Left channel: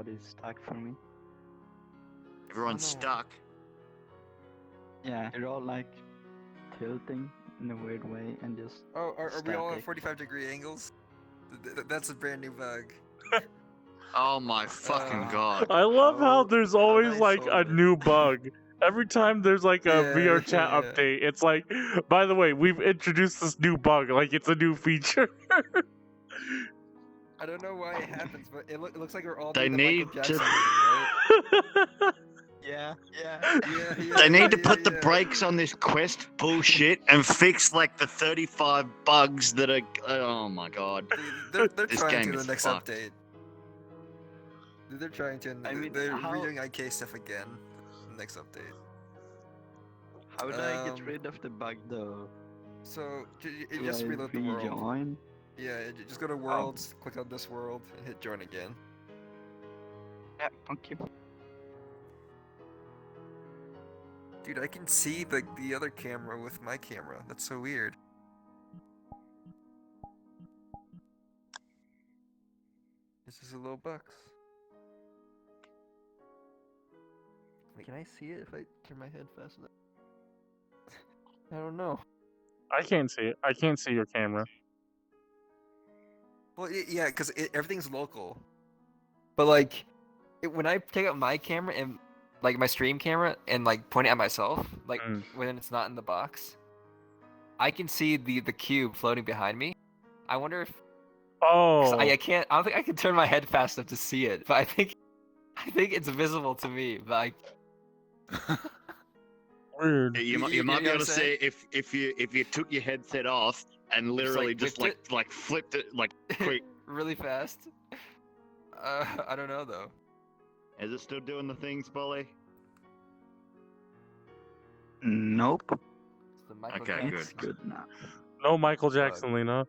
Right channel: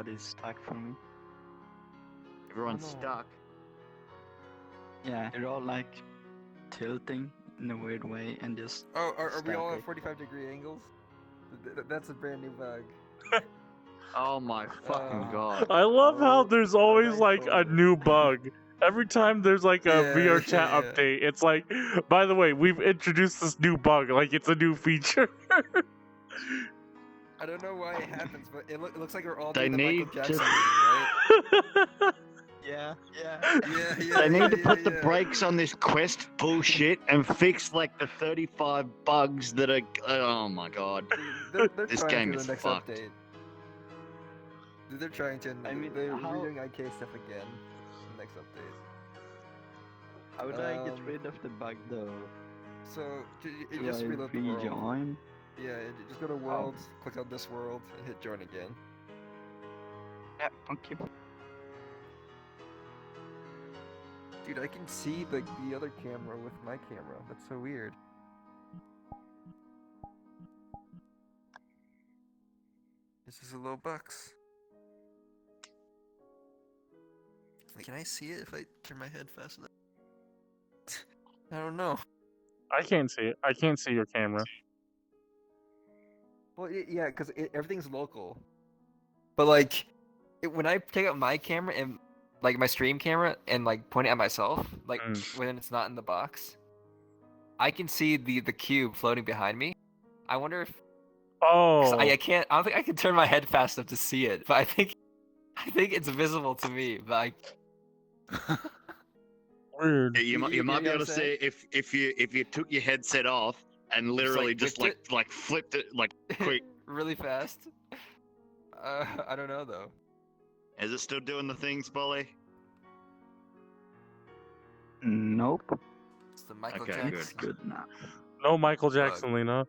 everybody's stuck for me. Everyone's Oh, no. stuck. Yeah, they're all like tilting in a weird way and just. Oh, are we all at static. 45-degree angles? That's a brand new bug. Oh my fucking Uh, god. I love how there's always nice like a one. new bug. Every time there's like a Yeah, VRChat yeah. update, it's like, by the way, we've introduced this new bug, like it's a new feature. I don't know why it happens, but it looks like we're all They doing the Michael need Jackson to- thing, right? Yeah. Yeah, They need to yeah, put the yeah. brakes on this quest bullshit and fix like the 35 bugs that are. Oh my god. They're This trying game to is the next fucked. update. They're trying to. I mean, they're how- redoing IK stuff again. In the next update. How would I get Um, rid of the bug though? So you Do just I reload the world. rejoin? Yeah, just go to worlds, click on this world, and hit join again. Yeah, okay. Dude, I can see the other camera with my camera. That's so weird. This is a little bucks. Wait, can I see it if I turn my head fast enough? I don't know. I can't see it. I can't see your camera. Well, yeah, because everything's local. But like, when I take out my camera and like my stream camera and like point it at myself, like when it's not in the box, I can see the cube floating behind me. I wonder if 'cause Oh, I can't. I don't think I can turn my head fast enough to see it. But I think it's visible to me. But weird. You might You be know able to what I'm see if you took your headset off and Just, literally like, just whipped like flipped it like quick. really fast. I don't know though. Is it still doing the thing, Spoly? Nope. It's the Michael Okay, Jackson. good. It's good now. No Michael Jackson, Lena.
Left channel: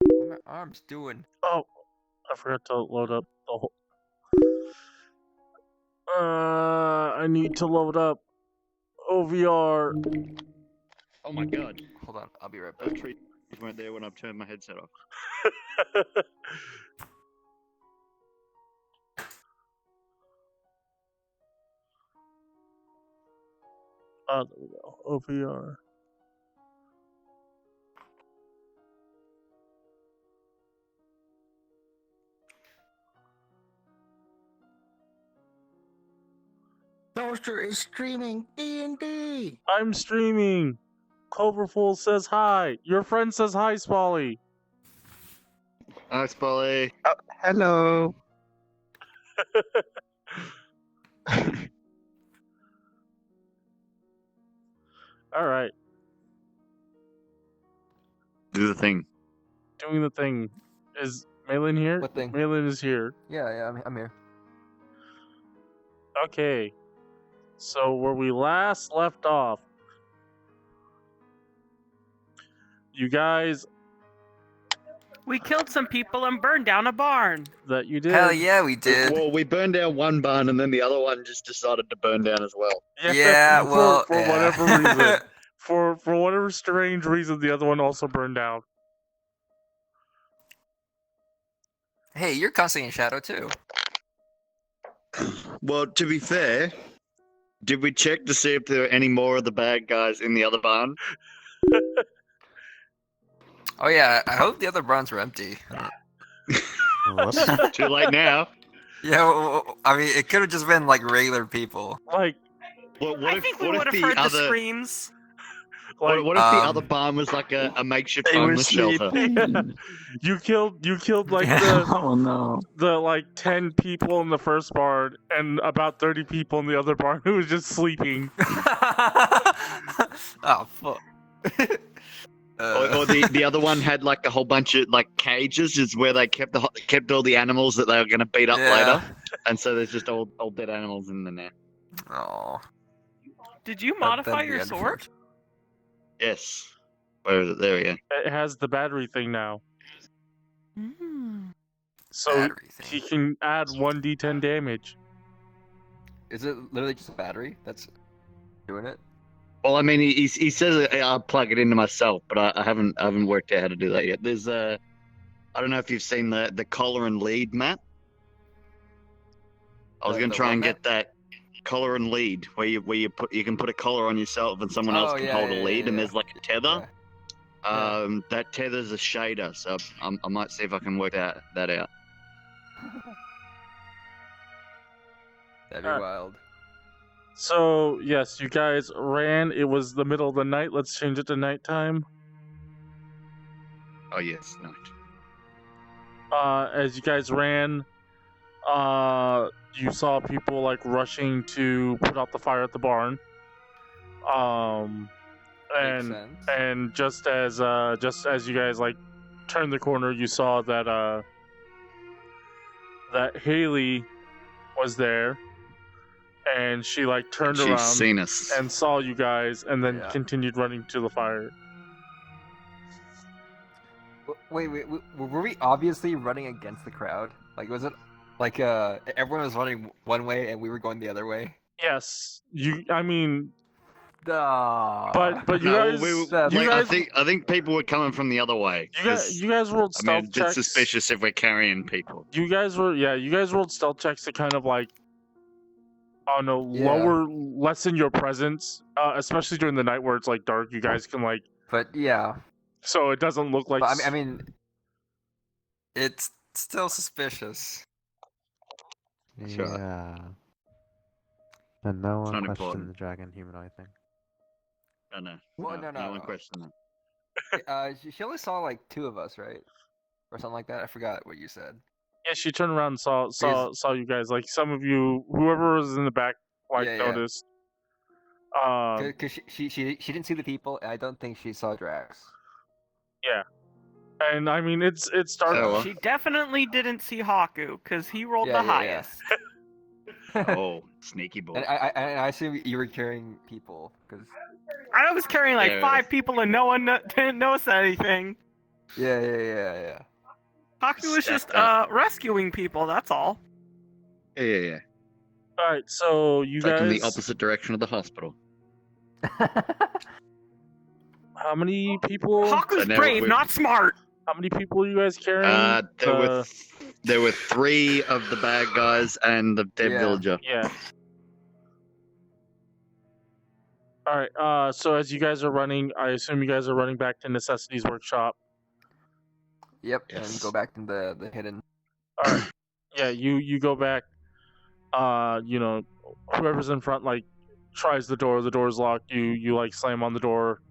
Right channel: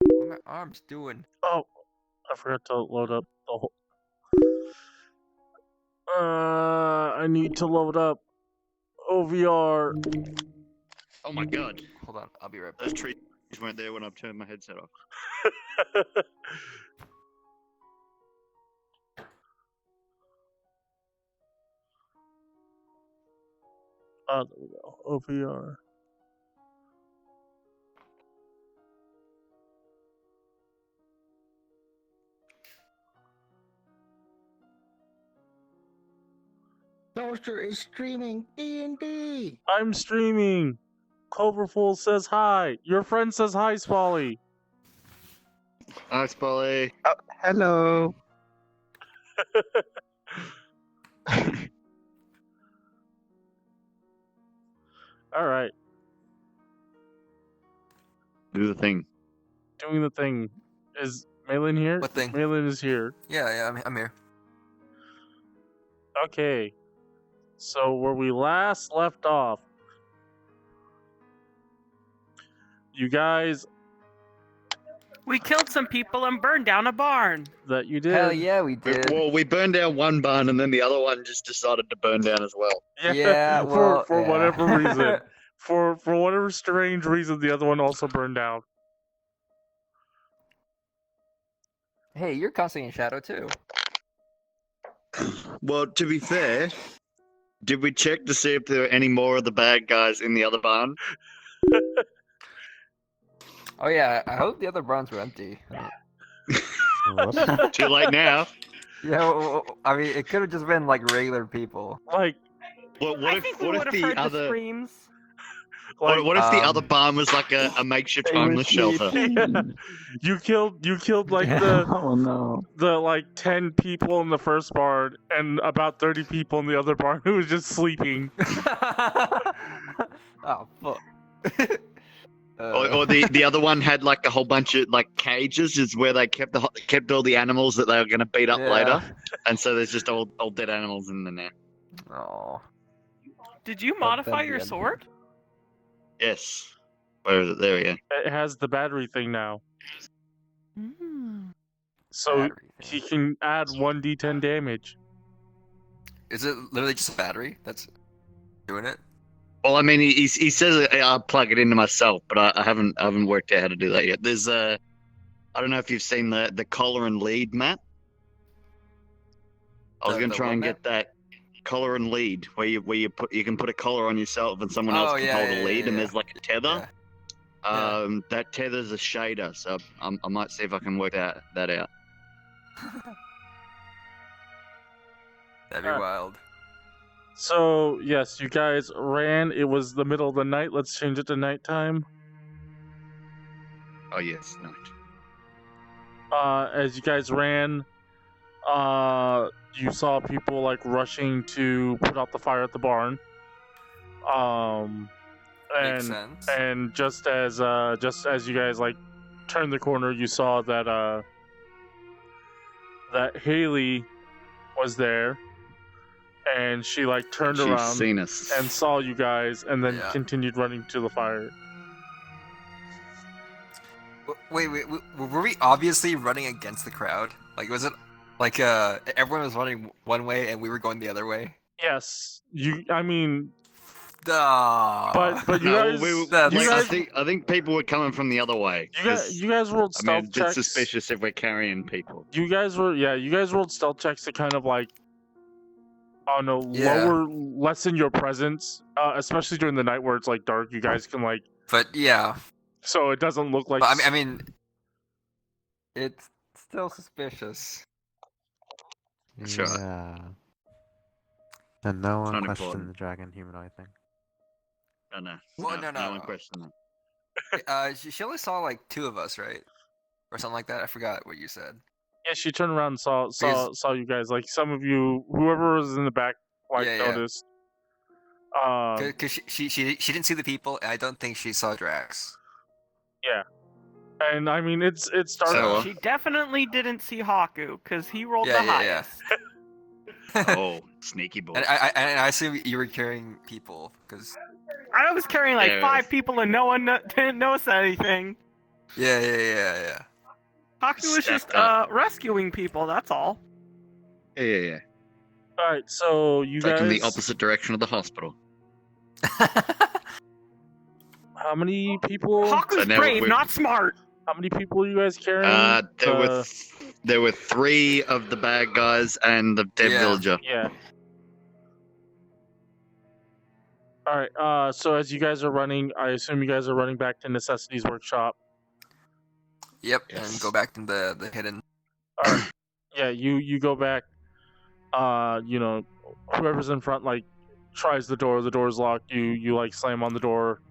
What are my arms doing? Oh, I forgot to load up the whole. I need to load up OVR. Oh my god. Hold on, I'll be right back. Those trees weren't there when I turned my headset off. Oh, there we go. OVR. Toaster is streaming D&D. I'm streaming. Cloverful says hi. Your friend says hi, Spoly. Hi, Spoly. Oh, hello. All right, Do the thing. doing the thing. Is Maellon here? What thing? Maellon is here. Yeah, I'm here. Okay. So where we last left off, you guys We killed some people and burned down a barn. that you did. Hell yeah, we did. Well, we burned down one barn and then the other one just decided to burn down as well. Yeah, well, for yeah. whatever reason. For whatever strange reason, the other one also burned down. Hey, you're constantly in shadow too. Well, to be fair, did we check to see if there were any more of the bad guys in the other barn? Oh yeah, I hope the other barns were empty. Too late now. Yeah, well, I mean, it could have just been like regular people. Like, What I if think we what would if have the heard the other screams. what if the Um, other barn was like a makeshift They were homeless shelter? sleeping. you killed like Yeah. Oh no. the like 10 people in the first barn and about 30 people in the other barn who was just sleeping. Oh fuck. Or the other one had like a whole bunch of like cages, is where they kept all the animals that they were going to beat up Yeah. later, and so there's just all dead animals in there now. Oh. Did you That'd modify be your unfair. sword? Yes. Where is it? There we go. It has the battery thing now. So Battery he thing. can add 1d10 damage. Is it literally just a battery that's doing it? Well, I mean, he says I'll plug it into myself, but I haven't worked out how to do that yet. There's I don't know if you've seen the collar and lead map. I was gonna try and get that collar and lead where you can put a collar on yourself and someone else can hold a lead, and there's like a tether. That tether's a shader, so I might see if I can work that out. That'd be wild. So, yes, you guys ran. It was the middle of the night. Let's change it to nighttime. Oh, yes, night. As you guys ran, you saw people, like, rushing to put out the fire at the barn. And just as you guys, like, turned the corner, you saw that, that Haley was there. And she like turned around and saw you guys, and then continued running to the fire. Wait, were we obviously running against the crowd? Like, was it like everyone was running one way and we were going the other way? Yes, I mean, but you guys, I think people were coming from the other way. You guys rolled stealth checks. It's suspicious if we're carrying people. You guys rolled stealth checks to kind of like, lessen your presence, especially during the night where it's like dark. You guys can like, but yeah, so it doesn't look like. I mean, it's still suspicious. Sure. Yeah. And no one questioned important. the dragon humanoid thing. Oh, no. Well, No one questioned that. She only saw like 2 of us, right, or something like that. I forgot what you said. Yeah, she turned around and saw you guys. Like some of you, whoever was in the back, noticed. Because she didn't see the people, and I don't think she saw Drax. Yeah, and I mean it's dark. She definitely didn't see Hakku because he rolled the highest. Oh, sneaky boy! And I assume you were carrying people because I was carrying like 5 people, and no one didn't notice anything. Yeah. Hakku was just rescuing people, that's all. Yeah. Alright, so you guys... in the opposite direction of the hospital. How many people... Hakku's brave, not smart! How many people are you guys carrying? There were 3 of the bad guys and the dead villager. Yeah. Alright, so as you guys are running, I assume you guys are running back to Necessity's workshop. Yep, and go back to the hidden. Alright. Yeah, you go back. Whoever's in front, like, tries the door's locked. You like slam on the door.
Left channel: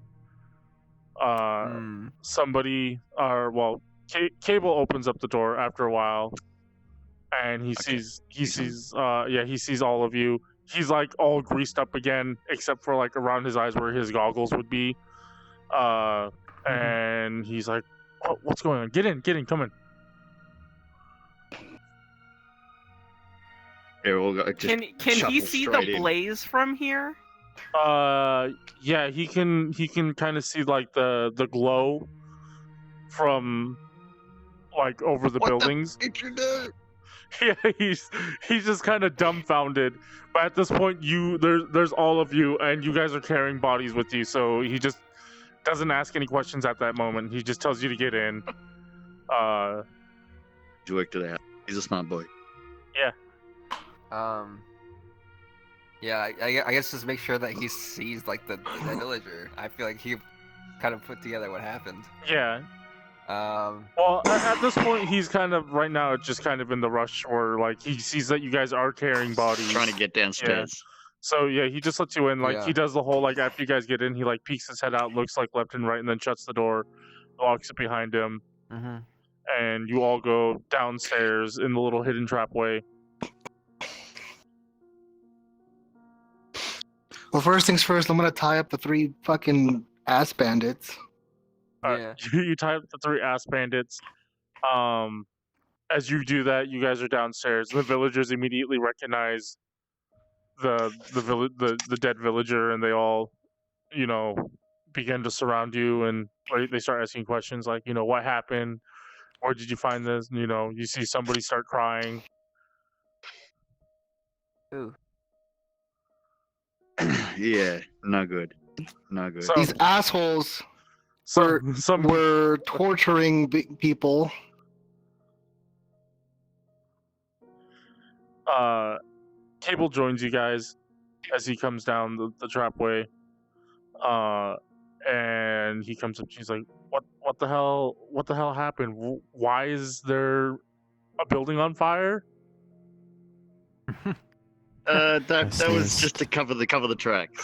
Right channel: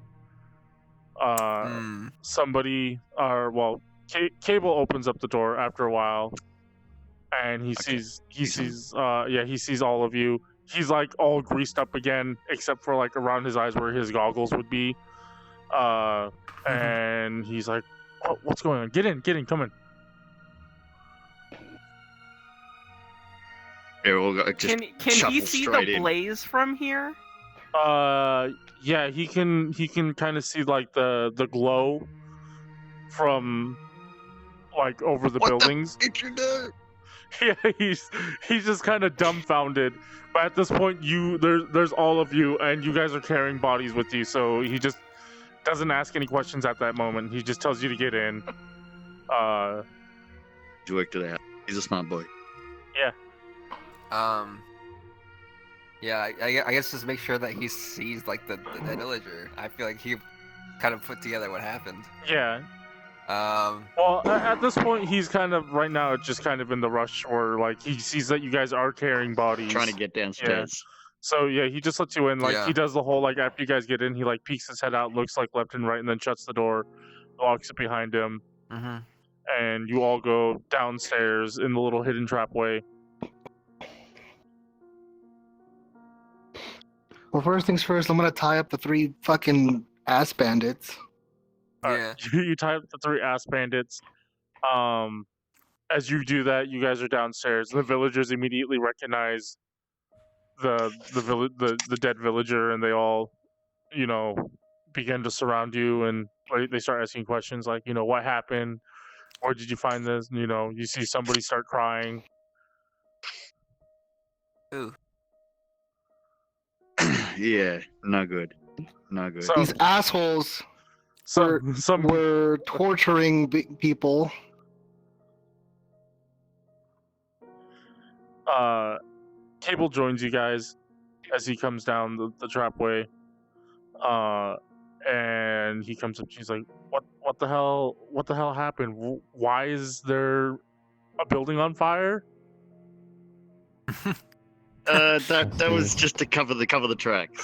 Somebody, Cable opens up the door after a while, and he sees all of you. He's like all greased up again, except for like around his eyes where his goggles would be. And he's like, what's going on? Get in, come in. Yeah, we'll can he see the blaze from here? Yeah, he can kind of see like the glow from like over the buildings. Yeah, he's just kind of dumbfounded. But at this point, there's all of you, and you guys are carrying bodies with you, so he just doesn't ask any questions at that moment. He just tells you to get in. You work to that. He's a smart boy. Yeah. Yeah, I guess just make sure that he sees like the villager. I feel like he kind of put together what happened. Yeah. Well, at this point, he's kind of right now just kind of in the rush, where like he sees that you guys are carrying bodies, trying to get downstairs. Yeah. So yeah, he just lets you in. Like he does the whole like after you guys get in, he like peeks his head out, looks like left and right, and then shuts the door, locks it behind him, and you all go downstairs in the little hidden trapway. Well, first things first, I'm gonna tie up the 3 fucking ass bandits. You tie up the 3 ass bandits. As you do that, you guys are downstairs. The villagers immediately recognize the dead villager, and they all, begin to surround you, and they start asking questions like, what happened? Where did you find this? You see somebody start crying. Ooh. Yeah, no good. No good. So- These assholes were torturing people. Cable joins you guys as he comes down the trapway. And he comes up. He's like, "What the hell? What the hell happened? Why is there a building on fire?" That was just to cover the tracks.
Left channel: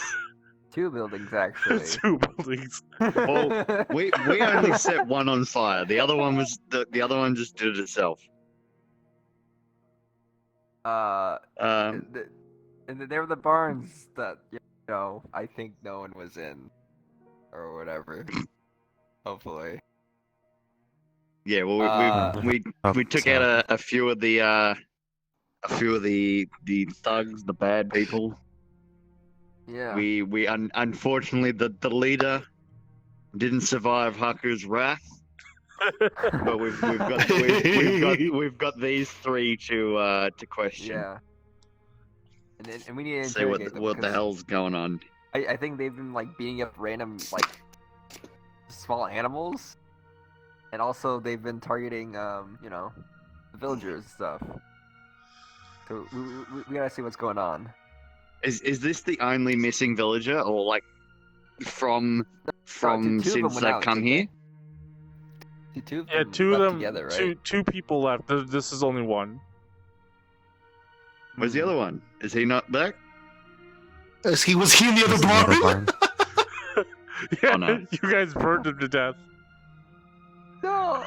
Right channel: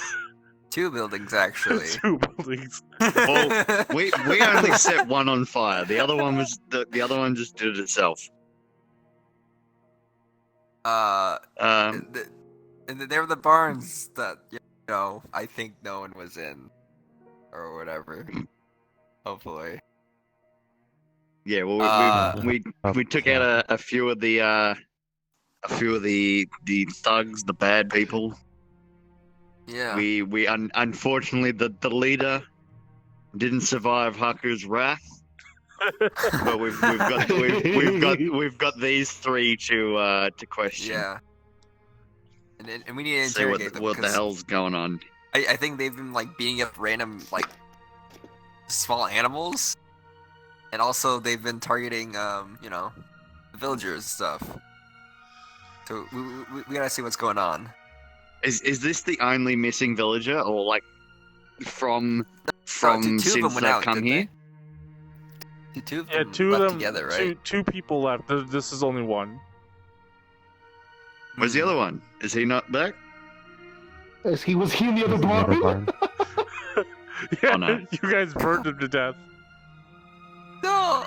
2 buildings actually. 2 buildings. Well, we only set one on fire. The other one was the other one just did it itself. There were the barns that I think no one was in, or whatever. Hopefully. Yeah, well, we took out a few of the thugs, the bad people. Yeah. We unfortunately the leader didn't survive Hakku's wrath. But we've got these 3 to question. Yeah. And we need to See interrogate them. what the hell's going on. I think they've been beating up random small animals, and also they've been targeting the villagers and stuff. So we gotta see what's going on. Is this the only missing villager, or from since they've come here? Two Yeah, 2 of them. together, right? Two people left. This is only one. Where's the other one? Is he not back? Was he in the other barn? Yeah, Oh, no. You guys burned him to death. No.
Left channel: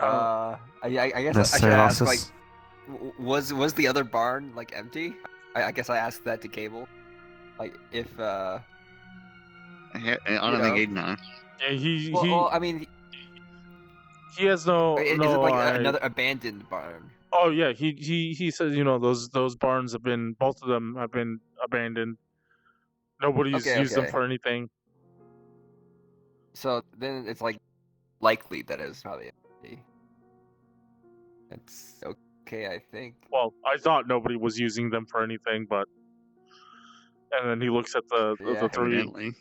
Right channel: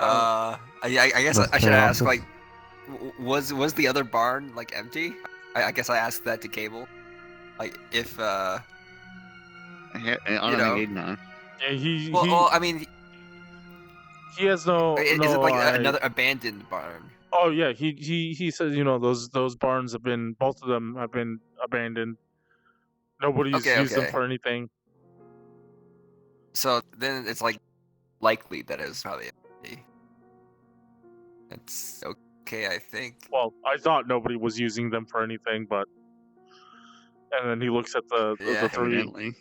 I guess I should ask. Was the other barn empty? I guess I asked that to Cable. If I don't think he'd know. Yeah, well, I mean, he has no. is it another abandoned barn? Oh yeah, he says those barns have been, both of them have been abandoned. Nobody's used them for anything. So then it's likely that it's probably empty. It's okay, I think. Well, I thought nobody was using them for anything, but and then he looks at the 3. Evidently.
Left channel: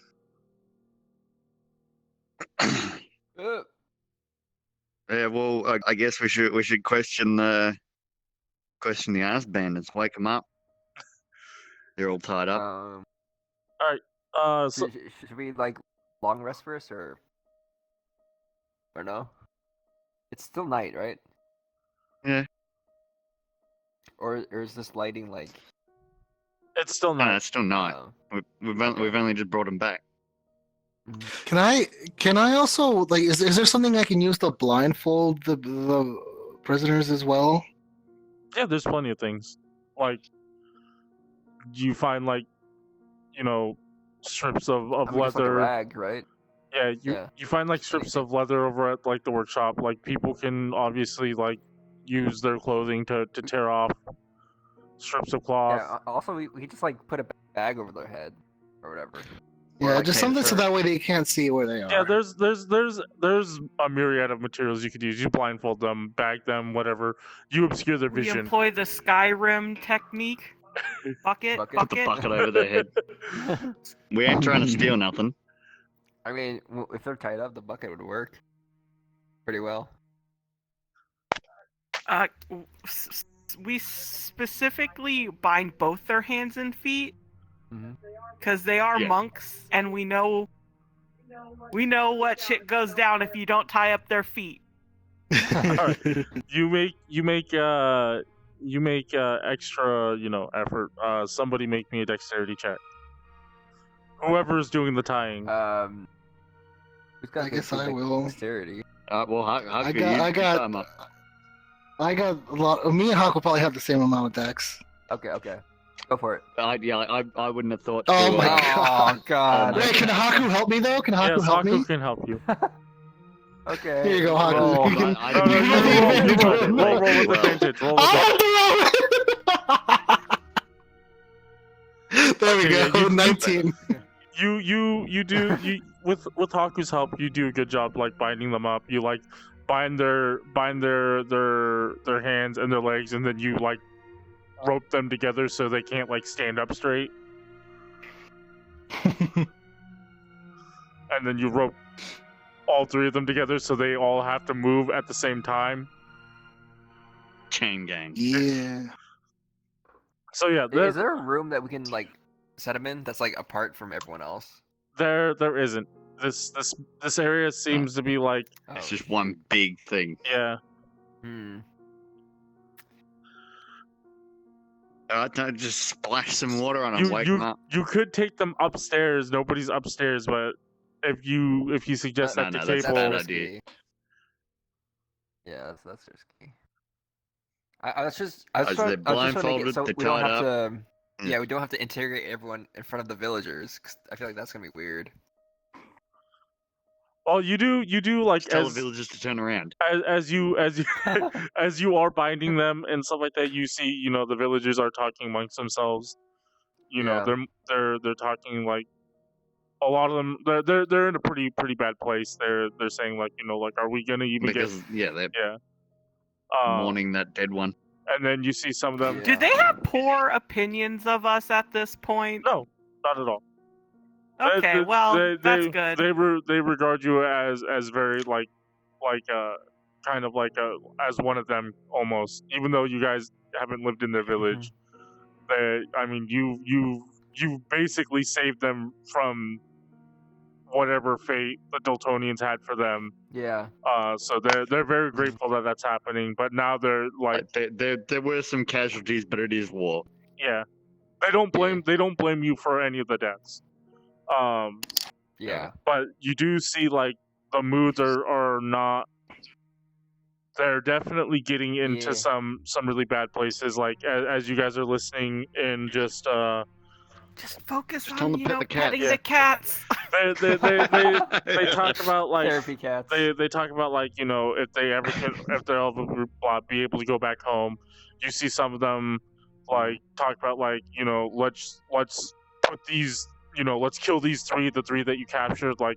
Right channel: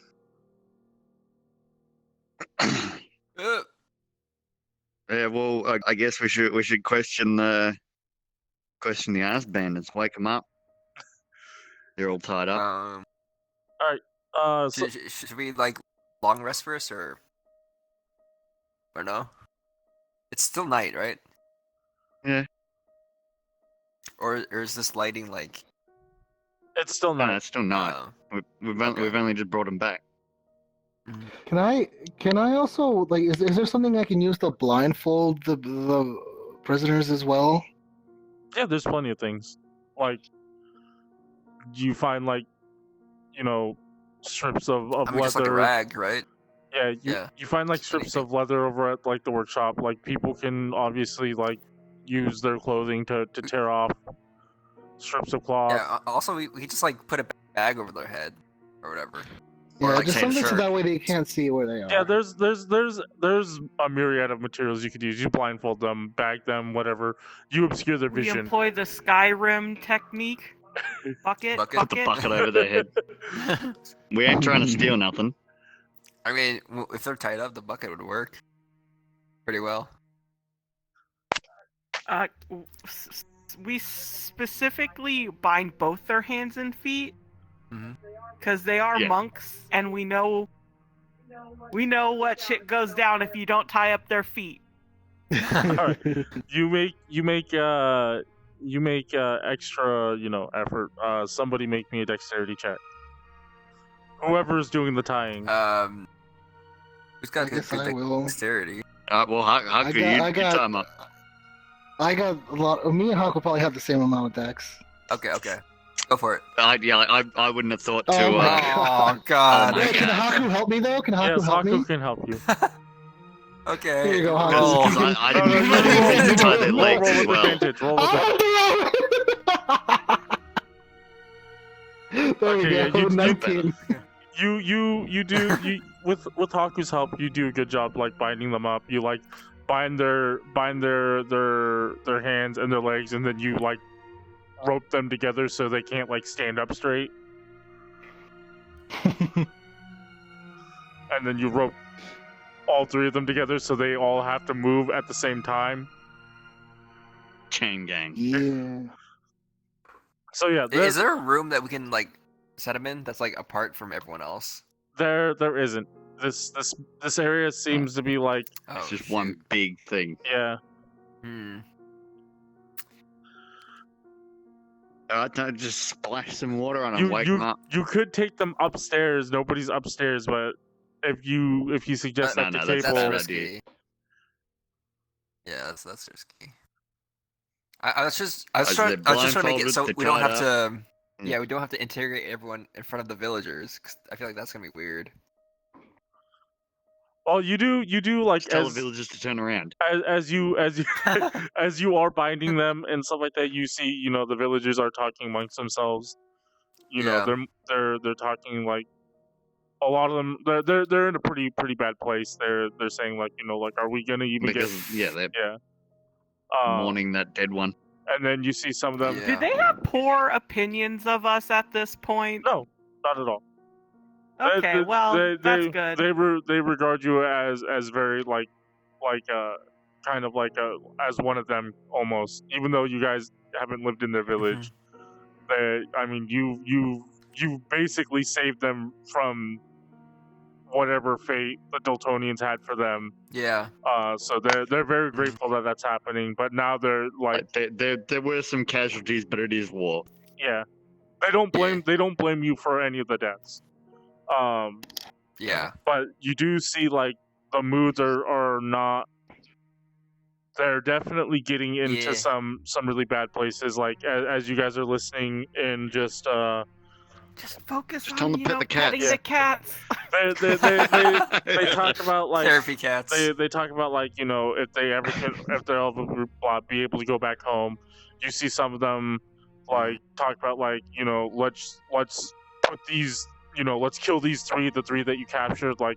Yeah, well, I guess we should question the ass bandits. Wake them up. They're all tied up. So, should we long rest first or no? It's still night, right? Yeah. Or is this lighting it's still No, not. it's still night. We've only just brought them back. Can I also is there something I can use to blindfold the prisoners as well? Yeah, there's plenty of things. You find strips of leather. a rag, right? Yeah, you find strips of leather over at the workshop. People can obviously use their clothing to tear off strips of cloth. Yeah. Also, we just put a bag over their head or whatever. Yeah, Or just something so shirt. that way they can't see where they are. Yeah, there's a myriad of materials you could use. You blindfold them, bag them, whatever. You obscure their We vision. employ the Skyrim technique. Bucket. Put the bucket over their head. We ain't trying to steal nothing. I mean, if they're tied up, the bucket would work pretty well. We specifically bind both their hands and feet because they are monks, and we know what shit goes down if you don't tie up their feet. All right, you make extra effort. Somebody make me a dexterity check. Whoever is doing the tying. Who's got I guess I will. dexterity? Well, Hakku, I you got time up. I got a lot. Me and Hakku probably have the same amount of dex. Okay. Go for it. I wouldn't have thought to. Oh my Oh god. Oh my Wait, can Hakku help me though? Can Hakku Yes, help Hakku me? can help you. Okay. Here you go, Hakku. Well, You can- I No, didn't you roll with well. advantage. Roll with advantage. Oh, there we Okay, go. yeah, you- 19. You do with Haku's help. You do a good job binding them up. You bind their hands and their legs, and then you rope them together so they can't stand up straight. and then you rope all three of them together so they all have to move at the same time. Chain gang. Yeah. So yeah, Is there a room that we can like set them in that's like apart from everyone else? there isn't. This area seems to be like It's just one big thing. yeah. Don't just splash some water on them. Wake them up. You could take them upstairs. Nobody's upstairs, but if you suggest that to Cable, that's risky. Yeah, that's risky. I was just trying to make it so we don't have to. Yeah, we don't have to interrogate everyone in front of the villagers. 'Cause I feel like that's gonna be weird. Oh, you do like just tell the villagers to turn around. As you as you are binding them and stuff like that. You see, the villagers are talking amongst themselves. They're talking like a lot of them. They're in a pretty bad place. They're saying like are we gonna even get? They're mourning that dead one. And then you see some of them. Do they have poor opinions of us at this point? No, not at all. Okay, that's good. They regard you as very kind of as one of them almost, even though you guys haven't lived in their village. You basically saved them from whatever fate the Dultonians had for them. Yeah. So they're very grateful that that's happening, but now they're like there were some casualties, but it is war. Yeah. They don't blame you for any of the deaths. Yeah. But you do see like the moods are not. They're definitely getting into some really bad places. Like as you guys are listening and just focus on petting the cats. They talk about like therapy cats. They talk about like if they'll ever be able to go back home. You see some of them like talk about like let's put these. Let's kill the three that you captured, but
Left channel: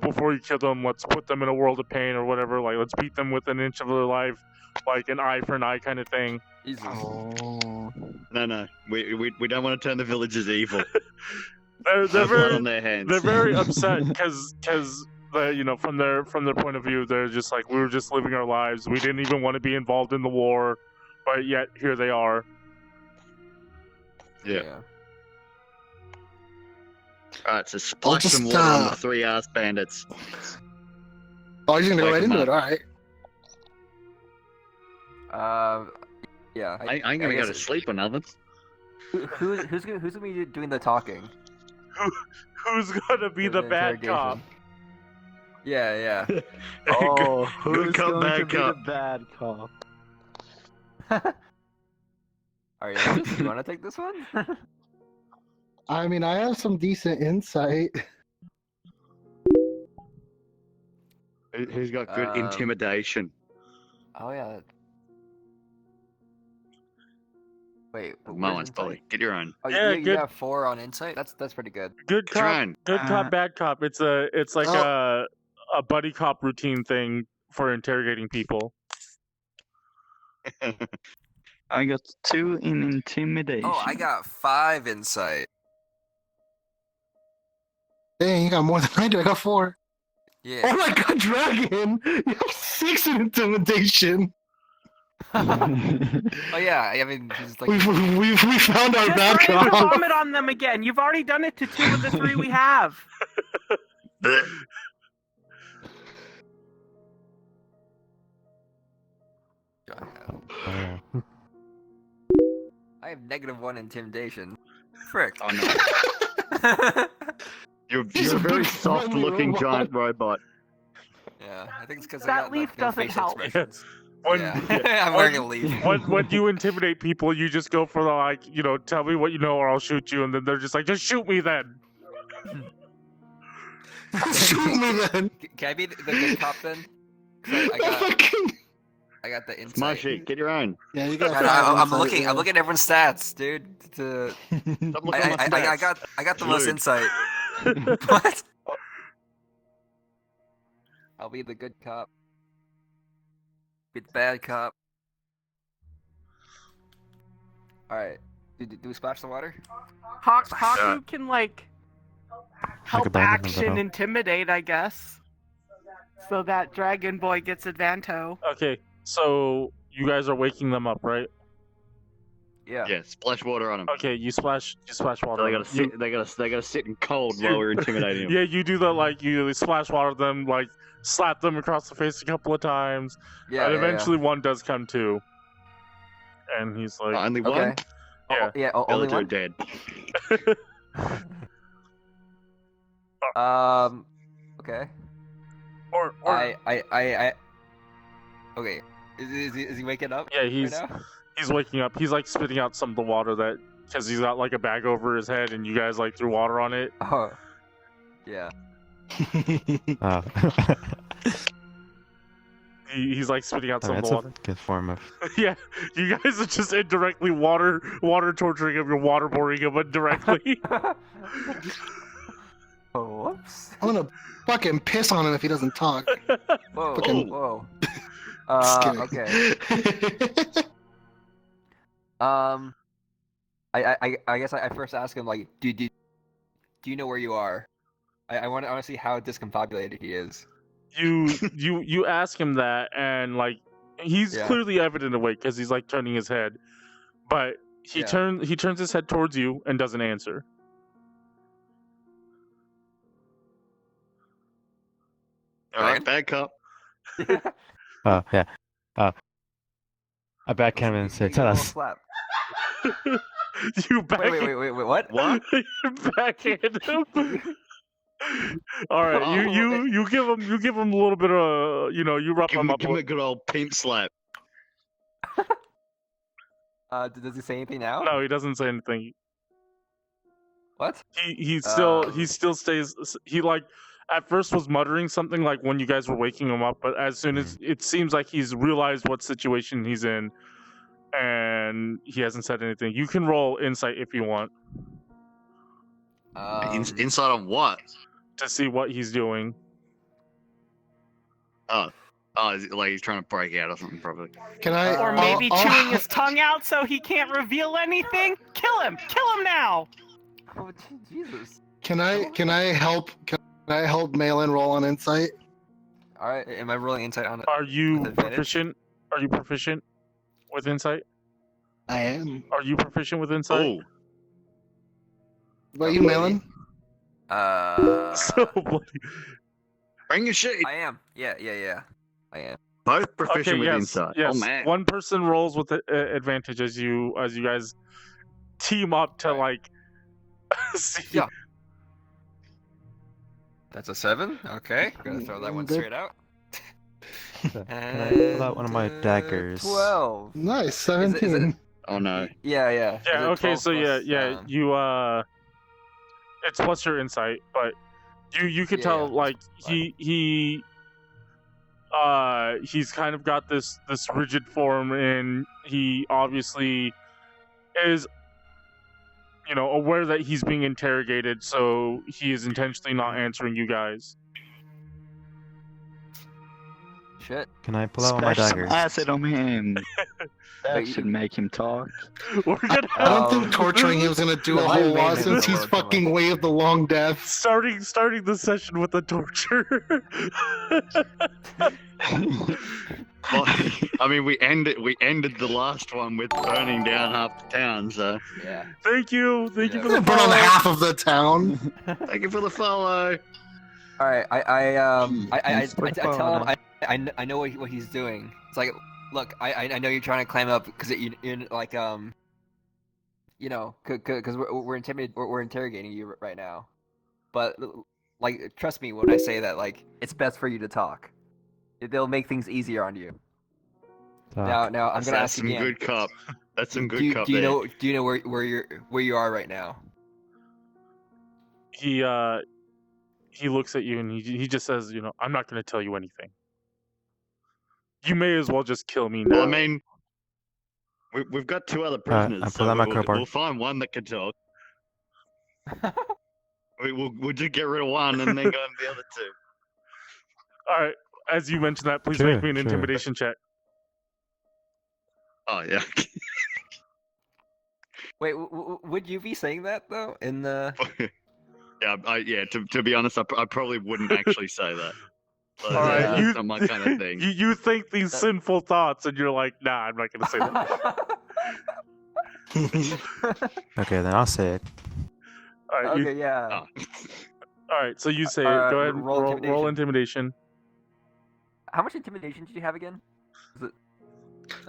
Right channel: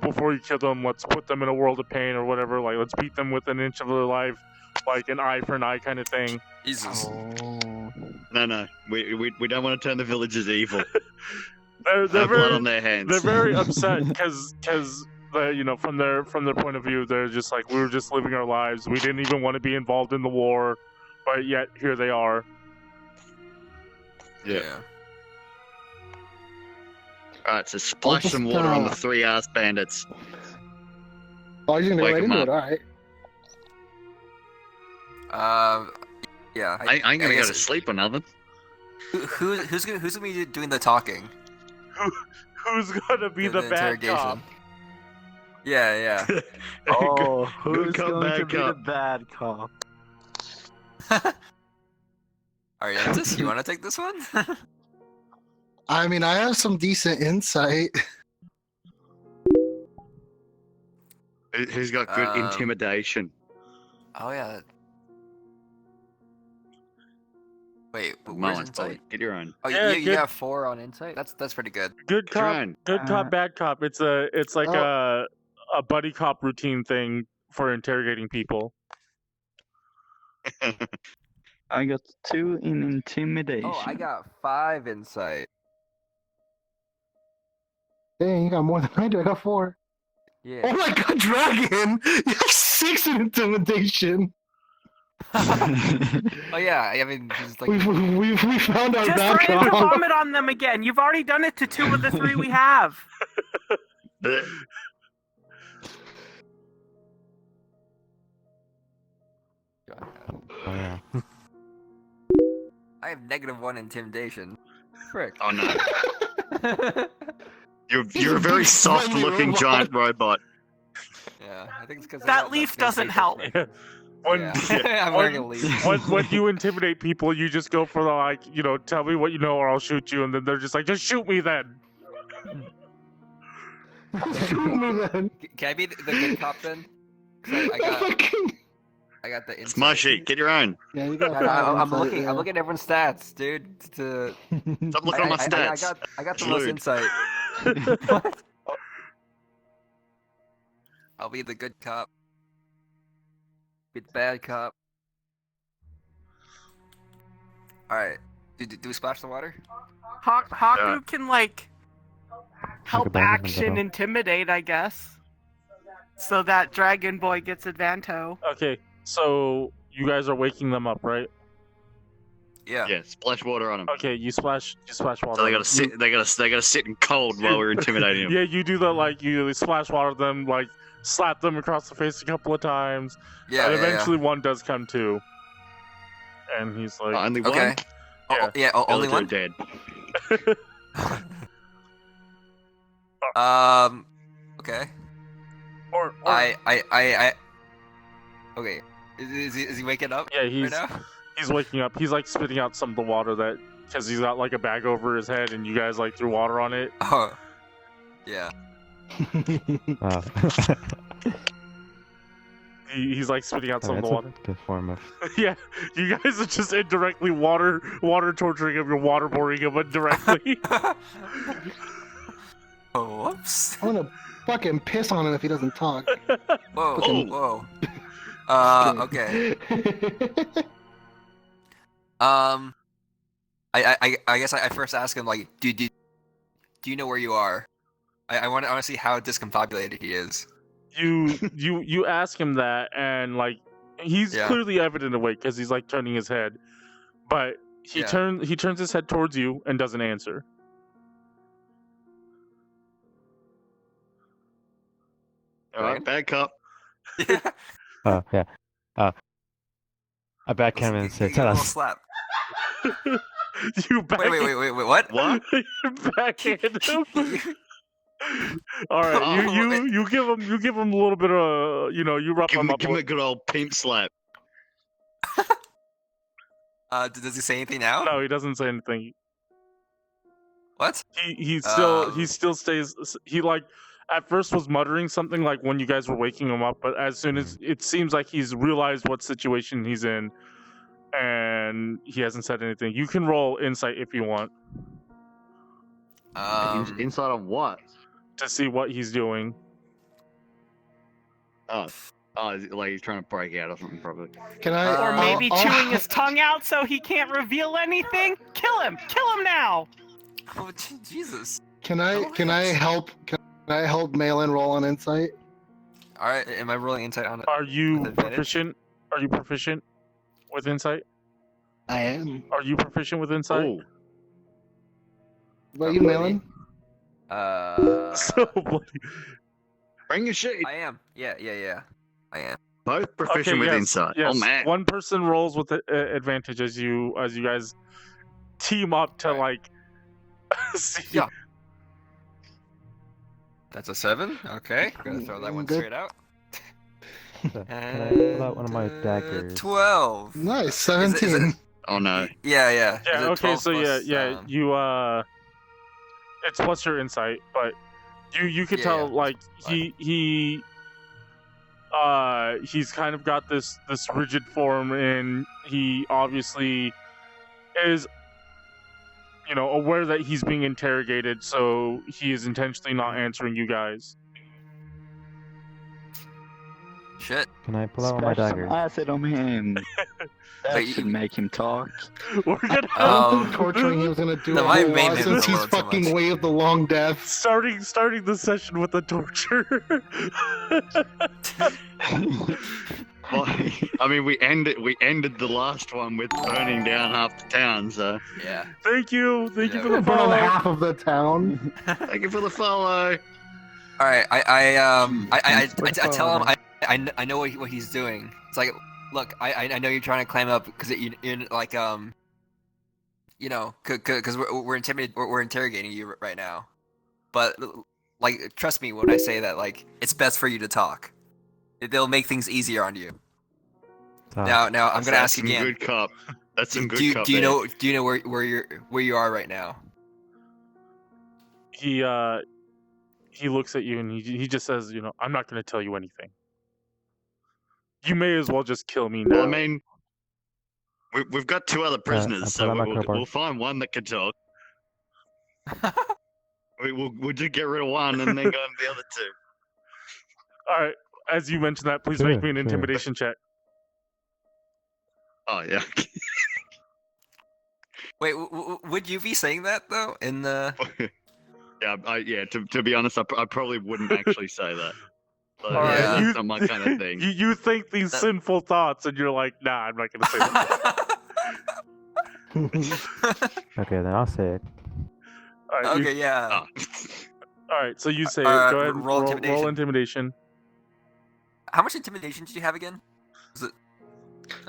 before you kill them, let's put them in a world of pain or whatever, let's beat them with an inch of their life, like an eye for an eye kind of thing. Jesus. Oh. No, we don't want to turn the villagers evil. they're very on their hands. They're very upset because from their point of view, they're just like, we were just living our lives. We didn't even want to be involved in the war, but yet here they are. Yeah. Alright, so splash some water on the 3-ass bandits. Oh, you're gonna go right into it, alright. Yeah. I ain't gonna go to sleep or nothing. Who's gonna be doing the talking? Who's gonna be the bad cop? Yeah. Oh, who's going to be the bad cop? Arientus, you wanna take this one? I mean, I have some decent insight. Who's got good intimidation? Oh yeah. Wait, Maellon, Spoly, get your own. Oh yeah, you have 4 on insight. That's pretty good. Good cop, bad cop. It's like a buddy cop routine thing for interrogating people. I got 2 in intimidation. Oh, I got 5 insight. Dang, you got more than I do. I got 4. Yeah. Oh my god, Dragon! You have 6 in intimidation. Oh yeah, I mean, it's like we found out that. Just ready to vomit on them again. You've already done it to 2 of the 3 we have. I have -1 intimidation. Frick. Oh no. You're a very soft-looking giant robot. Yeah, I think it's because that leaf doesn't help. When you intimidate people, you just go for the tell me what you know or I'll shoot you, and then they're just like, just shoot me then. Shoot me then. Can I be the good cop then? I got the insight. Smushy, get your own. Yeah, you got. I'm looking at everyone's stats, dude. Stop looking at my stats. I got the most insight. What? I'll be the good cop. Be the bad cop. Alright. Do we splash the water? Hakku can help abandon him, action though. intimidate, I guess. So that Dragon Boy gets advanto. Okay, so you guys are waking them up, right? Yeah. Yeah, splash water on them. Okay, you splash water. So they on gotta them. sit. They gotta sit in cold while we're intimidating them. Yeah, you do that. Like you splash water them, like slap them across the face a couple of times, Yeah. and eventually one does come to, and he's like, Only Okay. one. Yeah. Yeah. The Only other one. two are dead. Okay. or I. Okay. Is he waking up? yeah, he's right now? he's waking up. He's like spitting out some of the water that because he's got like a bag over his head, and you guys like threw water on it. Oh. Yeah. Oh. He's like spitting out some of That's the a water. good form of. Yeah, you guys are just indirectly water torturing him. You're waterboarding him indirectly. Oh, whoops. I'm gonna fucking piss on him if he doesn't talk. Whoa. Fucking- Whoa. Just Okay. kidding. I guess I first ask him like, do you know where you are? I want to see how discombobulated he is. You ask him that, and like he's Yeah. clearly evident awake because he's like turning his head, but he Yeah. turns his head towards you and doesn't answer. All right, bad cop. Oh yeah. I back him and say, "Tell us." Slap. You back Wait, what? What? you backhand him. All right, Oh, you give him a little bit of you rough Give him him, up. give him a good old pimp slap. Does he say anything now? No, he doesn't say anything. What? He still stays. He like at first was muttering something like when you guys were waking him up, but as soon as it seems like he's realized what situation he's in, and he hasn't said anything. You can roll insight if you want Inside of what? to see what he's doing. Oh, is it like he's trying to break out or something, probably. Can I? Or maybe I'll- chewing his tongue out so he can't reveal anything? Kill him! Kill him now! Oh, Jesus. Can I help? Can I help Maellon roll on insight? All right. Am I rolling insight on it? Are you With advantage? proficient? Are you proficient with insight? I am. Are you proficient with insight? Ooh. What about you, Maellon? So bloody. Bring your shit. I am. Yeah. I am. Both proficient Okay, with yes, insight. yes. Oh, man. One person rolls with advantage as you guys team up to like see. Yeah. That's a 7. Okay, gonna throw that one Good. straight out. Can I pull out one of my daggers? 12. Nice, Is 17. it- Oh no. Yeah. Yeah. Is it Okay. 12 So plus, yeah. You it's plus your insight, but you could tell Yeah, like he's kind of got this rigid form, and he obviously is aware that he's being interrogated, so he is intentionally not answering you guys. Shit. Can I pull out my Splash some daggers? acid on him. That Wait, should make him talk. We're gonna I don't think torturing him is gonna do No, a my whole main lot is since he's so fucking much. waved the long death. starting the session with the torture. Well, I mean, we ended the last one with burning down half the town. So Yeah. Thank you for the Burn follow. half of the town. thank you for the follow. All right. I tell him I know what he's doing. It's like, look, I know you're trying to climb up because you like because we're intimidated. We're interrogating you right now, but like trust me when I say that like it's best for you to talk. They'll make things easier on you. Now I'm gonna That's ask some again. good cop. That's some good do cop. you there. know where you are right now? He looks at you and he just says, I'm not going to tell you anything. You may as well just kill me now. Well, I mean, we've got 2 other prisoners, I'll so pull out my crowbar. we'll find one that can talk. We'll just get rid of one and then go to the other 2. All right. As you mentioned that, please Sure, make me an sure. intimidation check. Oh yeah. Wait, would you be saying that though? In the Yeah, to be honest, I probably wouldn't actually say that. So, All right, that's not my kind of thing. You think these sinful thoughts, and you're like, nah, I'm not gonna say that. Okay, then I'll say it. All right, Okay, yeah. Oh. All right, so you say it. Go ahead and roll intimidation. How much intimidation did you have again? Was it...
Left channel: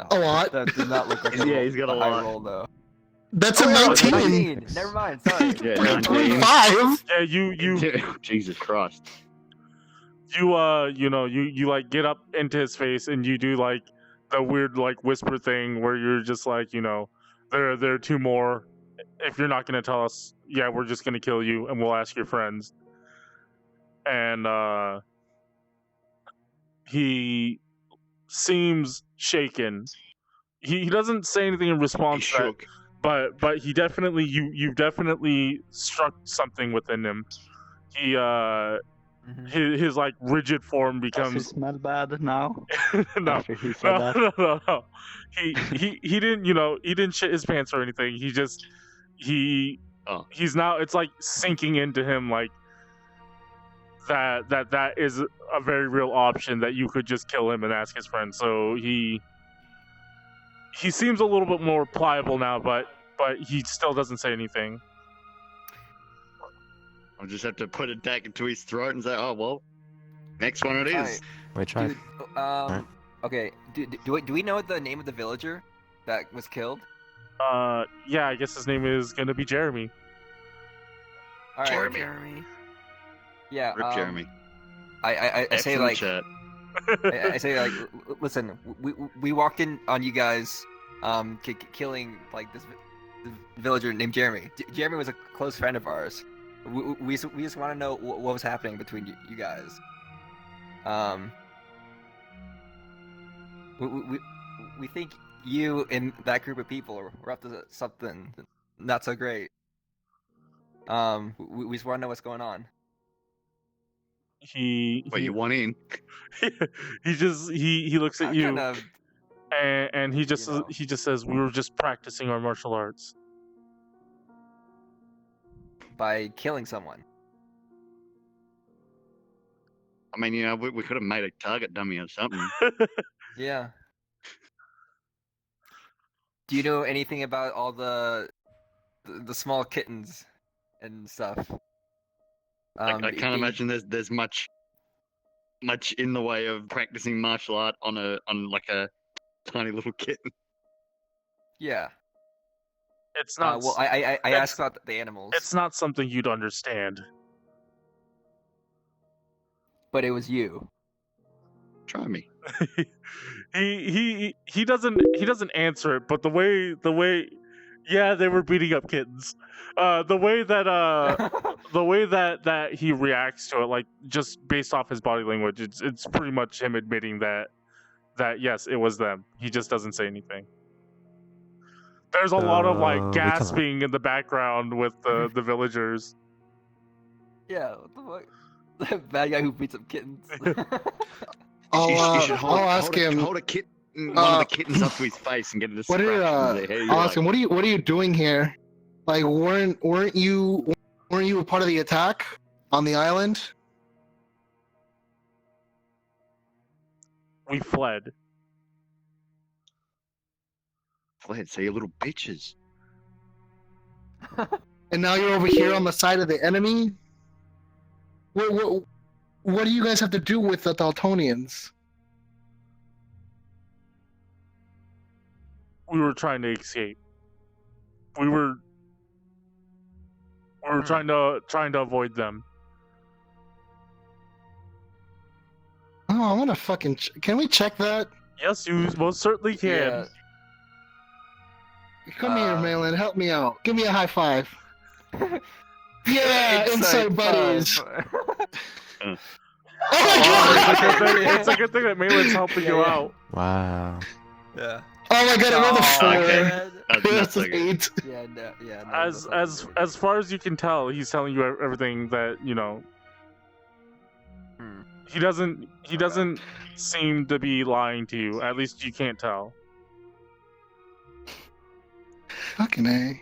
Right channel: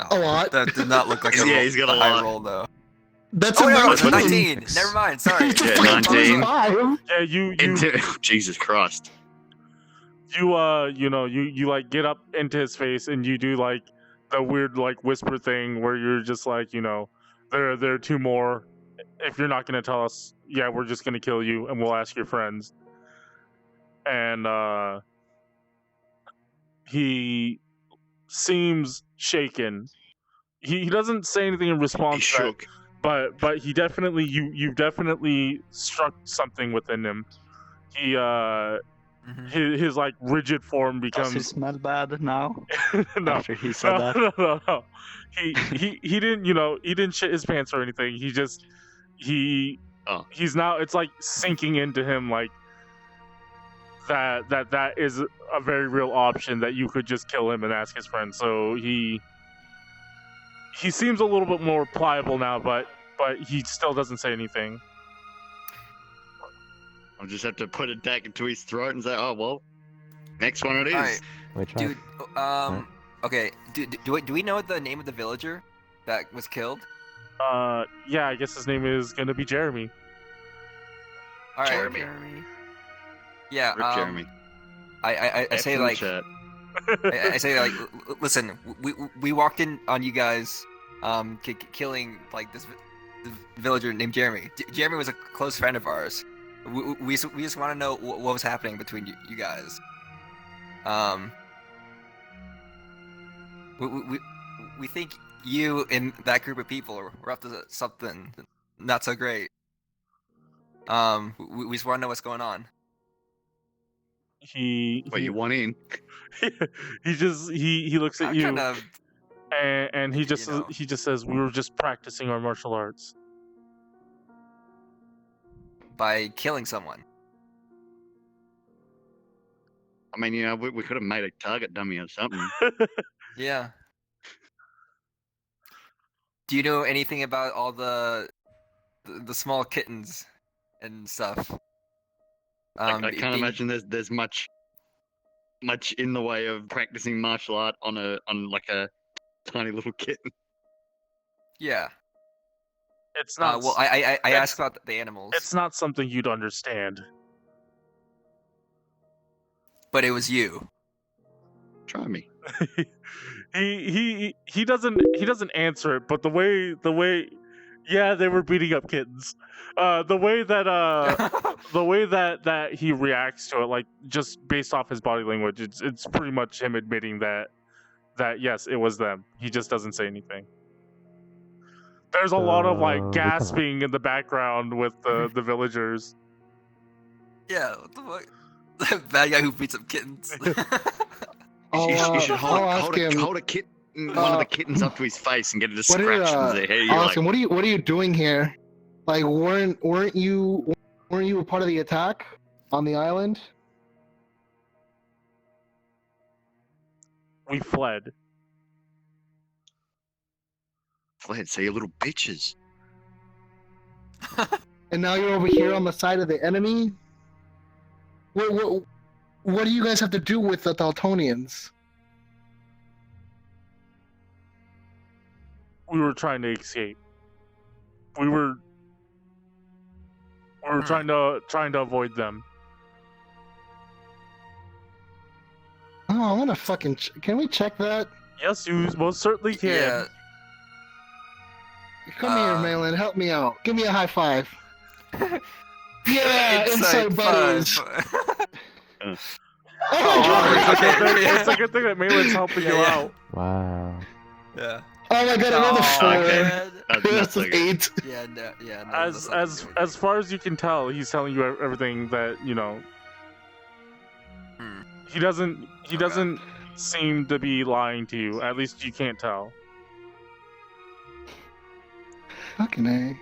A lot. That did not look like Yeah, he's got a high lot. roll though. That's a Oh, yeah, 19. 19. Never mind. Sorry. Yeah, 19. 25. Yeah, you Jesus Christ. you like get up into his face and you do like the weird like whisper thing where you're just like, there are two more. If you're not gonna tell us, yeah, we're just gonna kill you and we'll ask your friends. And he seems shaken. He doesn't say anything in response to that, but he definitely you definitely struck something within him. He his like rigid form becomes. Does he smell bad now? No, After he said that? no. He didn't he didn't shit his pants or anything. He's now, it's like sinking into him like that is a very real option, that you could just kill him and ask his friend. So he seems a little bit more pliable now, but he still doesn't say anything. I'll just have to put it back into his throat and say, "Oh well, next one it is." Right. Wait, try. Dude, okay. Do we know the name of the villager that was killed? Yeah, I guess his name is gonna be Jeremy. All right, Jeremy. Yeah. Rip Jeremy. I say Excellent like chat. I say like, listen, we walked in on you guys, killing like this villager named Jeremy. Jeremy was a close friend of ours. We just want to know what was happening between you guys. We think you and that group of people were up to something not so great. We just want to know what's going on. Wait, you want in? he looks at you, Kind of, and he just says, "We were just practicing our martial arts." by killing someone. I mean, we could have made a target dummy or something. Yeah. Do you know anything about all the small kittens and stuff? I can't imagine there's much in the way of practicing martial art on like a tiny little kitten. Yeah. It's not. Well, I asked about the animals. It's not something you'd understand. But it was you. Try me. he doesn't answer it, but the way yeah, they were beating up kittens. The way that he reacts to it, like just based off his body language, it's pretty much him admitting that yes, it was them. He just doesn't say anything. There's a lot of like gasping in the background with the villagers. Yeah, what the fuck? The bad guy who beats up kittens. You should hold a kitten, one of the kittens up to his face and get it to scratch. I'll ask him, what are you doing here? Like, weren't you a part of the attack on the island? We fled. So you little bitches. And now you're over here on the side of the enemy? What do you guys have to do with the Dultonians? We were trying to escape. We were trying to avoid them. Oh, I want to fucking... Can we check that? Yes, you most certainly can. Yeah. Come here, Maellon. Help me out. Give me a high five. Yeah, inside buddies. It's a good thing that Maellon's helping you out. Wow. Yeah. Oh my god, another 4. That's an 8. Yeah, no, As far as you can tell, he's telling you everything that you know. He doesn't seem to be lying to you. At least you can't tell. Fucking A.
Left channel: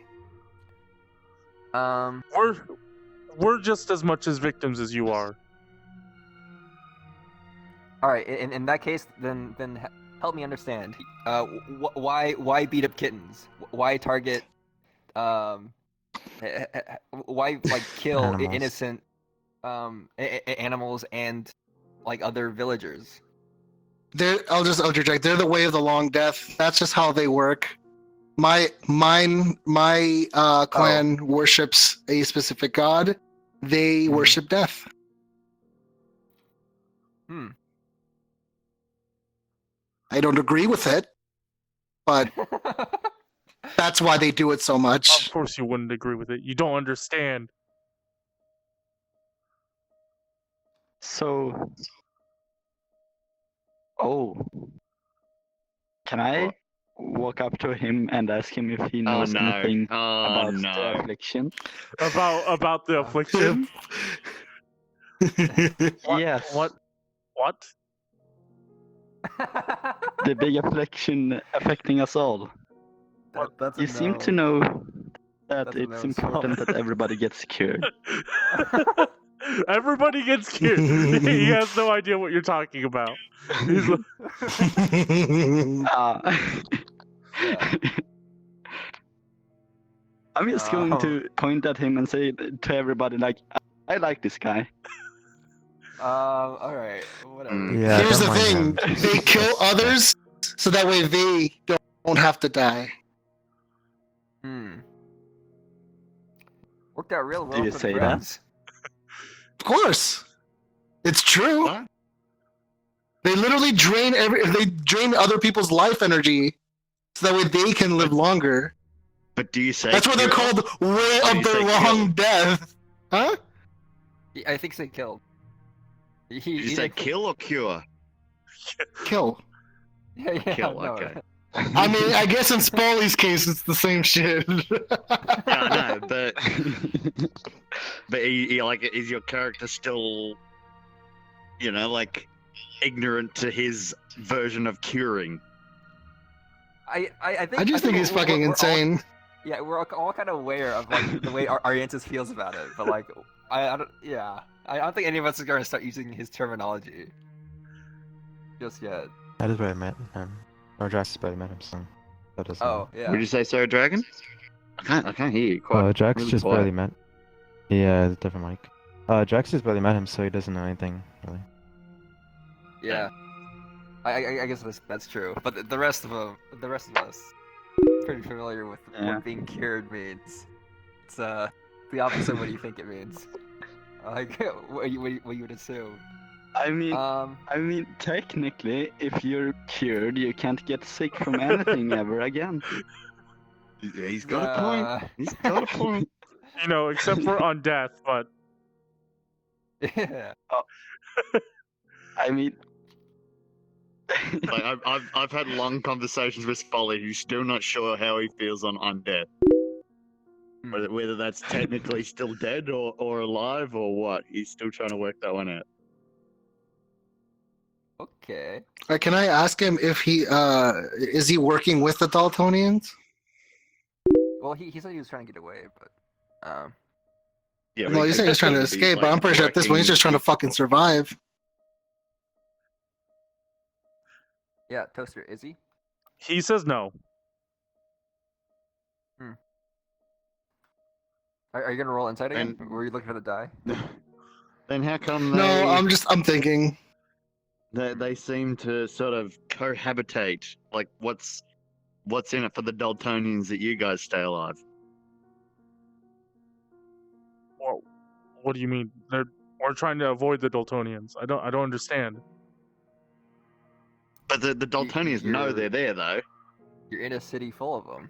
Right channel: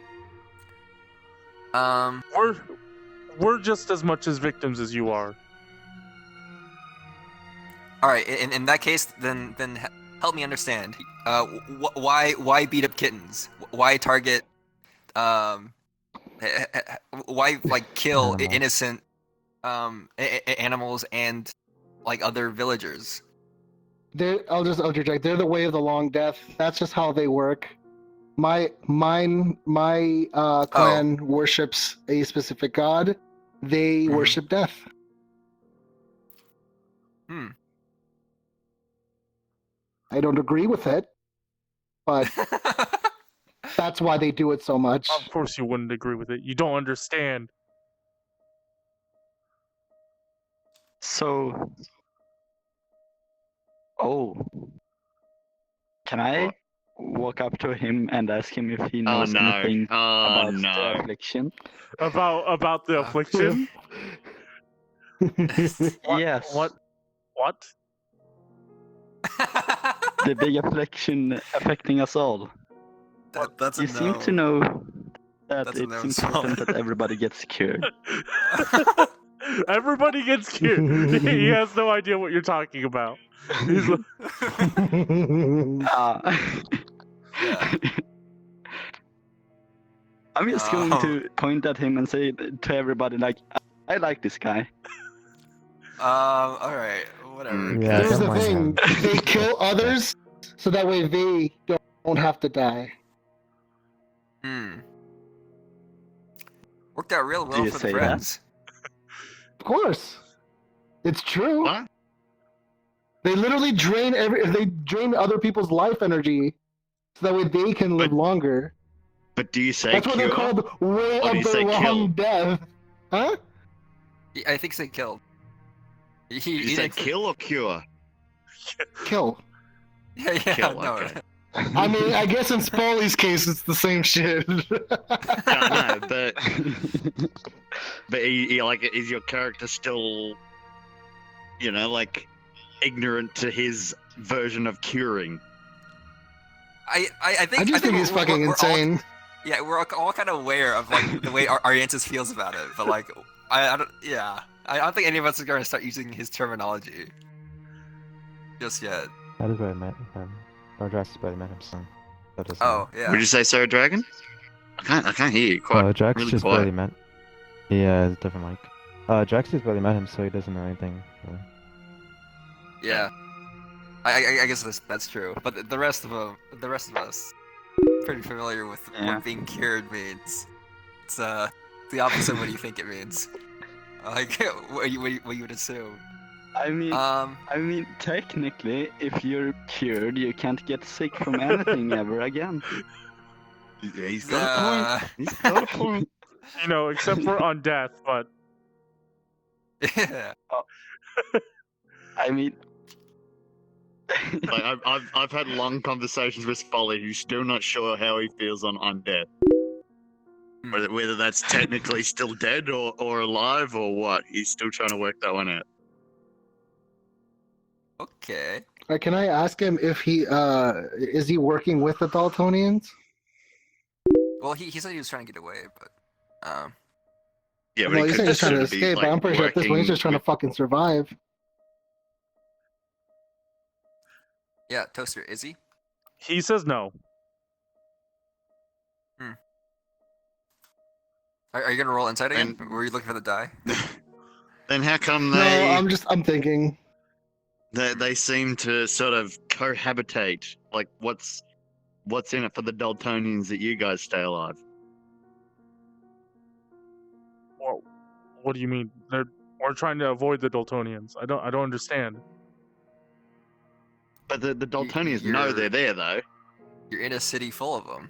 we're just as much as victims as you are. All right. In that case, then help me understand. Why beat up kittens? Why target? Why kill innocent animals and other villagers? I'll just interject. They're the way of the long death. That's just how they work. My clan worships a specific god. They worship death. I don't agree with it, but that's why they do it so much. Of course you wouldn't agree with it. You don't understand. So, can I walk up to him and ask him if he knows anything about the affliction? About the affliction? Yes. What? The big affliction affecting us all. You seem to know that it's important that everybody gets cured. Everybody gets cured. He has no idea what you're talking about. He's I'm just going to point at him and say to everybody, I like this guy. Alright, whatever. Yeah, here's the thing. They kill others so that way they don't have to die. Worked out real well Do you for say the friends. Of course. It's true. What? They literally drain other people's life energy so that way they can live longer. But do you say that's what they're called, way of the long death. Huh? I think they killed. You say kill or cure? Kill. Yeah, Kill, no. okay. I mean, I guess in Spoly's case, it's the same shit. No, but is your character still, ignorant to his version of curing? I think. I just think he's fucking insane. We're all kind of aware of the way Arientus feels about it, but I don't. Yeah, I don't think any of us are gonna start using his terminology just yet. That is where I met him. Or Drax is where I met him, so that doesn't matter. Yeah. Would you say Sarah Dragon? I can't hear you quite. Drax really just quiet. barely met. Yeah, it's a different mic. Drax just barely met him, so he doesn't know anything really. Yeah. I guess that's true. But the rest of us, Pretty familiar with what being cured means. It's the opposite of what you think it means. What you would assume. I mean, technically, if you're cured, you can't get sick from anything ever again. He's got a point. He's got a point. Except for on death, but. Yeah. I mean. I've had long conversations with Spoly, who's still not sure how he feels on undead. Whether that's technically still dead or alive or what. He's still trying to work that one out. Okay. Can I ask him if is he working with the Dultonians? Well, he said he was trying to get away, but Yeah, well, he said he's trying to escape, but I'm pretty sure at this point he's just trying to fucking survive. Yeah, Toaster, is he? He says no. Are you gonna roll insight again? Were you looking for the die? Then how come No, I'm thinking. They seem to sort of cohabitate. What's in it for the Dultonians that you guys stay alive? Well, what do you mean? We're trying to avoid the Dultonians. I don't understand. But the Dultonians know they're there, though. You're in a city full of them.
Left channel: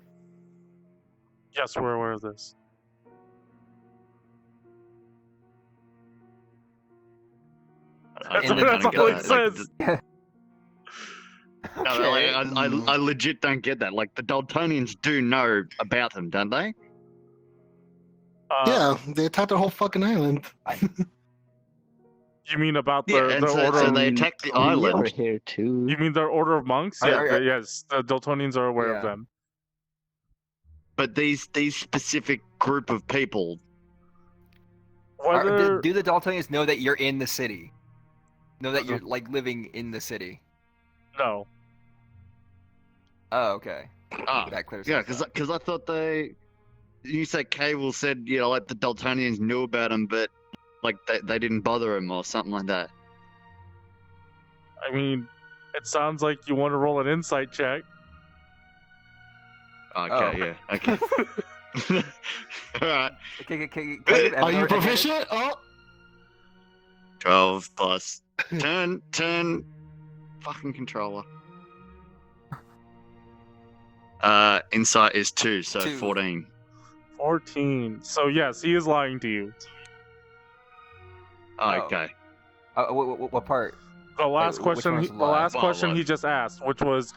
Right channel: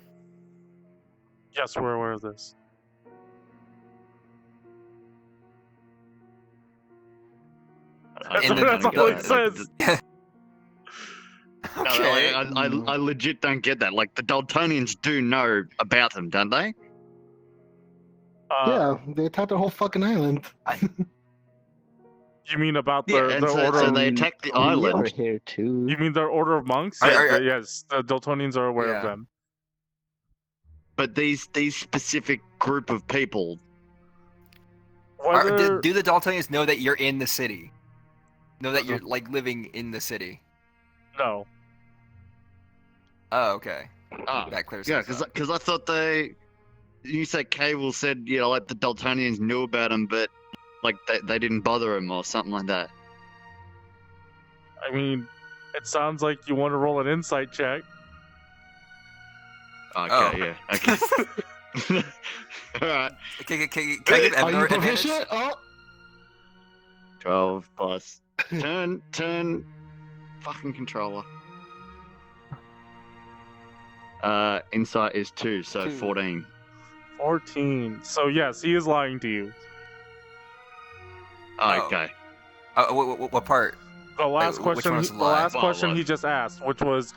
Yes, we're aware of this. That's all he says. I legit don't get that. The Dultonians do know about them, don't they? Yeah, they attacked the whole fucking island. You mean about their order? So they attacked the island. Here too. You mean their order of monks? Yes, the Dultonians are aware of them. But these specific group of people, Whether do the Dultonians know that you're in the city? Know that you're like living in the city? No. Oh, okay. Oh, That clears. yeah, things up. because I thought you said Cable said, you know, like the Dultonians knew about him, but like they didn't bother him or something like that. I mean, it sounds like you want to roll an insight check. Okay, yeah, okay. All right. Are you proficient? Oh. 12 plus 10, fucking controller. Insight is 2, so 2. 14. 14. So yes, he is lying to you. Oh, okay. What part? The last Which question. one's The lie? last Well, question what? he just asked, which was,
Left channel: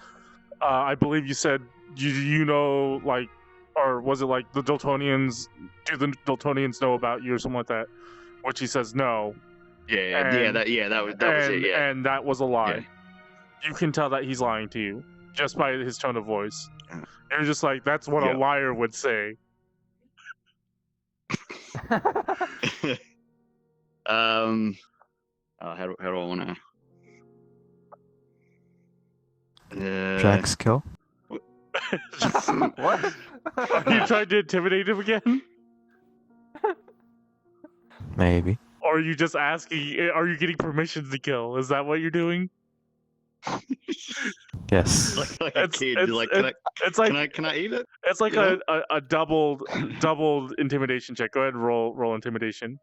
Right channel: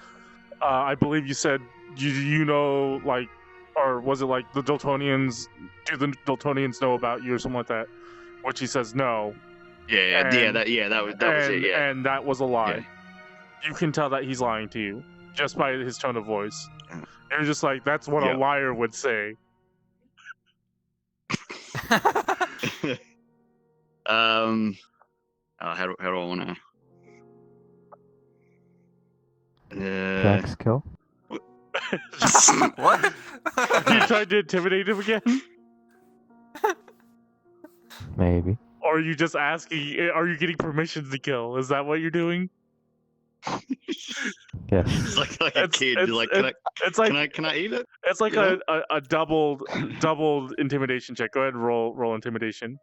I believe you said, you know, like, or was it like the Dultonians? Do the Dultonians know about you or something like that? Which he says no. Yeah, And- that was it. Yeah. And that was a lie. Yeah. You can tell that he's lying to you just by his tone of voice. Yeah. You're just like, that's what Yeah. a liar would say. How do I want to? Drax kill. What? You tried to intimidate him again? Maybe. Or are you just asking, are you getting permission to kill? Is that what you're doing? Yes. like a kid, like, It's like can I eat it? it's like You a doubled intimidation check. Go ahead and roll intimidation.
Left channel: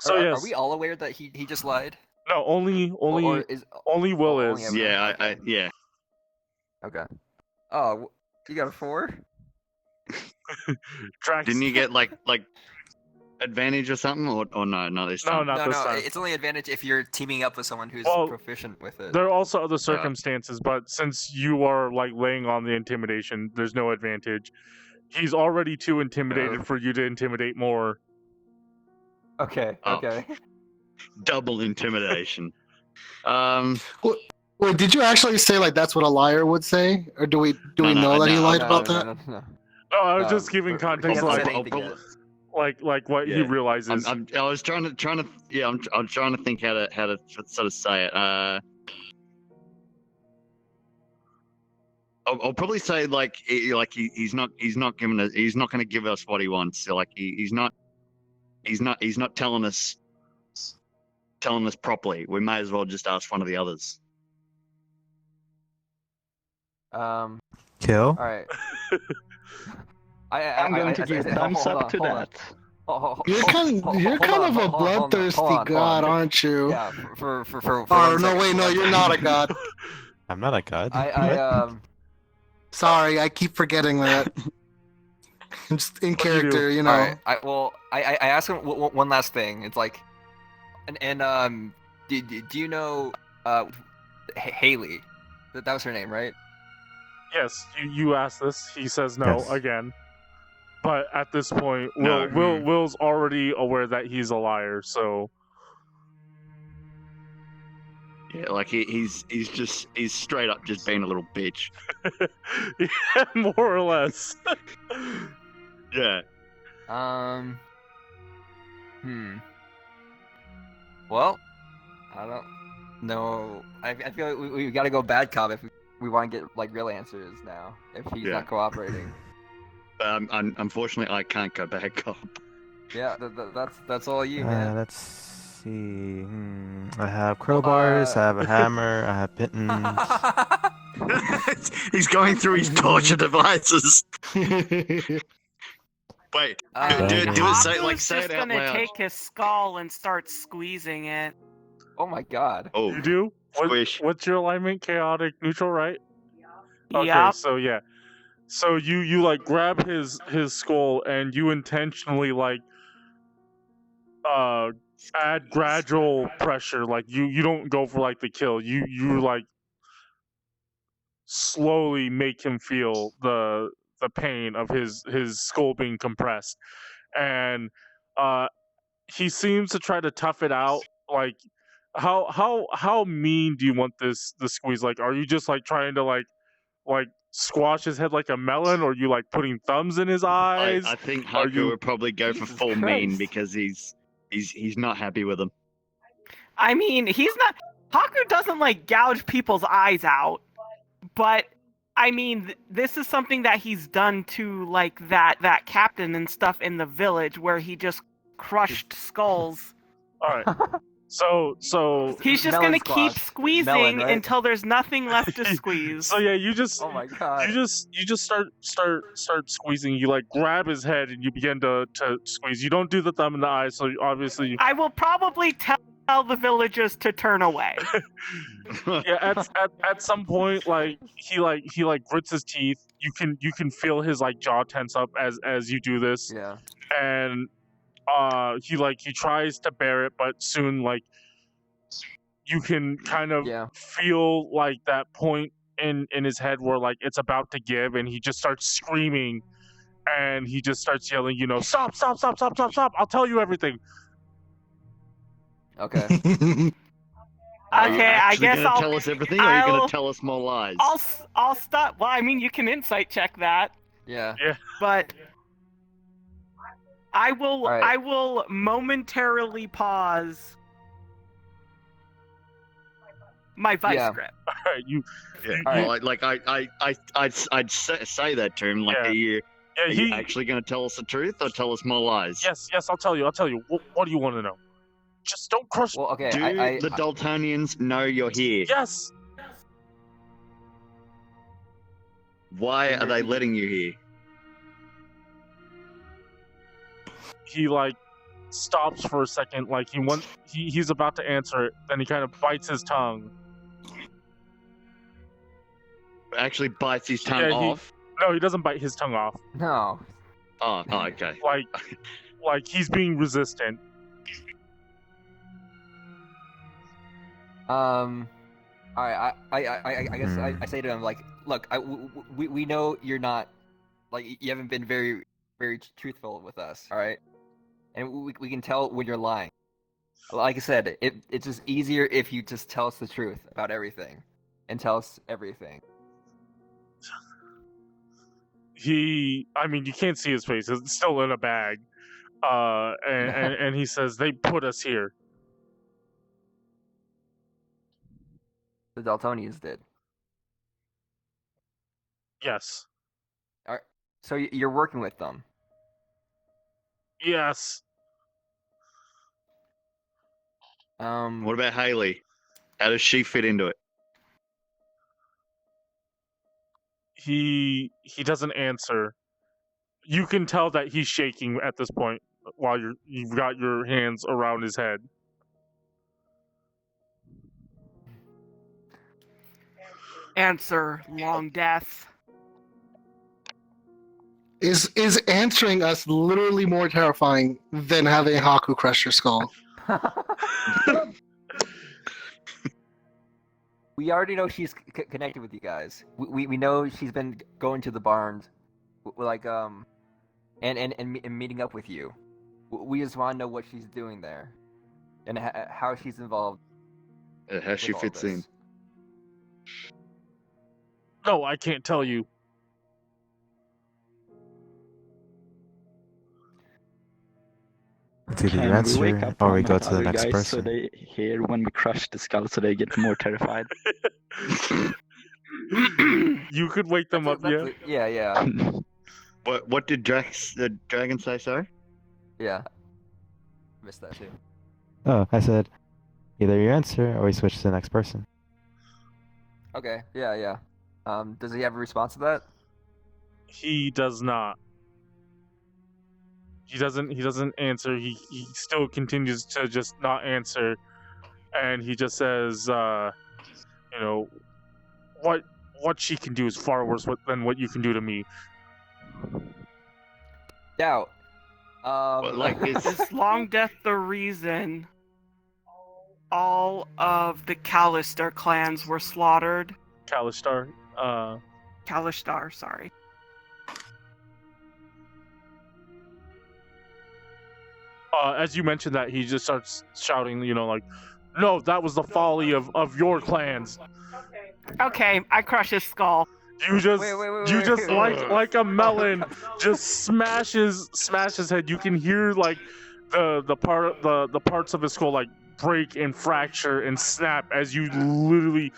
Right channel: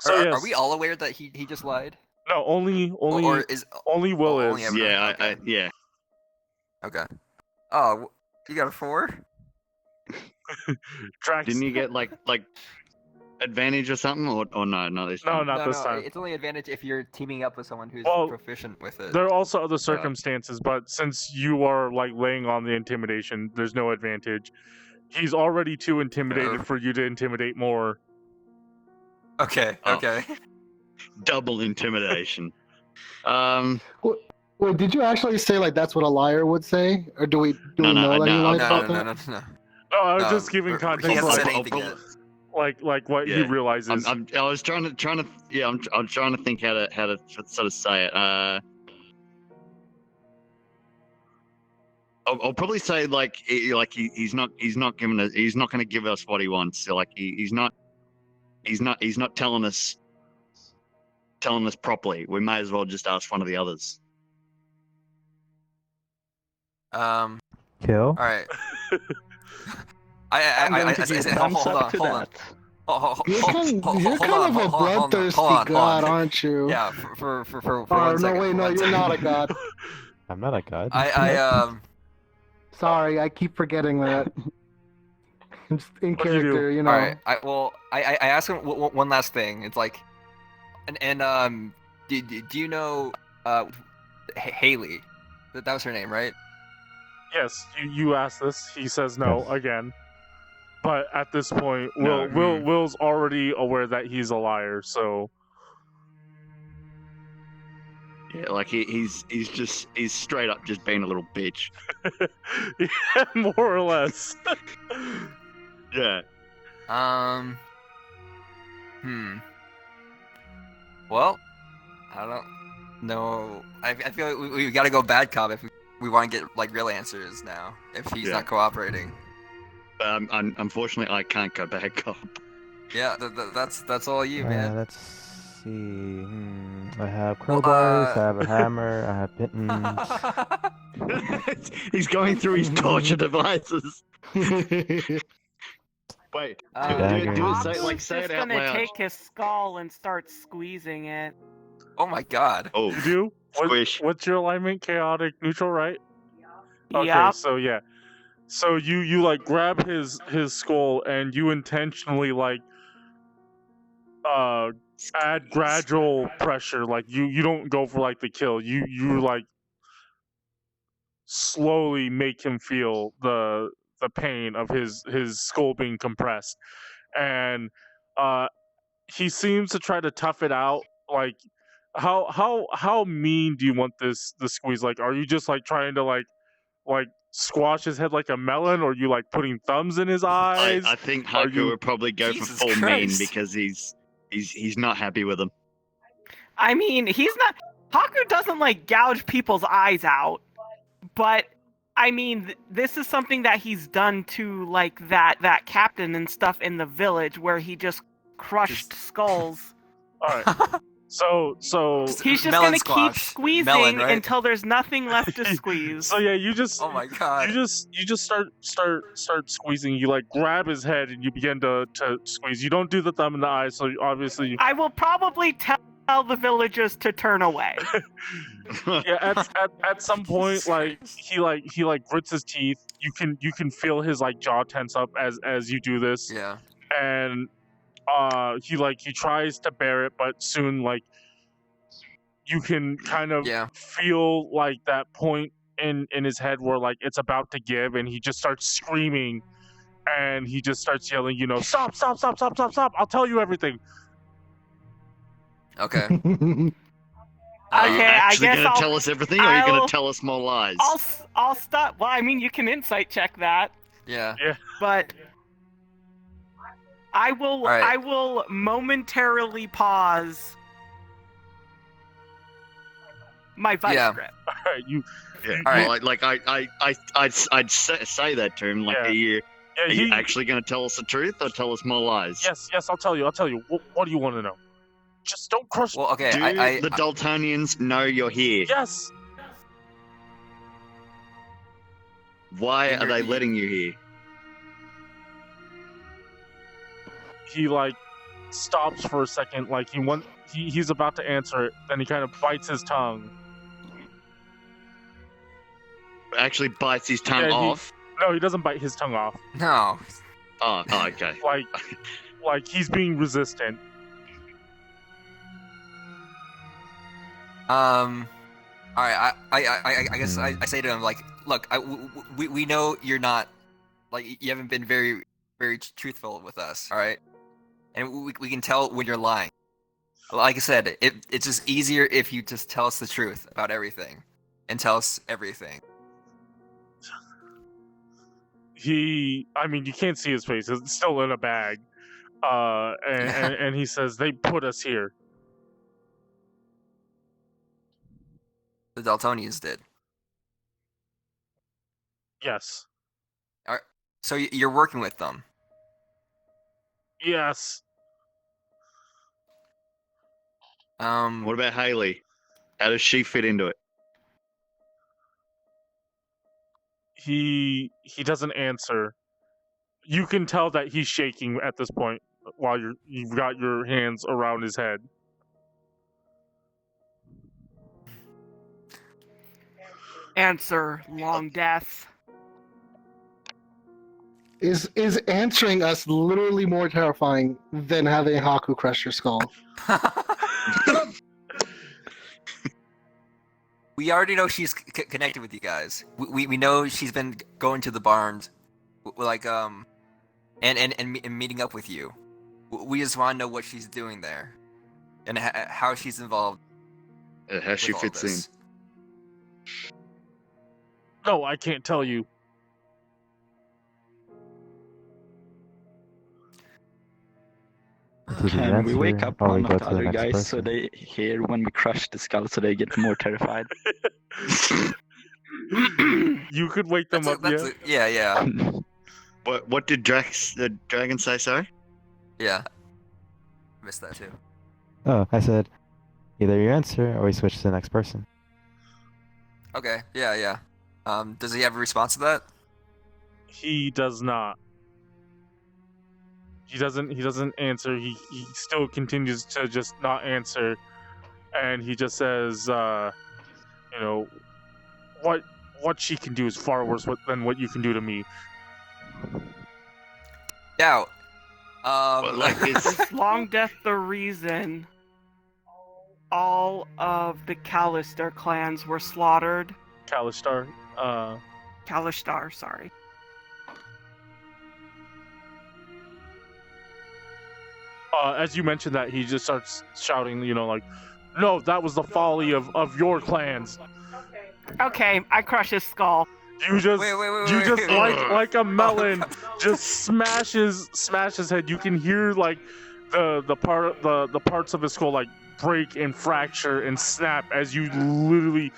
So yes, Are we all aware that he just lied? no, only Or is only Will only is. everyone? Yeah, yeah. Okay. Oh, you got a 4? Drax. Didn't you get like advantage or something, or no this No, time? not this time. It's only advantage if you're teaming up with someone who's Well, proficient with it. There are also other circumstances, but since you are like laying on the intimidation, there's no advantage. He's already too intimidated for you to intimidate more. Okay. Oh. Okay. Double intimidation. Wait, did you actually say like that's what a liar would say, or do we know that he lied about that? No. No, I was just giving He context, hasn't like said anything yet. like what he Yeah. realizes. I was trying to yeah, I'm trying to think how to sort of say it. I'll probably say like he's not going to give us what he wants. So like he's not telling us properly. We may as well just ask one of the others. Kill. All right. I'm going to give thumbs up to that. You're kind of a bloodthirsty god, aren't you? Yeah, for Oh one no, second, wait, for no, one you're second. not a god. I'm not a god. Sorry, I keep forgetting that. Just in What do you do? character, you know. All right. I asked him one last thing. It's like, do you know Haley? That was her name, right? Yes, you asked this. He says no Yes. again. But at this point, Will's already aware that he's a liar. So Yeah, like he's straight up just being a little bitch. yeah, more or less. Yeah. Well, I don't know. I feel like we got to go bad cop if we want to get like real answers now. If he's Yeah. not cooperating. Unfortunately, I can't go back up. Yeah, That's all you, man. Let's see. I have crowbars. I have a hammer. I have pittons. He's going through his torture devices. Wait, do it. Say He's it just out gonna loud. take his skull and start squeezing it. Oh my god. Oh, You do? Squish. What's your alignment? Chaotic, neutral, right? Okay, Yup. so yeah. So you like grab his skull and you intentionally like add gradual pressure. Like you don't go for like the kill. You like slowly make him feel the pain of his skull being compressed. And he seems to try to tough it out. Like how mean do you want the squeeze? Like, are you just like trying to like squash his head like a melon, or you like putting thumbs in his eyes? I think Hakku would probably go for Jesus full mean Christ. because he's not happy with him. I mean, he's not. Hakku doesn't like gouge people's eyes out, but I mean, this is something that he's done to like that captain and stuff in the village where he just crushed skulls. All right. So He's just Melon gonna squash. keep squeezing Melon, right? until there's nothing left to squeeze. So yeah, you just Oh my god. you just start squeezing. You like grab his head and you begin to squeeze. You don't do the thumb in the eye, so obviously I will probably tell the villagers to turn away. yeah. At some point, like he grits his teeth. You can feel his like jaw tense up as you do this. Yeah. And he tries to bear it, but soon like you can kind of feel like that point in his head where like it's about to give, and he just starts screaming, and he just starts yelling, stop, I'll tell you everything. Okay. Okay, I guess gonna I'll tell us everything, or are you gonna tell us more lies? I'll stop. Well, I mean, you can insight check that, Yeah. but I will Right. I will momentarily pause my vice Yeah. grip. Alright, I'd say that to him. Like, Yeah. are you he actually gonna tell us the truth or tell us more lies? yes, I'll tell you. What do you want to know? Just don't crush. Well, okay. Do I the Dultonians know you're here? Yes. Why are they letting you here? He like stops for a second, like he's about to answer it, then he kind of bites his tongue. Actually bites his tongue off. No, he doesn't bite his tongue off. No. Oh, okay. Like he's being resistant. All right. I guess I say to him like, look, we know you're not like you haven't been very truthful with us. All right, and we can tell when you're lying. Like I said, it's just easier if you just tell us the truth about everything, and tell us everything. I mean, you can't see his face; it's still in a bag. And he says they put us here. The Dultonians did. Yes. All right. So you're working with them. Yes. What about Haley? How does she fit into it? He doesn't answer. You can tell that he's shaking at this point while you've got your hands around his head. Answer, long death. Is answering us literally more terrifying than having Hakku crush your skull? We already know she's connected with you guys. We know she's been going to the barns, like and meeting up with you. We just want to know what she's doing there, and how she's involved. How she fits in. No, I can't tell you. Can we wake up or one we of go the to the other next guys person? so they hear when we crush the skull so they get more terrified? You could wake them up, yeah. Yeah. What did the dragon say, sorry? Yeah. Missed that too. Oh, I said either you answer or we switch to the next person. Okay. Yeah. Does he have a response to that? He does not. He doesn't answer. He still continues to just not answer, and he just says, what she can do is far worse than what you can do to me. Doubt. Is long death the reason all of the Kalistar clans were slaughtered? Kalistar. Kalistar, sorry. As you mentioned that, he just starts shouting, no, that was the folly of your clans. Okay, I crush his skull. You just wait. like a melon just smash his head. You can hear like the parts of his skull like break and fracture and snap as you literally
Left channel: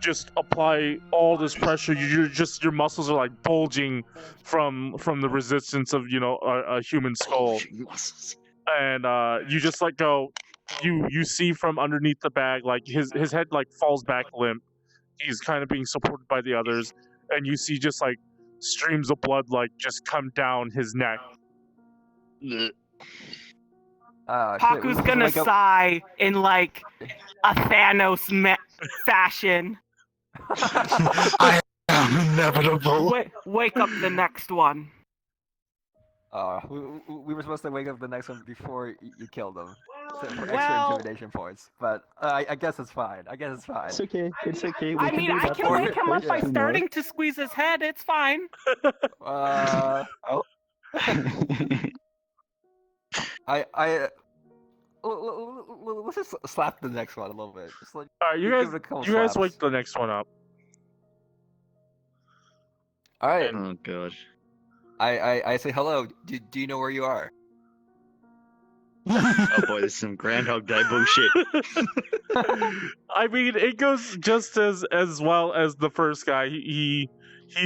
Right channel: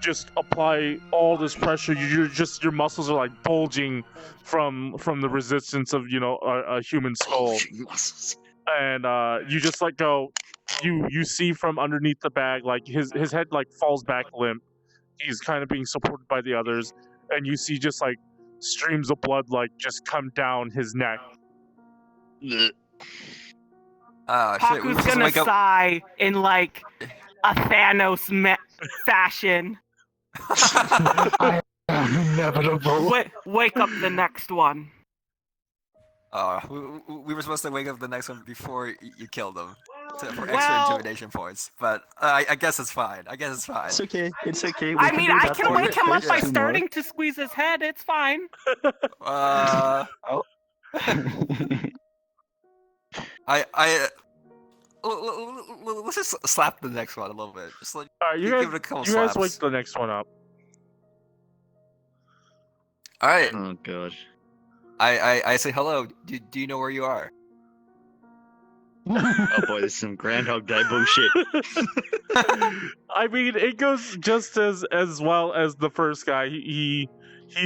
just apply all this pressure. Your muscles are like bulging from the resistance of a human skull. And you just let go. You see from underneath the bag like his head like falls back limp. He's kind of being supported by the others, and you see just like streams of blood like just come down his neck. Hakku's gonna sigh in like a Thanos fashion. Inevitable. Wake up the next one. We were supposed to wake up the next one before you killed him for extra intimidation points, but I guess it's fine. It's okay. It's okay. I mean, I can wake him up by starting to squeeze his head. It's fine. Let's just slap the next one a little bit. Just like, you guys wake the next one up. All right. Oh god. I say hello. Do you know where you are? Oh boy, this is some Groundhog Day bullshit. I mean, it goes just as well as the first guy. He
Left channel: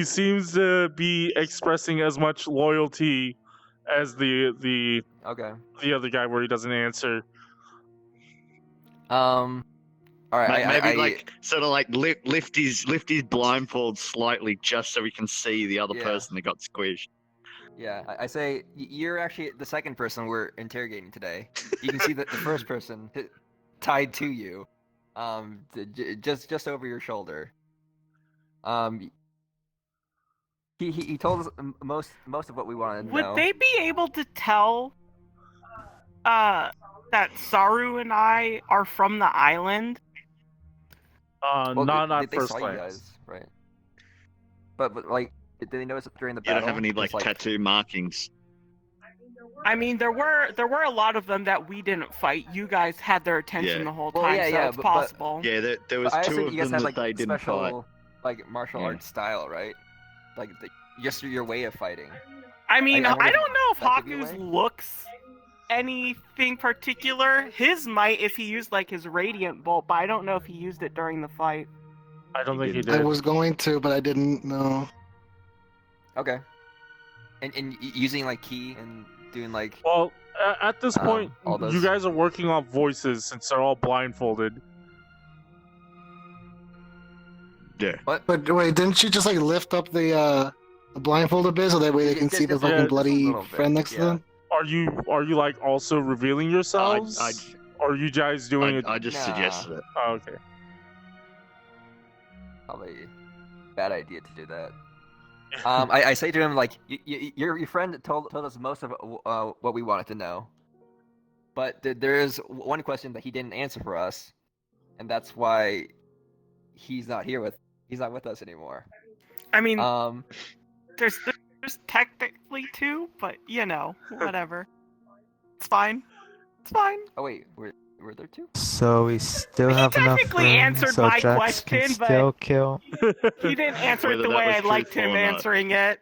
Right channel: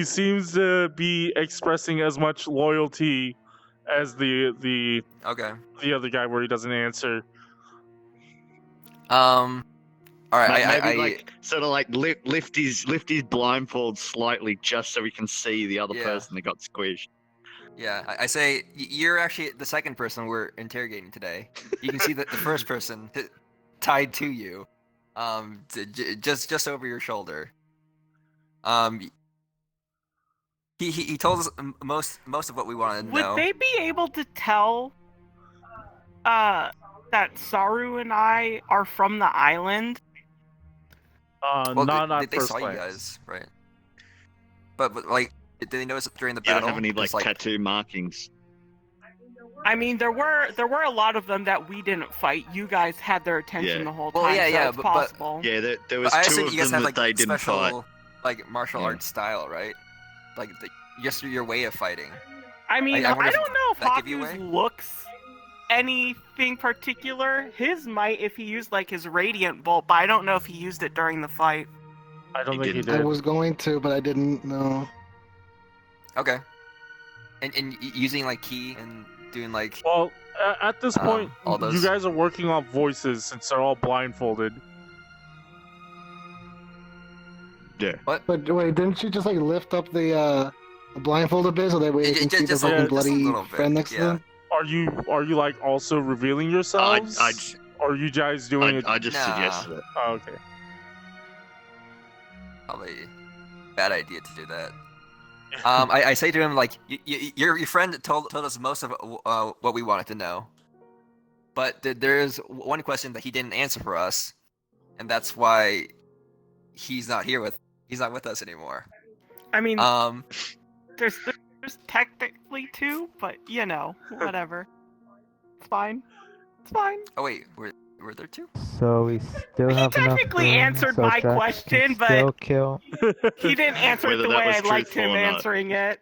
seems to be expressing as much loyalty as the other guy where he doesn't answer. All right. Maybe sort of like lift his blindfold slightly just so we can see the other person that got squished. Yeah, I say you're actually the second person we're interrogating today. You can see the first person tied to you, just over your shoulder. He told us most of what we wanted to know. Would they be able to tell that Saru and I are from the island? Well, not they first saw glance. you guys, right? But like, did they notice during the You battle? don't have any like tattoo markings. I mean, there were a lot of them that we didn't fight. You guys had their attention the whole time, so it's possible. Yeah, there was two of them that they didn't fight. Like martial arts style, right? Like just your way of fighting. I mean, I don't know if that give you Hakku's away? looks anything particular. His might if he used like his radiant bolt, but I don't know if he used it during the fight. I don't think he I did. was going to, but I didn't know. Okay. And using like key and doing like. Well, at this point, all those- you guys are working on voices since they're all blindfolded. Yeah. What? But wait, didn't you just like lift up the blindfold a bit so that way you can see the Just- fucking just a bloody little bit, friend next to them? Are you like also revealing yourselves? Or are you guys doing it? I just suggested it. Oh, okay. Probably bad idea to do that. I say to him like, your friend told us most of what we wanted to know, but there is one question that he didn't answer for us, and that's why he's not with us anymore. I mean, there's technically two, but whatever. It's fine. It's fine. Oh wait, were there two? So we still have enough technically room answered so my Drax question, can but- still kill. He didn't answer it Whether the that way was I liked truthful him or not. answering it.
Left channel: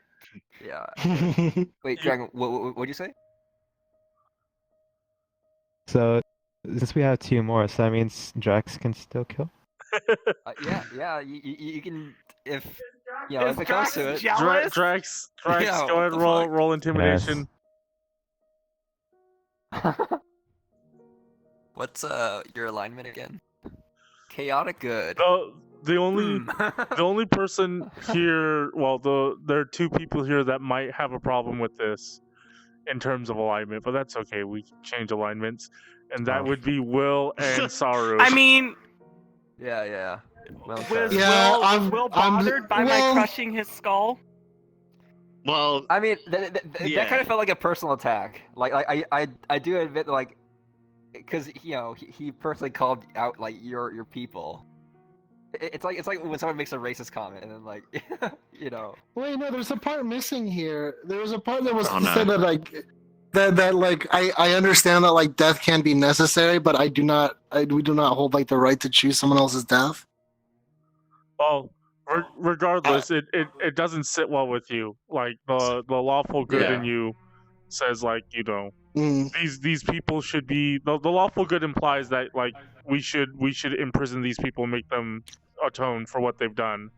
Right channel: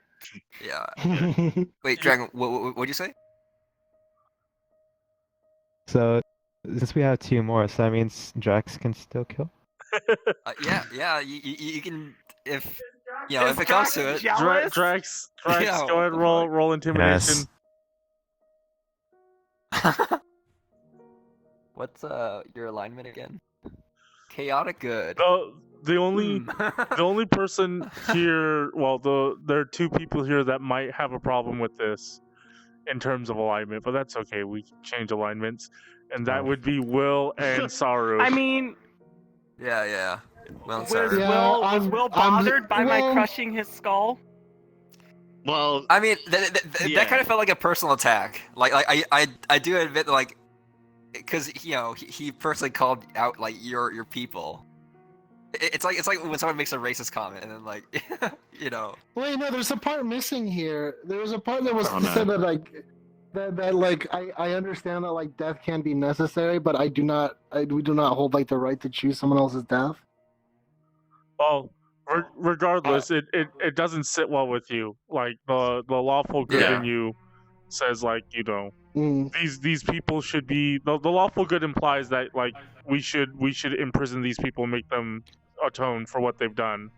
Yeah. Wait, Dragon, what'd you say? So since we have two more, so that means Drax can still kill. Yeah. You can if Is if it comes to it. Jealous? Drax, Yeah, go ahead, what the roll intimidation. What's your alignment again? Chaotic good. The only person here, well, there are two people here that might have a problem with this in terms of alignment, but that's okay. We can change alignments, and that would be Will and Saru. I mean, Yeah. Well, was sorry. Yeah, Will bothered by my well- crushing his skull? Well, I mean, Yeah. that kind of felt like a personal attack. Like I do admit that, like, because he personally called out like your people. It's like when someone makes a racist comment and then like Wait, no, there's a part missing here. There was a part that was Oh, no. said that like that like I understand that like death can be necessary, but we do not hold like the right to choose someone else's death. Well, regardless, it doesn't sit well with you. Like the lawful good in you says, like, you know, these people should be the lawful good implies that like we should imprison these people and make them atone for what they've done.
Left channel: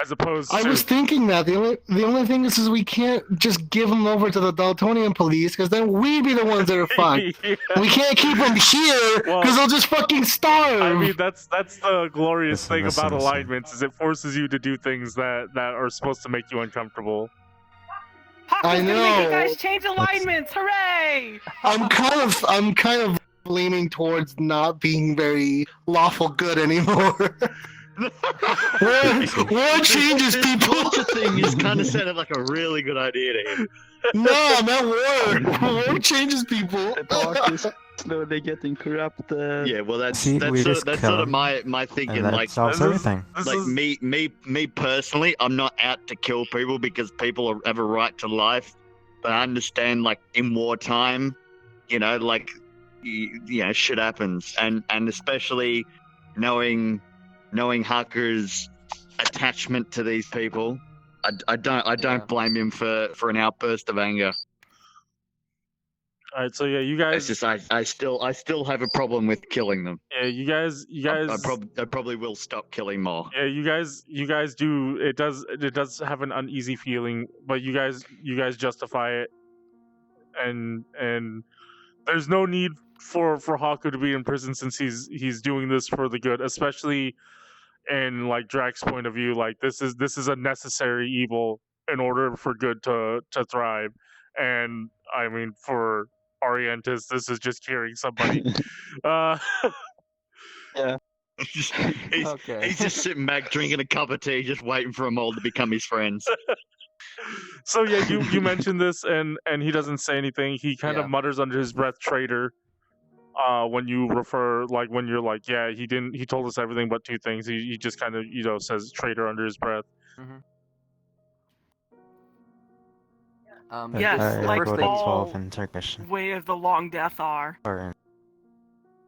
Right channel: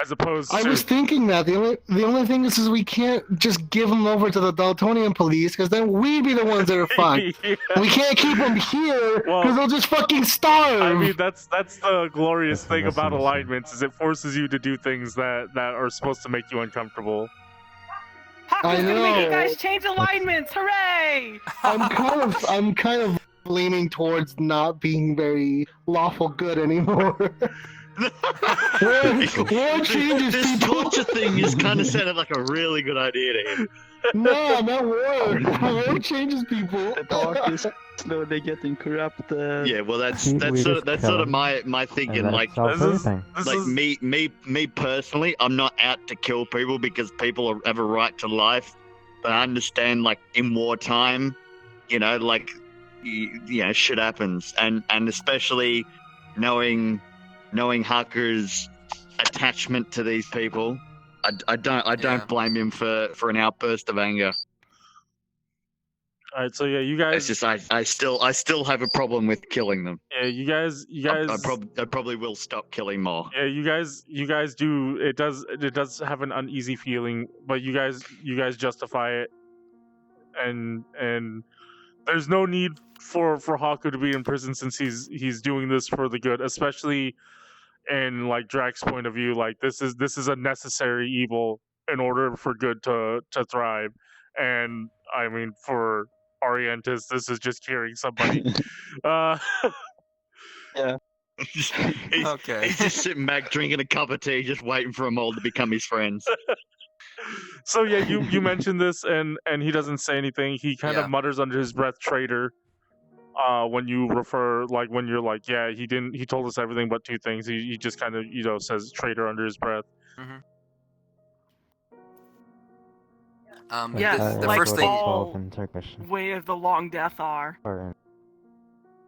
As opposed to... I was thinking that the only thing is we can't just give them over to the Dultonian police because then we be the ones that are fucked. We can't keep them here because they'll just fucking starve. I mean, that's the glorious thing about alignments is it forces you to do things that are supposed to make you uncomfortable. Hakku's gonna make you guys change alignments! Hooray! I'm kind of leaning towards not being very lawful good anymore. War changes people. Torture thing is kind of sounded like a really good idea to him. No, not war. War changes people. The park is slowly getting corrupted. Yeah, well, that's sort of my thinking. Like, me personally, I'm not out to kill people because people have a right to life. But I understand, like, in wartime, you know, like, shit happens, and especially knowing Hakku's attachment to these people, I don't blame him for an outburst of anger. All right, so yeah, you guys. It's just I still have a problem with killing them. Yeah, you guys. I probably will stop killing more. Yeah, you guys do. It does have an uneasy feeling, but you guys justify it, and there's no need for Hakku to be in prison since he's doing this for the good, especially in like Drax's point of view. Like this is a necessary evil in order for good to thrive, and I mean for Arientus, this is just curing somebody. Yeah. Okay. He's just sitting back drinking a cup of tea, just waiting for them all to become his friends. So yeah, you mentioned this, and he doesn't say anything. He kind of mutters under his breath, "Traitor." When you refer, like when you're like, yeah, he told us everything but two things. He just kind of says "traitor" under his breath. Mm-hmm. The like first thing all in Turkish. Way of the long death are.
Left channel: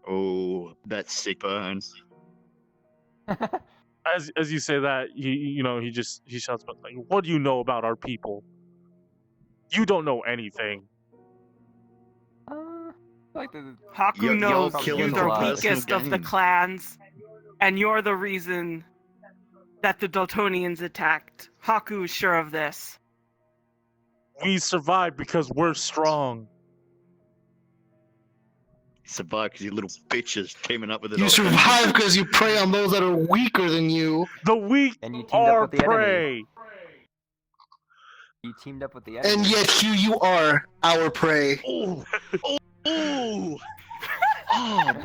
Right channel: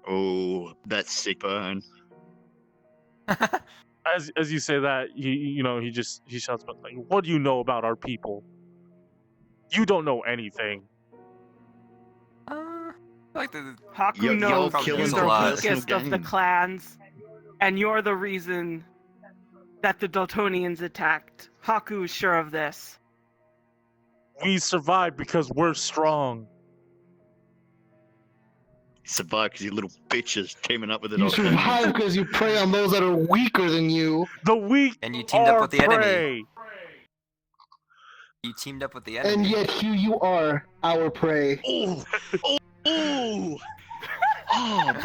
Oh, that's sick burn. As you say that, he shouts, "But like, what do you know about our people? You don't know anything." Hakku knows you're the weakest of the clans, and you're the reason that the Dultonians attacked. Hakku is sure of this. We survived because we're strong. Survived because you little bitches came up with it. You survive because you prey on those that are weaker than you. The weak and you teamed are up with the prey. Enemy. You teamed up with the enemy. And yet here you are, our prey. Oh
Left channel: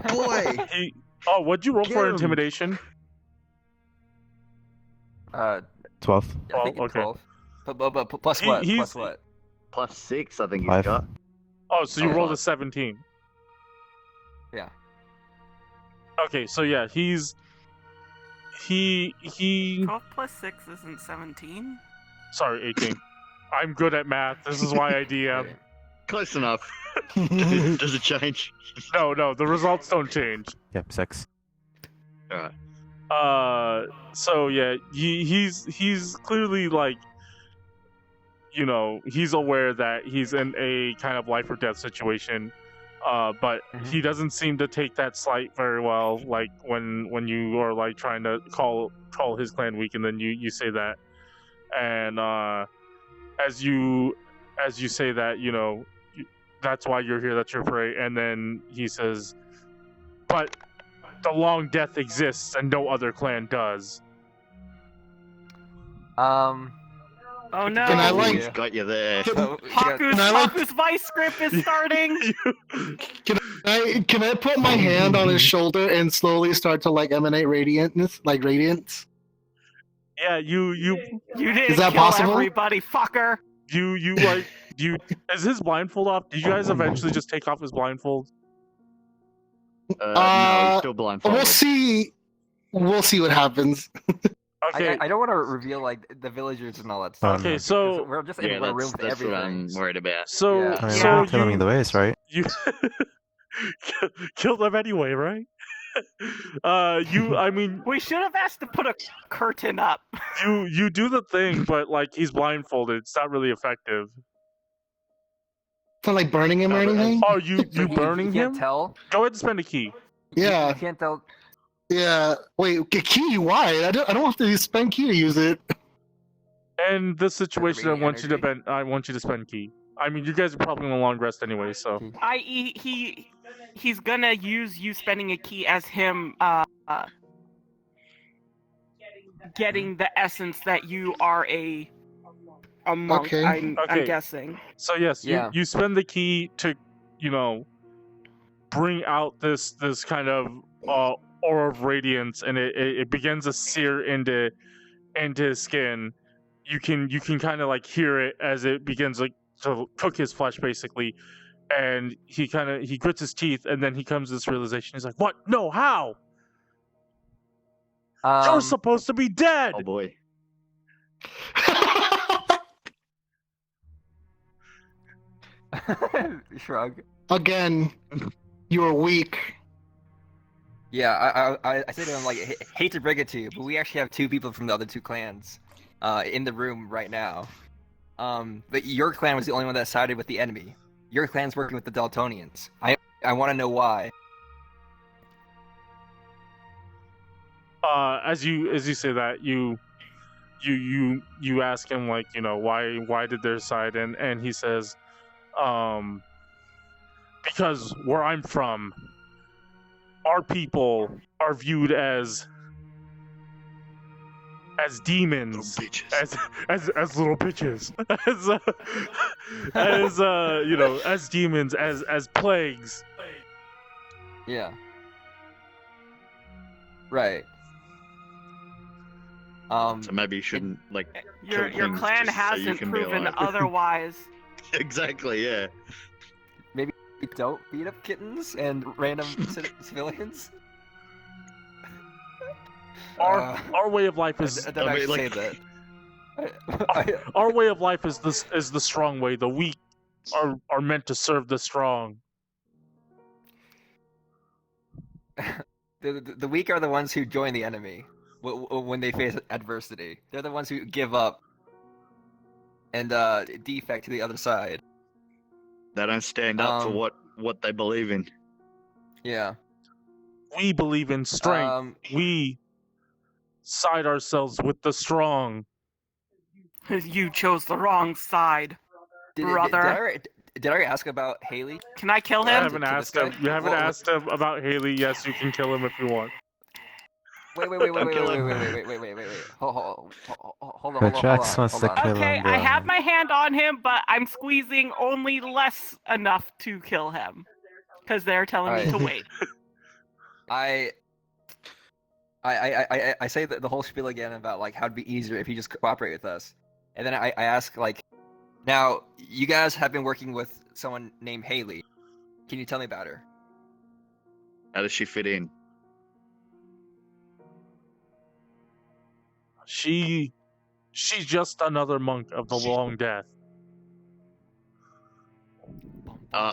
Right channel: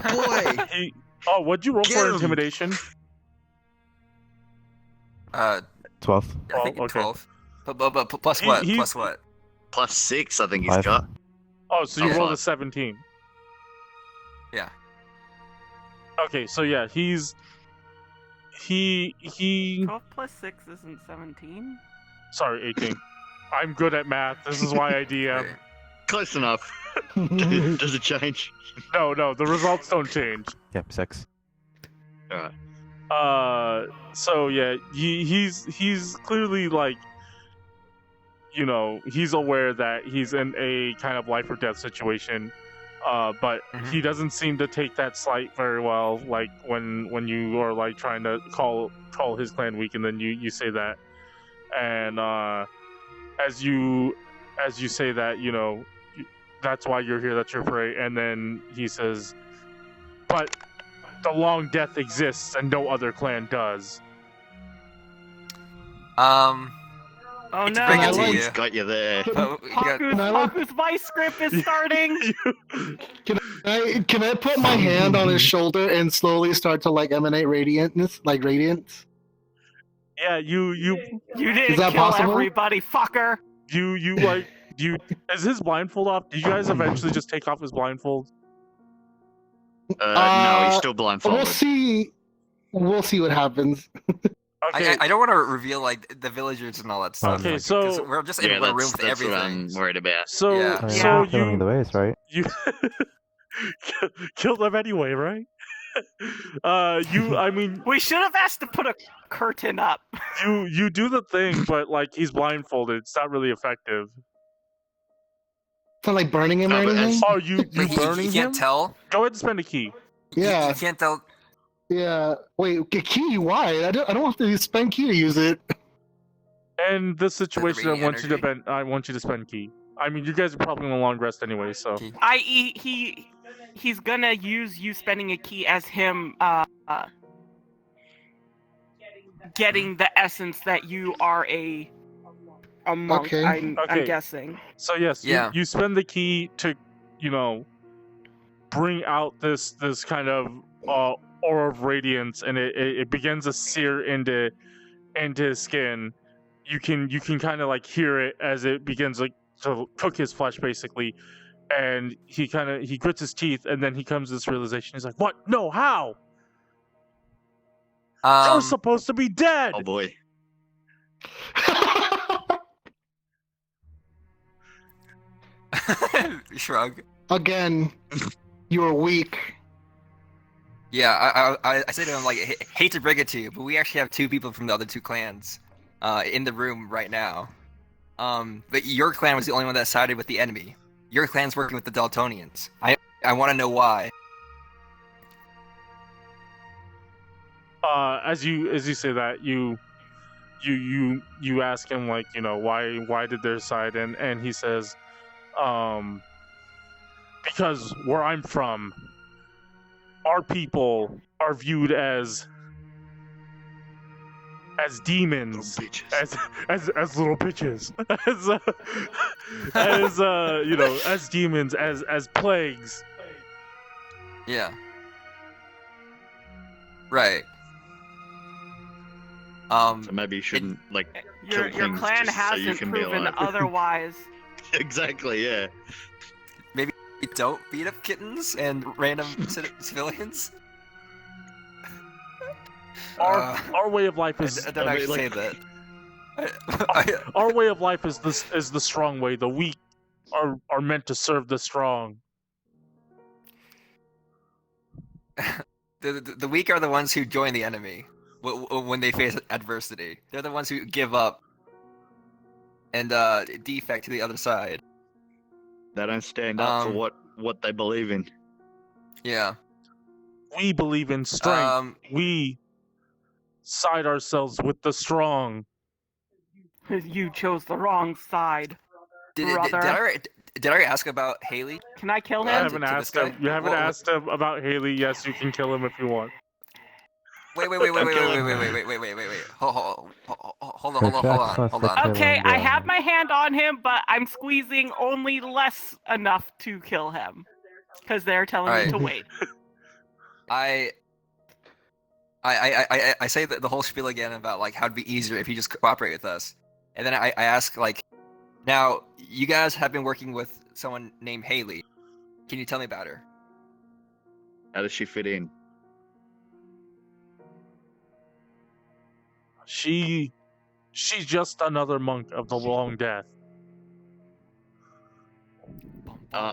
boy. What'd you roll for intimidation? 12. Yeah, okay. 12. But plus what? Plus what? Plus 6, I think 5. he's got. Oh, so you rolled a 17. Yeah. Okay, so yeah, he 12 plus 6 isn't 17? Sorry, 18. I'm good at math. This is why I DM. Close enough. Does it change? No, the results don't change. Yep, 6. Alright. So yeah, he's clearly like, he's aware that he's in a kind of life or death situation. But he doesn't seem to take that slight very well. Like when you are like trying to call his clan weak, and then you say that, and as you say that, that's why you're here. That's your prey. And then he says, "But the long death exists, and no other clan does." Oh no! He's got you there. Hakku's vice grip is starting. Can I put my hand on his shoulder and slowly start to like emanate radiance? Yeah, you didn't Is that kill possible? everybody, fucker. Is his blindfold off? Did you guys eventually just take off his blindfold? No, he's still blindfolded. We'll see what happens. Okay. I don't want to reveal like the villagers and all that stuff. Okay, so we're just in a room with that's everything. what I'm worried about. So Killing the ways, right? you kill them anyway, right? I mean, we should have asked to put a curtain up. You do the thing, but like he's blindfolded. It's not really effective. For like burning him or anything? Oh, you burning you him? can't tell. Go ahead and spend a key. Yeah. You can't tell. Yeah. Wait, a key? Why? I don't have to spend key to use it. And the situation, I want you to spend key. I mean, you guys are probably on a long rest anyway, so. He's gonna use you spending a key as him getting the essence that you are a monk. Okay. I'm guessing. So yes, you spend the key to, bring out this kind of aura of radiance, and it begins to sear into his skin. You can kind of like hear it as it begins like to cook his flesh basically, and he grits his teeth, and then he comes to this realization. He's like, "What? No, how? You're supposed to be dead." Oh boy. Shrug. Again, you are weak. Yeah, I say to him, like, hate to break it to you, but we actually have 2 people from the other 2 clans in the room right now. But your clan was the only one that sided with the enemy. Your clan's working with the Dultonians. I want to know why. As you say that, you ask him, like, why did their side, and he says, because where I'm from, our people are viewed as demons, as little bitches, as demons, as plagues. Yeah. Right. So maybe you shouldn't your clan hasn't proven otherwise. Exactly. Yeah. Maybe don't beat up kittens and random civilians. Our way of life is. Say that. Our way of life is the strong way. The weak are meant to serve the strong. The weak are the ones who join the enemy when they face adversity. They're the ones who give up and defect to the other side. They don't stand up for what they believe in. Yeah. We believe in strength. We side ourselves with the strong. You chose the wrong side, brother. Did I ask about Haley? Can I kill him? You haven't asked him about Haley. Yes, you can kill him if you want. Wait. Hold on. Okay, I have my hand on him, but I'm squeezing only less enough to kill him. Because they're telling me to wait. I say the whole spiel again about like how it'd be easier if you just cooperate with us. And then I ask, like, now, you guys have been working with someone named Haley. Can you tell me about her? How does she fit in? She's just another monk of the long death.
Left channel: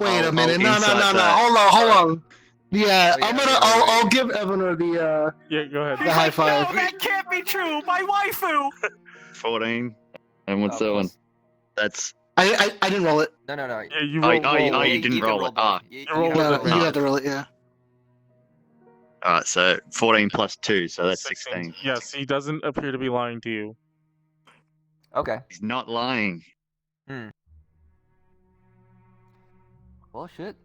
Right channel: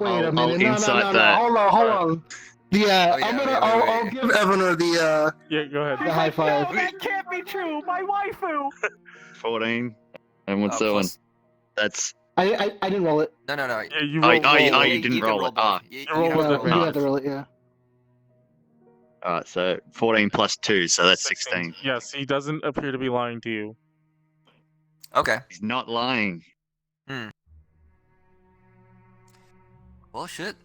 Wait a minute, no, hold on. Yeah, I'll give Evanor the yeah, go ahead. The high five. No, that can't be true. My waifu. 14. And what's that one? That's. I didn't roll it. No. Yeah, you rolled. You didn't roll it. You rolled with it. You had to roll it, yeah. Alright, so 14 plus 2, so that's 16. Yes, he doesn't appear to be lying to you. Okay. He's not lying. Well, shit.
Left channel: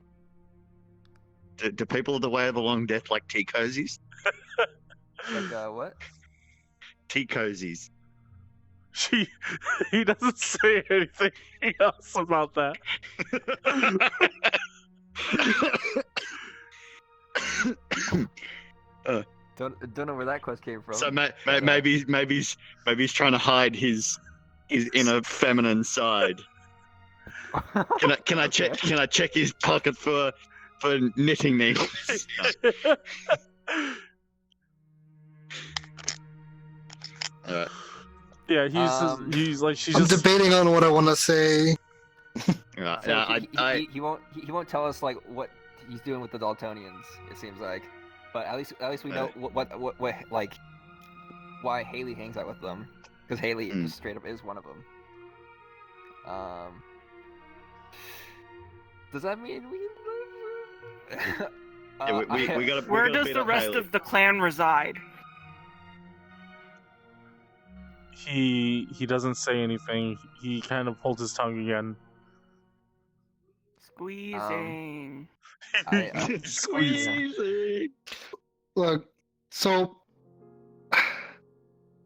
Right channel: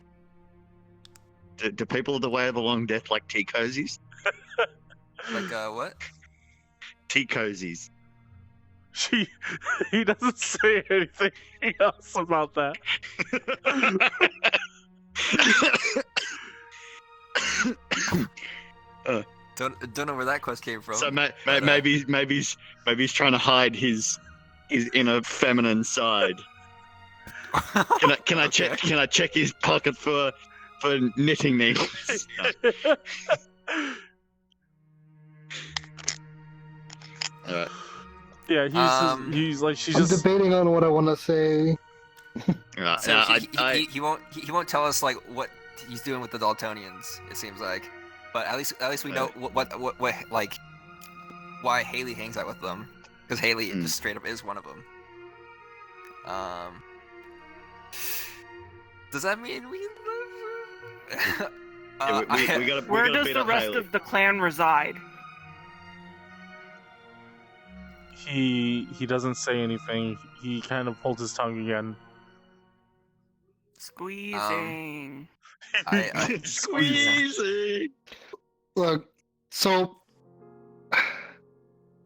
Do people of the Way of the Long Death like tea cozies? Like, what? Tea cozies. He doesn't say anything else about that. Don't know where that quest came from. So maybe he's trying to hide his inner feminine side. Can I check his pocket for knitting needles? Alright. Yeah, he's like she's I'm just debating on what I want to say. So he won't tell us like what he's doing with the Dultonians. It seems like. But at least we know what like why Haley hangs out with them, because Haley just straight up is one of them. Does that mean we? We gotta. Where does the rest of the clan reside? He doesn't say anything. He kind of holds his tongue again. Squeezing. Squeezing. Look, so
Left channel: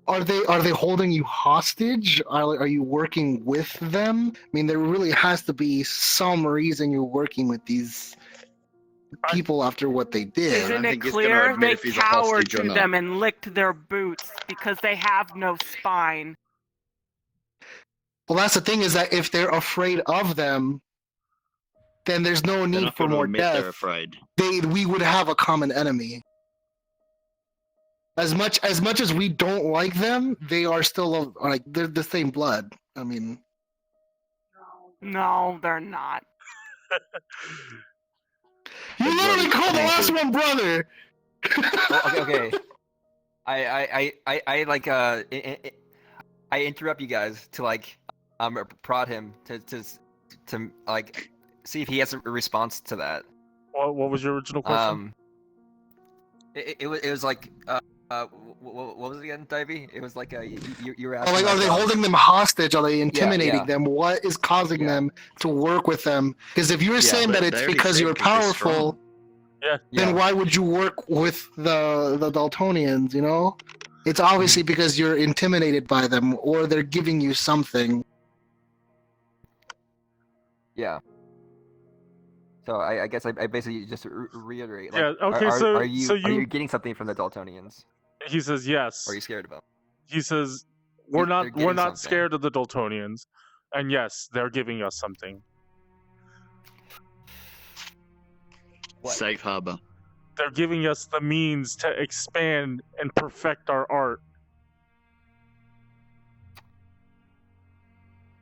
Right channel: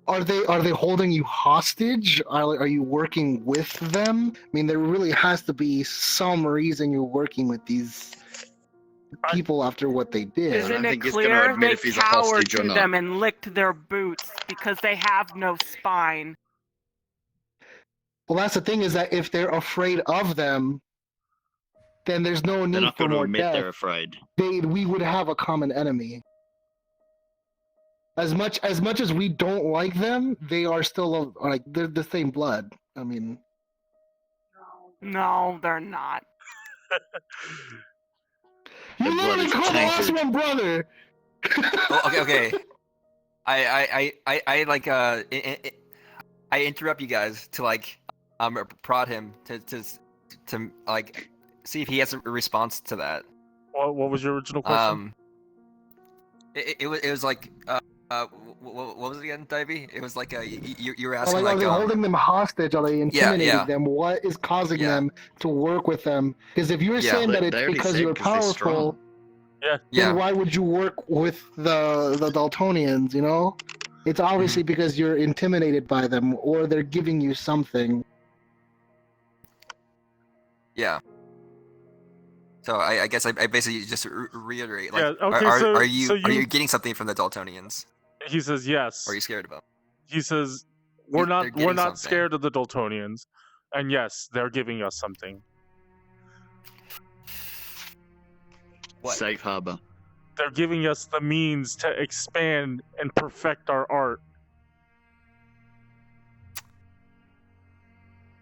are they holding you hostage? Are you working with them? I mean, there really has to be some reason you're working with these people after what they did. Isn't it clear they cowered to them and licked their boots because they have no spine? Well, that's the thing, is that if they're afraid of them, then there's no need for more death. They're afraid. We would have a common enemy. As much as we don't like them, they are still like they're the same blood. I mean, no, they're not. You literally called the last one brother. Okay. I interrupt you guys to like prod him to like see if he has a response to that. What was your original question? It was like what was it again, Dyabie? It was like you were asking. Are they holding them hostage? Are they intimidating them? What is causing them to work with them? Because if you're saying that it's because you're powerful, then why would you work with the Dultonians? You know, it's obviously because you're intimidated by them, or they're giving you something. Yeah. So I guess I basically just reiterate. Like, okay. Are you getting something from the Dultonians? He says yes. Or are you scared of them? He says we're not scared of the Dultonians, and yes, they're giving us something. What? Safe harbor. They're giving us the means to expand and perfect our art.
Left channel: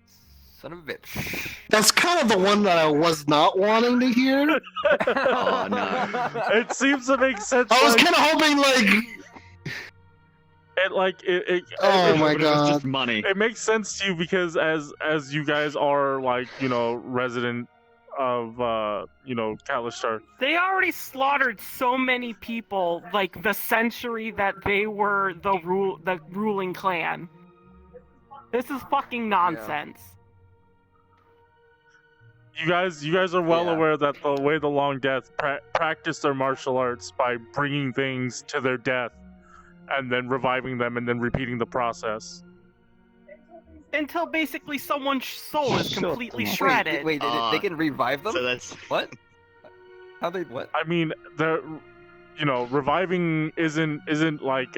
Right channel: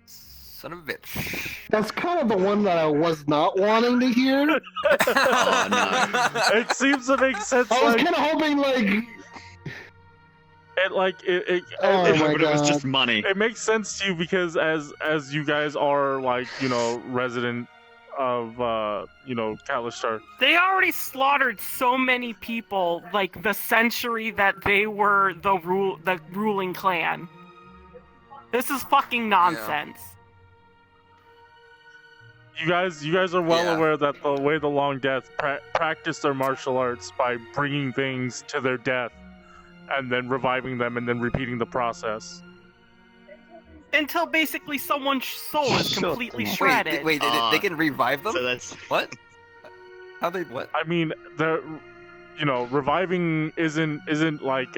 Son of a bitch. That's kind of the one that I was not wanting to hear. Oh no! It seems to make sense. I was kind of hoping it was just money. It makes sense to you because as you guys are like, you know, resident of Kalistar. They already slaughtered so many people like the century that they were the ruling clan. This is fucking nonsense. You guys are well aware that the way the Long Death practice their martial arts by bringing things to their death and then reviving them and then repeating the process. Until basically someone's soul is completely shredded. Wait, they can revive them? So that's... What? How they what? I mean, reviving isn't like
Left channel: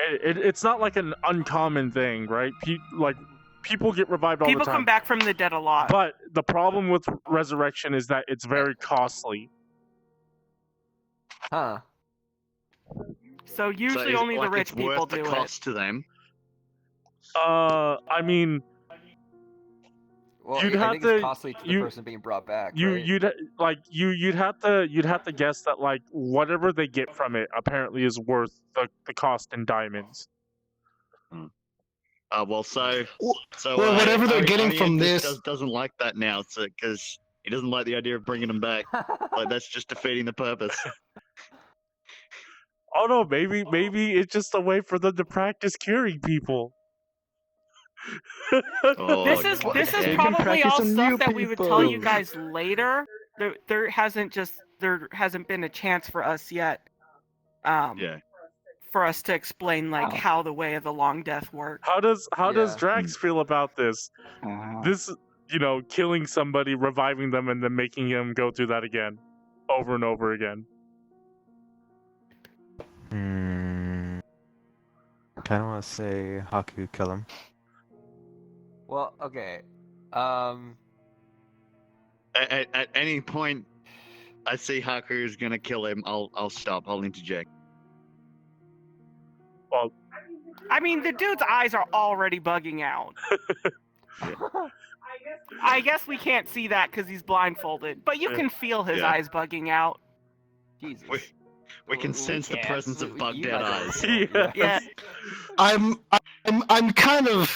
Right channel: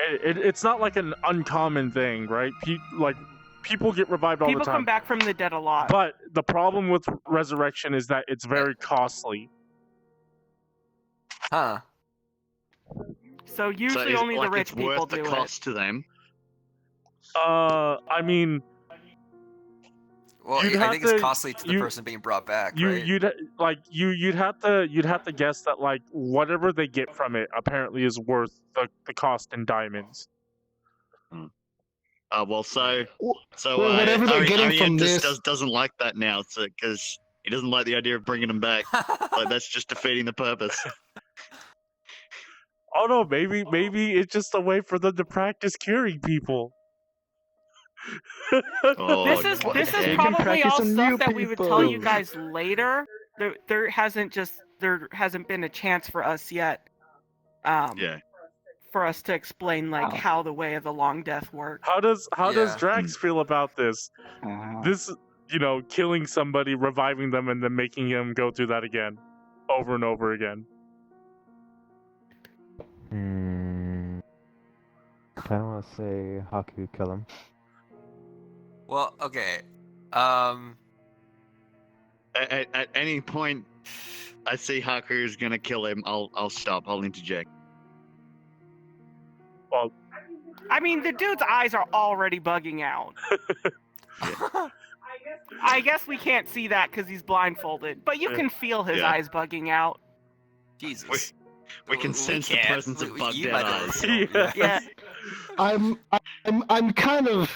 it's not like an uncommon thing, right? People get revived all the time. People come back from the dead a lot. But the problem with resurrection is that it's very costly. Huh. So usually only the rich people do it. It's worth the cost to them. I mean, well, I think it's costly to the person being brought back. You'd have to guess that like whatever they get from it apparently is worth the cost in diamonds. Whatever they're getting from this doesn't like that now, because he doesn't like the idea of bringing them back. Like that's just defeating the purpose. Oh no, maybe it's just a way for them to practice curing people. This is probably all stuff that we would tell you guys later. There hasn't been a chance for us yet. For us to explain how the way of the Long Death works. How does Drax feel about this? This, killing somebody, reviving them, and then making him go through that again, over and over again. I kind of want to say Hakku, kill him. Well, okay. At any point, I see Hakku is gonna kill him. I'll stop. I'll interject. Well, I mean, the dude's eyes are already bugging out. I guess we can't see that because he's blindfolded, but you can feel his eyes bugging out. Jesus. We can sense the presence of bug dead eyes. Yeah. I'm kind of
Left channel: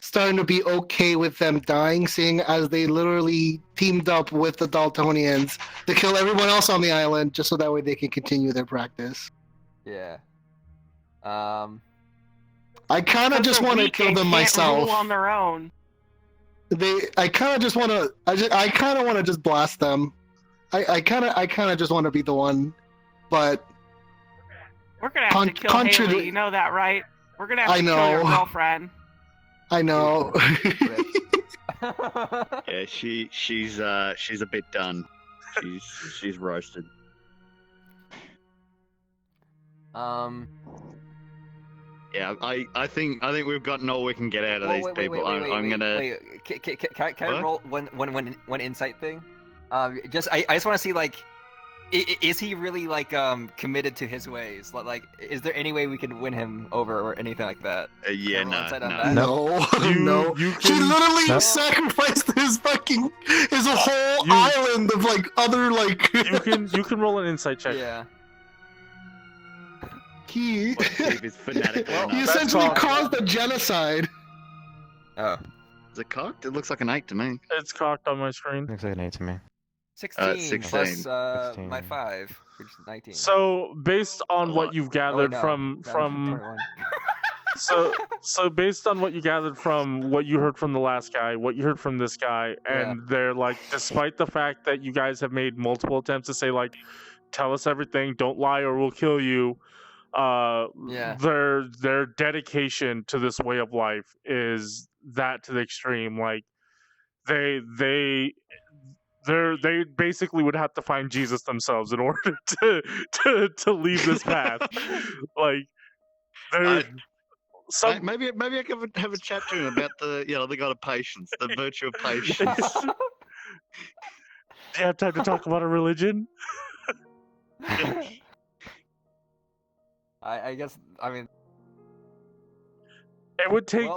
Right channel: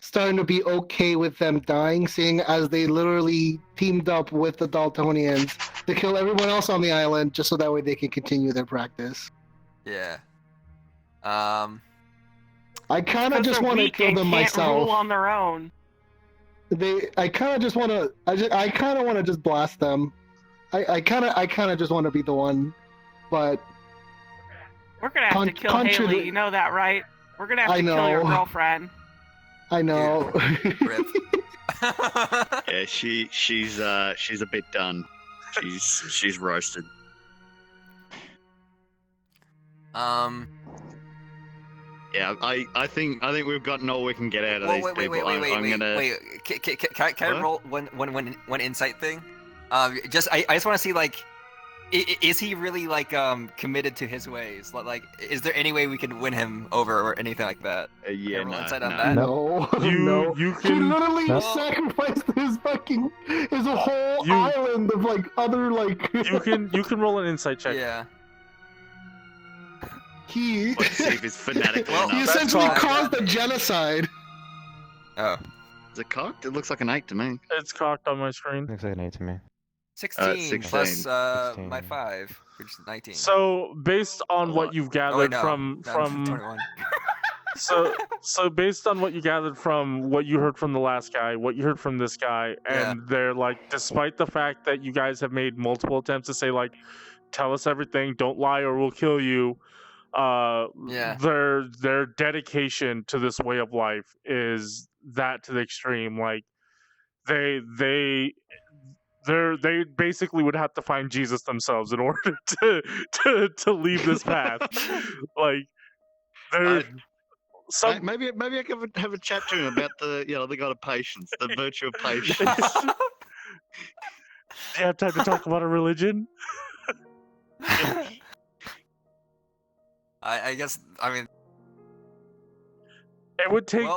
starting to be okay with them dying, seeing as they literally teamed up with the Dultonians to kill everyone else on the island, just so that way they can continue their practice. Yeah. I kind of just want to kill them myself. Rule on their own. I kind of just want to. I kind of want to just blast them. I kind of just want to be the one, but we're gonna have to kill Haley. You know that, right? We're gonna have to kill your girlfriend. I know. Yeah, she's a bit done. She's roasted. Yeah, I think we've gotten all we can get out of these people. I'm gonna. Can I roll one insight thing? I just want to see, like, is he really, like, committed to his ways? Like, is there any way we can win him over or anything like that? Yeah, no. You can. He literally sacrificed his whole island of, like, other, like. you can roll an insight check. Yeah. Let's see if he's fanatical enough. He essentially caused the genocide. Oh. Is it cocked? It looks like an 8 to me. It's cocked on my screen. Looks like an 8 to me. 16 plus 16. My 5, which is 19. So based on what you've gathered from so based on what you gathered from what you heard from the last guy, what you heard from this guy, and they're like, despite the fact that you guys have made multiple attempts to say, like, tell us everything, don't lie or we'll kill you, their dedication to this way of life is that to the extreme. Like, they basically would have to find Jesus themselves in order to leave this path. Like, maybe I could have a chat to him about the god of patience, the virtue of patience. Do you have time to talk about a religion? I guess, I mean, it would take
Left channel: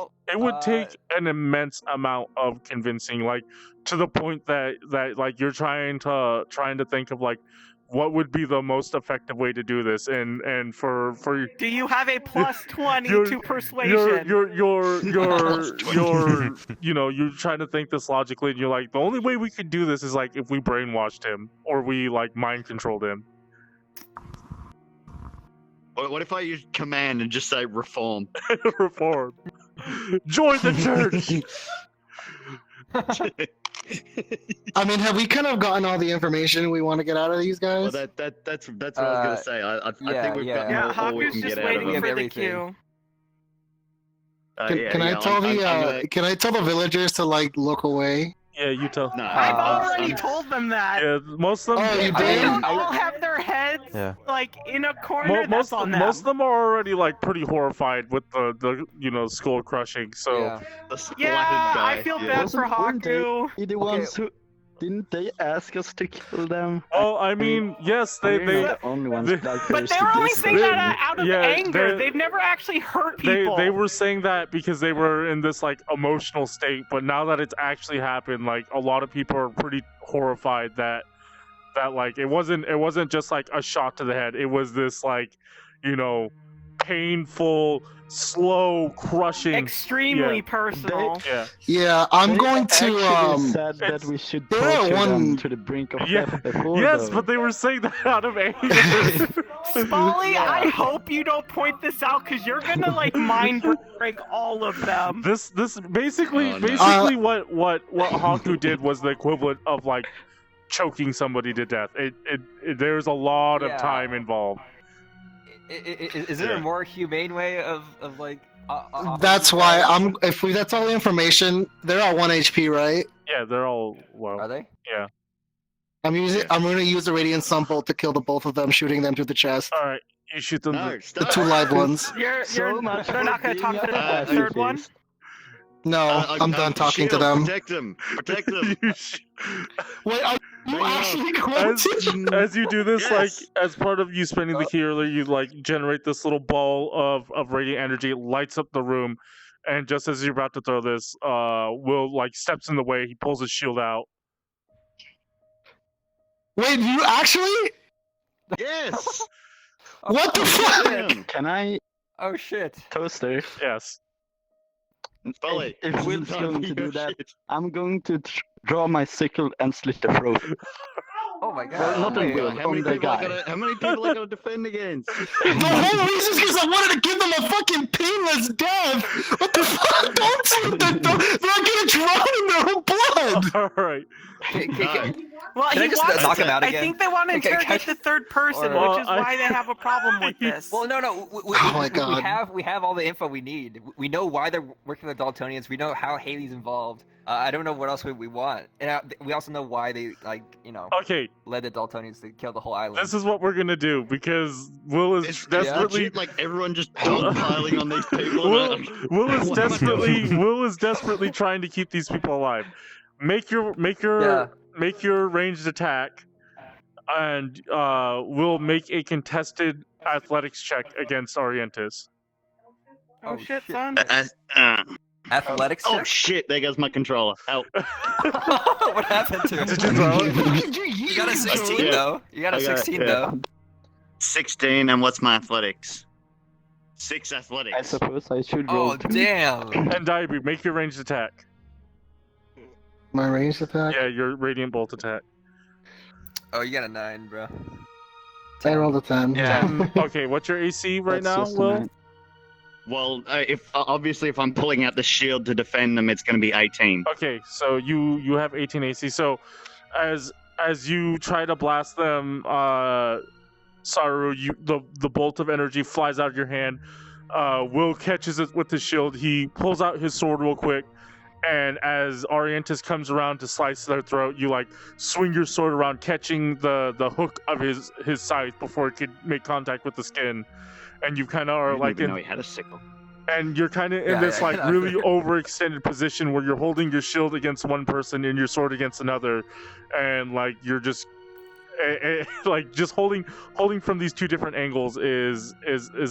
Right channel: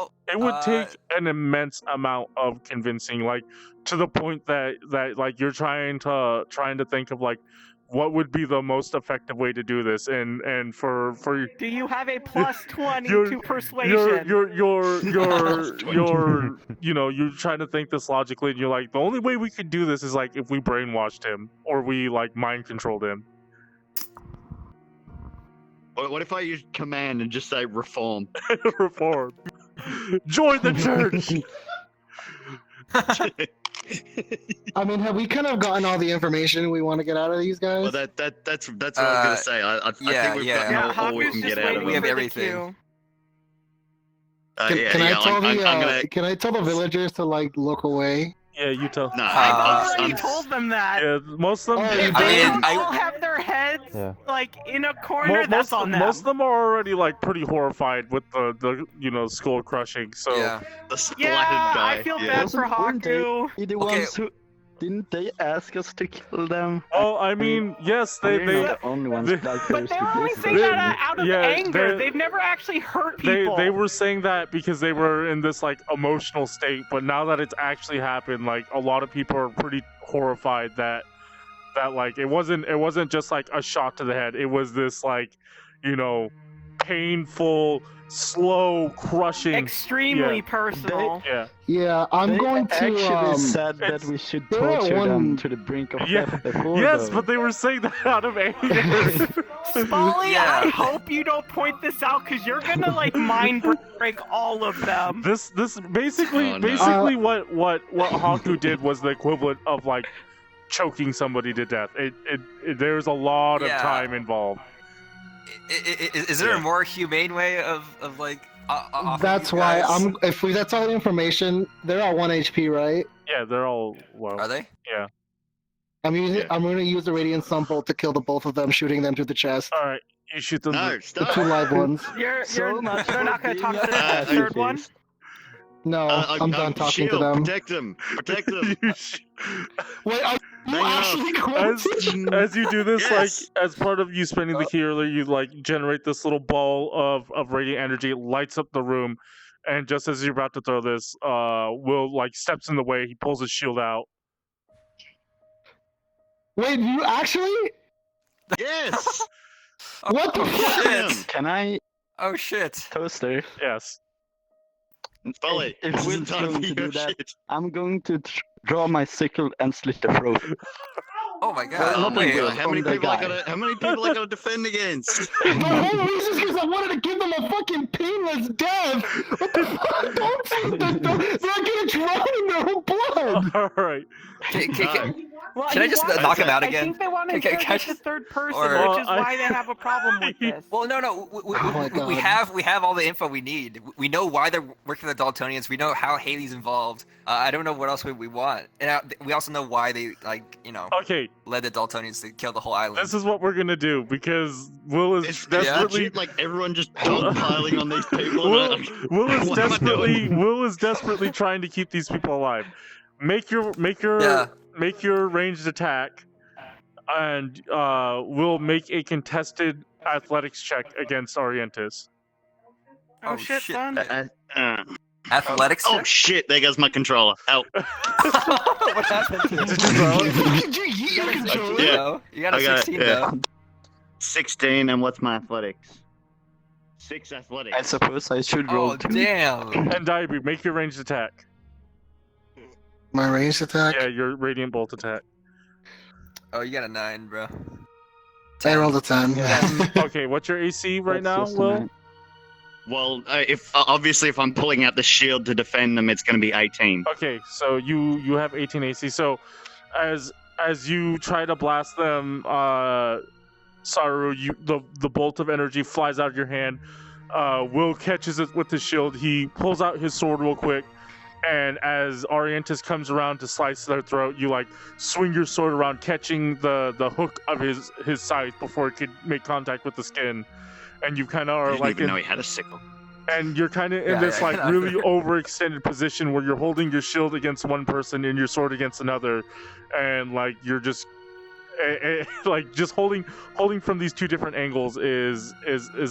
an immense amount of convincing, like, to the point that like you're trying to think of, like, what would be the most effective way to do this, and for do you have a plus 20 to persuasion? You're trying to think this logically, and you're like, the only way we could do this is, like, if we brainwashed him or we, like, mind controlled him. What if I use command and just say reform? Reform. Join the church. I mean, have we kind of gotten all the information we want to get out of these guys? Well, that's what I was gonna say. I think we've gotten all we can get out of them. Everything. Can I tell the villagers to, like, look away? Yeah, you tell. No, I've already told them that. Yeah, most of them. They don't all have their heads like in a corner. Most of them are already, like, pretty horrified with the skull crushing. So I feel bad for Hakku. Didn't they ask us to kill them? Well, I mean, yes, they the only ones but they're only saying that out of anger. They've never actually hurt people. They were saying that because they were in this, like, emotional state. But now that it's actually happened, like, a lot of people are pretty horrified that like, it wasn't just, like, a shot to the head. It was this, like, painful, slow, crushing, extremely personal. I'm going to actually said that we should torture them to the brink of death before. Yes, but they were saying that out of anger. Spoly, I hope you don't point this out, because you're gonna, like, mind break all of them. This basically what Hakku did was the equivalent of, like, choking somebody to death. There's a lot of time involved. Is there a more humane way of like? That's why if that's all the information, they're at 1 HP, right? Yeah, they're all low. Are they? Yeah. I'm gonna use the radiant sunbolt to kill the both of them, shooting them through the chest. All right, you shoot them. The 2 live ones. They're not gonna talk to the third one. No, I'm done talking to them. Protect them. Wait, you actually going as you do this, like, as part of you spending the key earlier, you, like, generate this little ball of radiant energy. It lights up the room, and just as you're about to throw this, Will, like, steps in the way. He pulls his shield out. Wait, you actually? Yes. What the fuck? Can I? Oh shit. Toaster. Yes. Spoly, If Will's going to do that, I'm going to draw my sickle and slit the throat. Oh my god. Well, not on Will, on the guy. How many people are gonna defend against? The whole reason is because I wanted to give them a fucking painless death. What the fuck? Don't they're not gonna drown in their own blood. All right. Can I just knock him out again? I think they want to interrogate the third person, which is Well, why they have a problem with this. Well, no. Oh my God. We have all the info we need. We know why they're working with the Dultonians. We know how Haley's involved. I don't know what else we want, and we also know why they Okay. led the Dultonians to kill the whole island. This is what we're gonna do because Will is desperately like everyone just dogpiling on these people. Will is desperately trying to keep these people alive. Make your ranged attack, and we'll make a contested athletics check against Arientus. Oh shit, son. Athletics. Oh check? shit! There goes my controller. Help! What happened to Did you throw it? You got a 16 though. You got a 16 though. 16, and what's my athletics? 6 athletics. I suppose I should roll. Oh damn. And Dyabie, make your ranged attack. My ranged attack? Yeah, your radiant bolt attack. Oh, you got a 9, bro. I rolled a 10. Okay, what's your AC right now, Will? Well, if I'm pulling out the shield to defend them, it's going to be 18. Okay, so you have 18 AC. So as you try to blast them, Saru, the bolt of energy flies out of your hand. Will catches it with his shield. He pulls out his sword real quick, and as Arientus comes around to slice their throat, you swing your sword around, catching the hook of his scythe before it could make contact with the skin. And you kind of are I didn't even know he had a sickle. And you're kind of in this really overextended position where you're holding your shield against one person and your sword against another, and you're just just holding from these two different angles is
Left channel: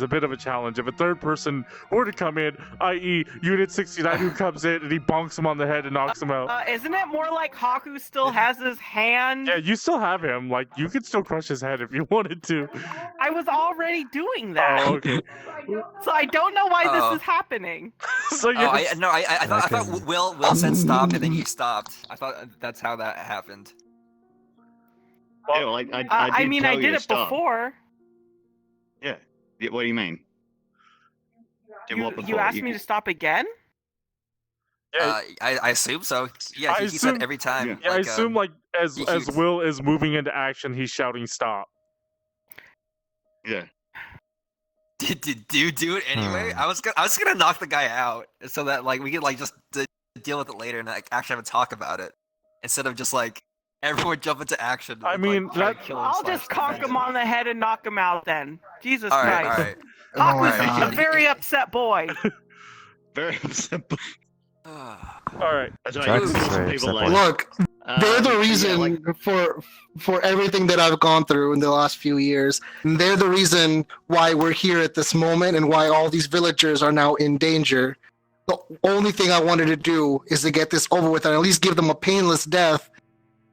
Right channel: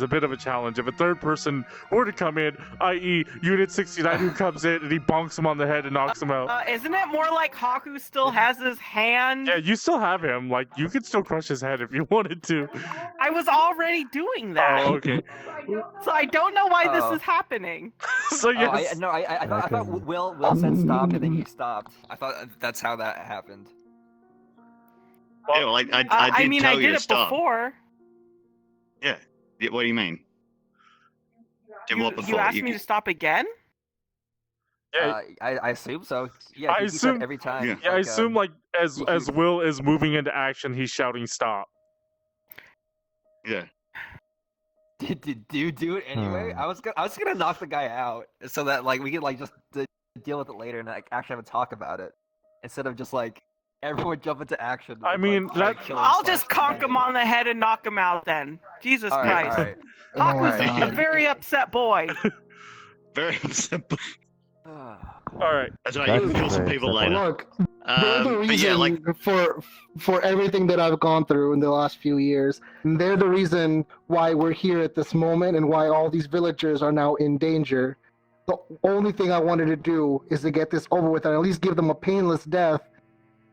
a bit of a challenge. If a third person were to come in, i.e. Unit 69, who comes in and he bonks him on the head and knocks him out. Isn't it more like Hakku still has his hand? Yeah, you still have him. You could still crush his head if you wanted to. I was already doing that. Oh, okay. So I don't know why this is happening. So yes. I thought Will said stop and then you stopped. I thought that's how that happened. Well, I did it before. Yeah. What do you mean? You asked me to stop again? Yeah. I assume so. Yeah, I assume every time. Yeah, I assume as Will is moving into action, he's shouting stop. Yeah. Did you do it anyway? I was gonna knock the guy out so that we could just deal with it later and actually have a talk about it instead of just everyone jump into action. I mean, I'll just conk him on the head and knock him out then. Jesus Christ. Right. Hakku's a very upset boy. Very upset boy. Alright. That's right, you can kill some people later. Look, they're the reason for everything that I've gone through in the last few years. They're the reason why we're here at this moment and why all these villagers are now in danger. The only thing I wanted to do is to get this over with and at least give them a painless death.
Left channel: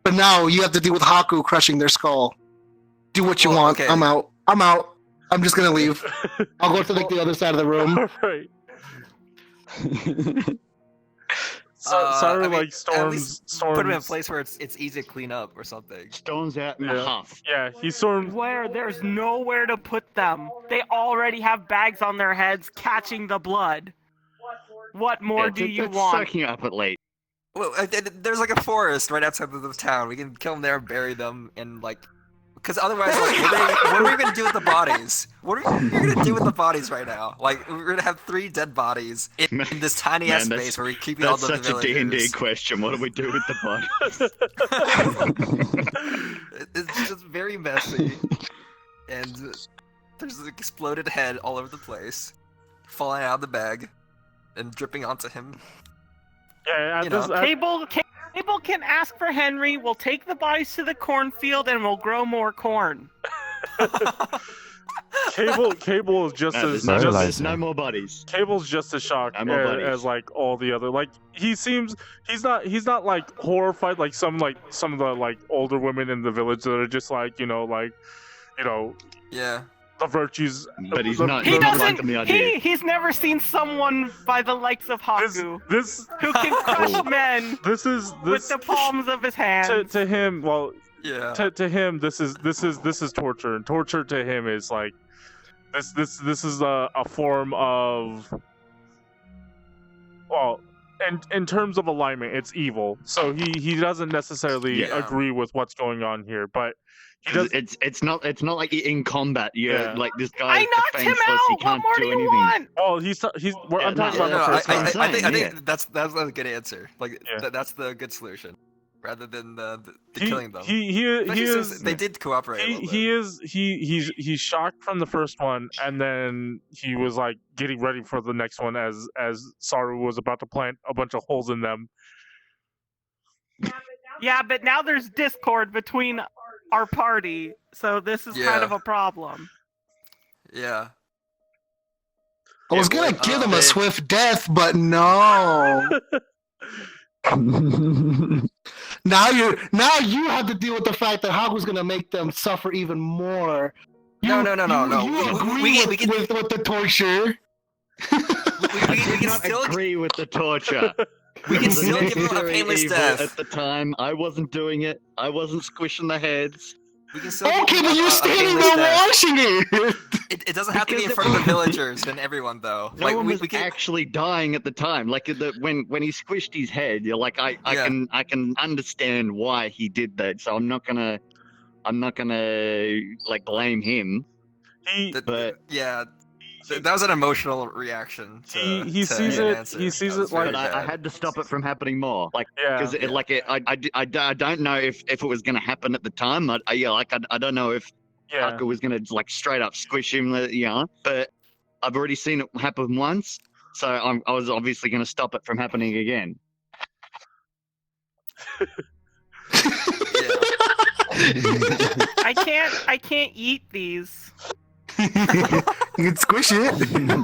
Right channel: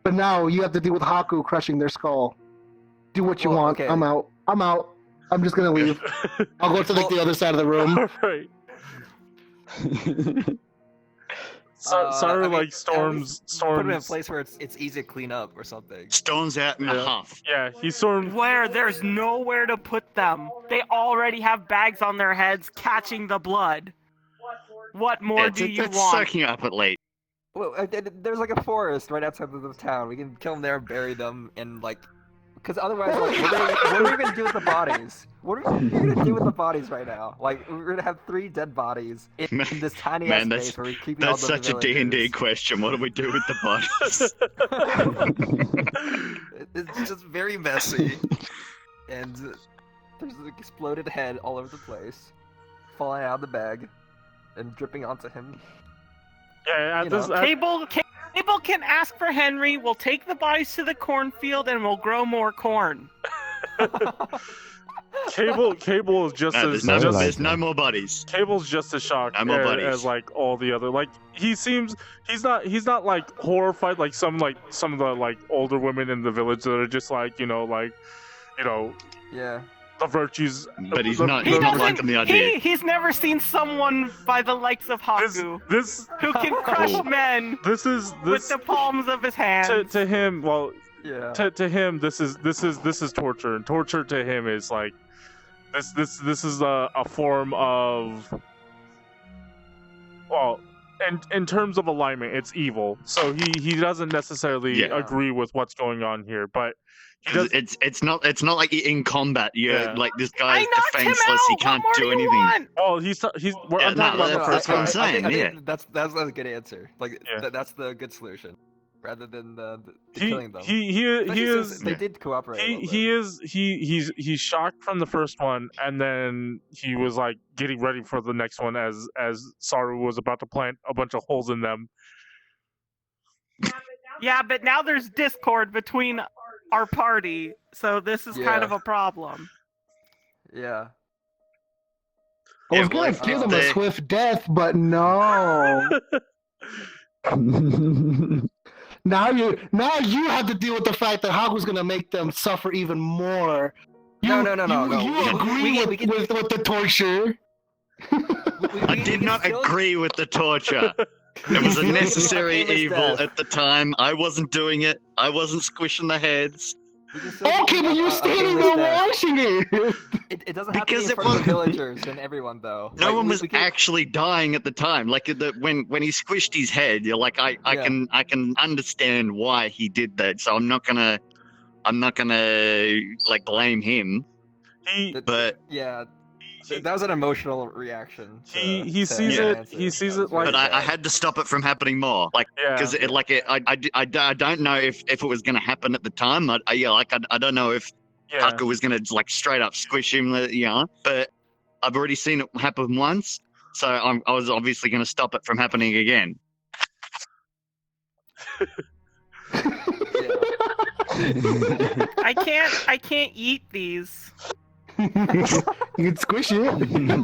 But now you have to deal with Hakku crushing their skull. Do what you want. Okay. I'm out. I'm just gonna leave. I'll go to the other side of the room. Alright. Saru storms. Put him in a place where it's easy to clean up or something. Storms out in a huff. Yeah, he storms. Where there's nowhere to put them. They already have bags on their heads catching the blood. What more do you want? Sucking up at late. Well, there's a forest right outside of the town. We can kill them there, bury them, and because otherwise, what are we gonna do with the bodies? What are you gonna do with the bodies right now? We're gonna have 3 dead bodies in this tiny ass space where we're keeping all the villagers. That's such a D&D question. What do we do with the bodies? It's just very messy, and there's an exploded head all over the place, falling out of the bag, and dripping onto him. Yeah, Cable can ask for Henry. We'll take the bodies to the cornfield and we'll grow more corn. Cable is just there's no more bodies. Cable's just as shocked as all the other. He's not horrified like some of the older women in the village that are just the virtues. But he's not liking the idea. He's never seen someone by the likes of Hakku who can crush men with the palms of his hands. To him, to him, this is torture, and torture to him is like this is a form of, well, in terms of alignment, it's evil. So he doesn't necessarily agree with what's going on here, but. It's not like in combat. Like this guy is defenseless. He can't do anything. Oh, I'm talking about the first guy. I think that's a good answer. Like that's the good solution, rather than the killing them. He is. They did cooperate. He's shocked from the first one, and then he was like getting ready for the next one as Saru was about to plant a bunch of holes in them. Yeah, but now there's discord between our party, so this is kind of a problem. Yeah. I was gonna give him a swift death, but no. Now you have to deal with the fact that Hakku's gonna make them suffer even more. No. You agree with the torture. I did not agree with the torture. It was a necessary evil at the time. I wasn't doing it. I wasn't squishing the heads. Okay, but you're standing there watching it. It doesn't have to be in front of the villagers and everyone, though. No one was actually dying at the time. Like when he squished his head, you're like, I can understand why he did that. So I'm not gonna like blame him. That was an emotional reaction. He sees it like. But I had to stop it from happening more, like because I don't know if it was going to happen at the time. I don't know if Hakku was going to like straight up squish him, But I've already seen it happen once, so I was obviously going to stop it from happening again. I can't eat these. You can squish it. You can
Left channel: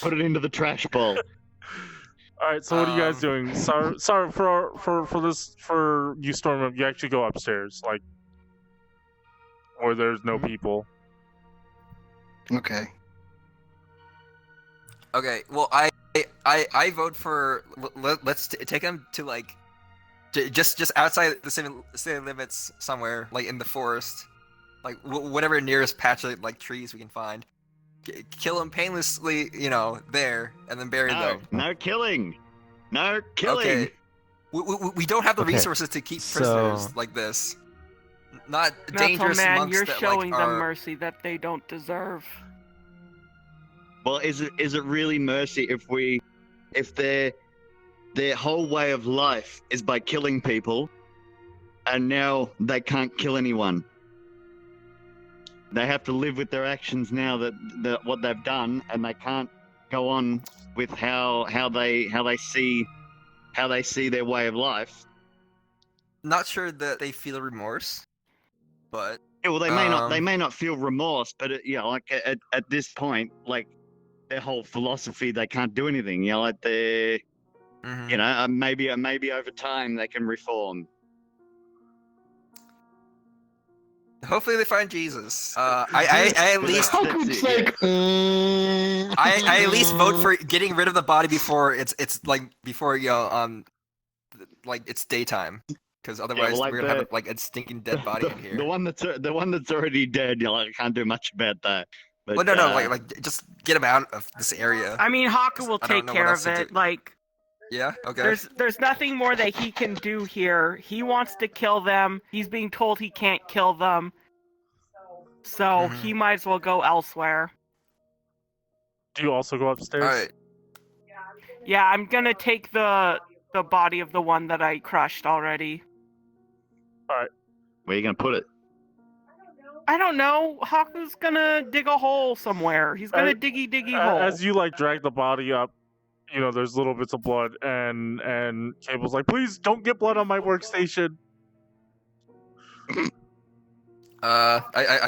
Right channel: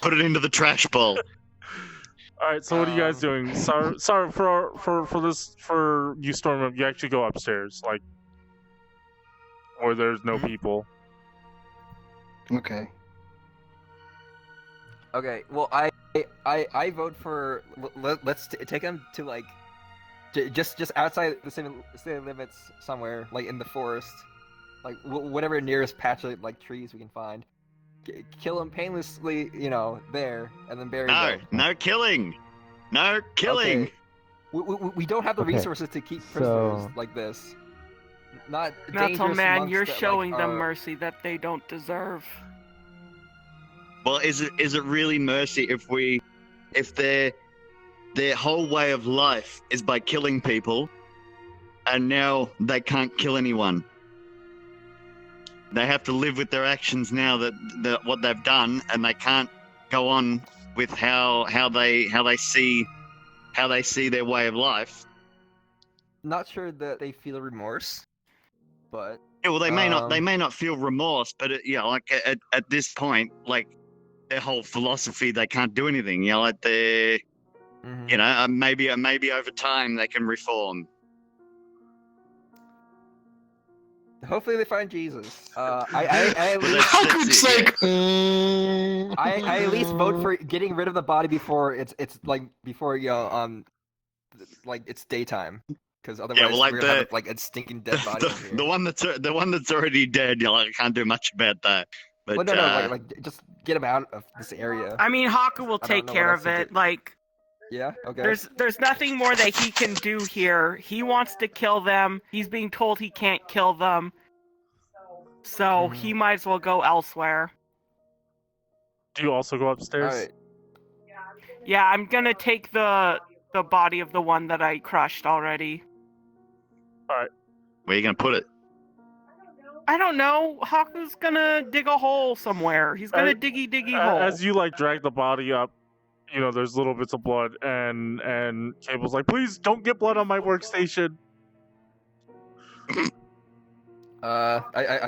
put it into the trash bowl. All right. So what are you guys doing? Sorry for you, Storm. You actually go upstairs, like where there's no people. Okay. Well, I vote for let's take him to like just outside the city limits somewhere, like in the forest. Like whatever nearest patch of like trees we can find, kill them painlessly, there, and then bury them. No killing. Okay. We don't have the resources to keep prisoners like this. Not dangerous Metal Man, you're that, showing them mercy that they don't deserve. Well, is it really mercy if their whole way of life is by killing people, and now they can't kill anyone? They have to live with their actions now that what they've done, and they can't go on with how they see their way of life. Not sure that they feel remorse, but well, they may not feel remorse, but at this point, like their whole philosophy, they can't do anything. Like they, maybe over time they can reform. Hopefully they find Jesus. I at least I at least vote for getting rid of the body before it's like it's daytime, because otherwise we're gonna have like a stinking dead body in here. The one that's already dead. I can't do much about that. But, like just get him out of this area. I mean, Hakku will take care of it. Like. Yeah, okay. There's nothing more that he can do here. He wants to kill them. He's being told he can't kill them. So he might as well go elsewhere. Do you also go upstairs? All right. Yeah, I'm gonna take the body of the one that I crushed already. Alright. Where are you gonna put it? I don't know. Hakku's gonna dig a hole somewhere. He's gonna diggy hole. As you drag the body up, there's little bits of blood, and Cable's like, please don't get blood on my workstation. I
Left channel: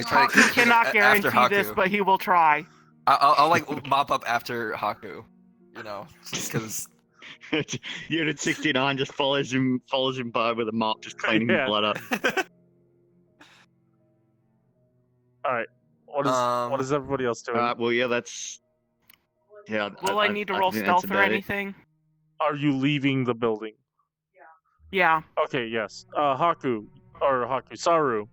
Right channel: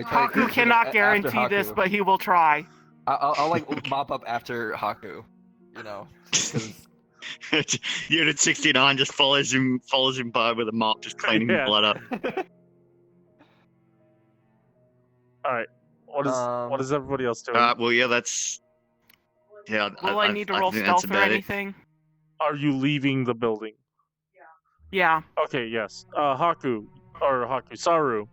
Hakku cannot guarantee this, but he will try. I'll mop up after Hakku, because Unit 69 just follows him by with a mop, just cleaning the blood up. All right. What is everybody else doing? Well, yeah, that's. Yeah. Will I need to roll stealth or anything? Are you leaving the building? Yeah. Okay. Yes. Saru.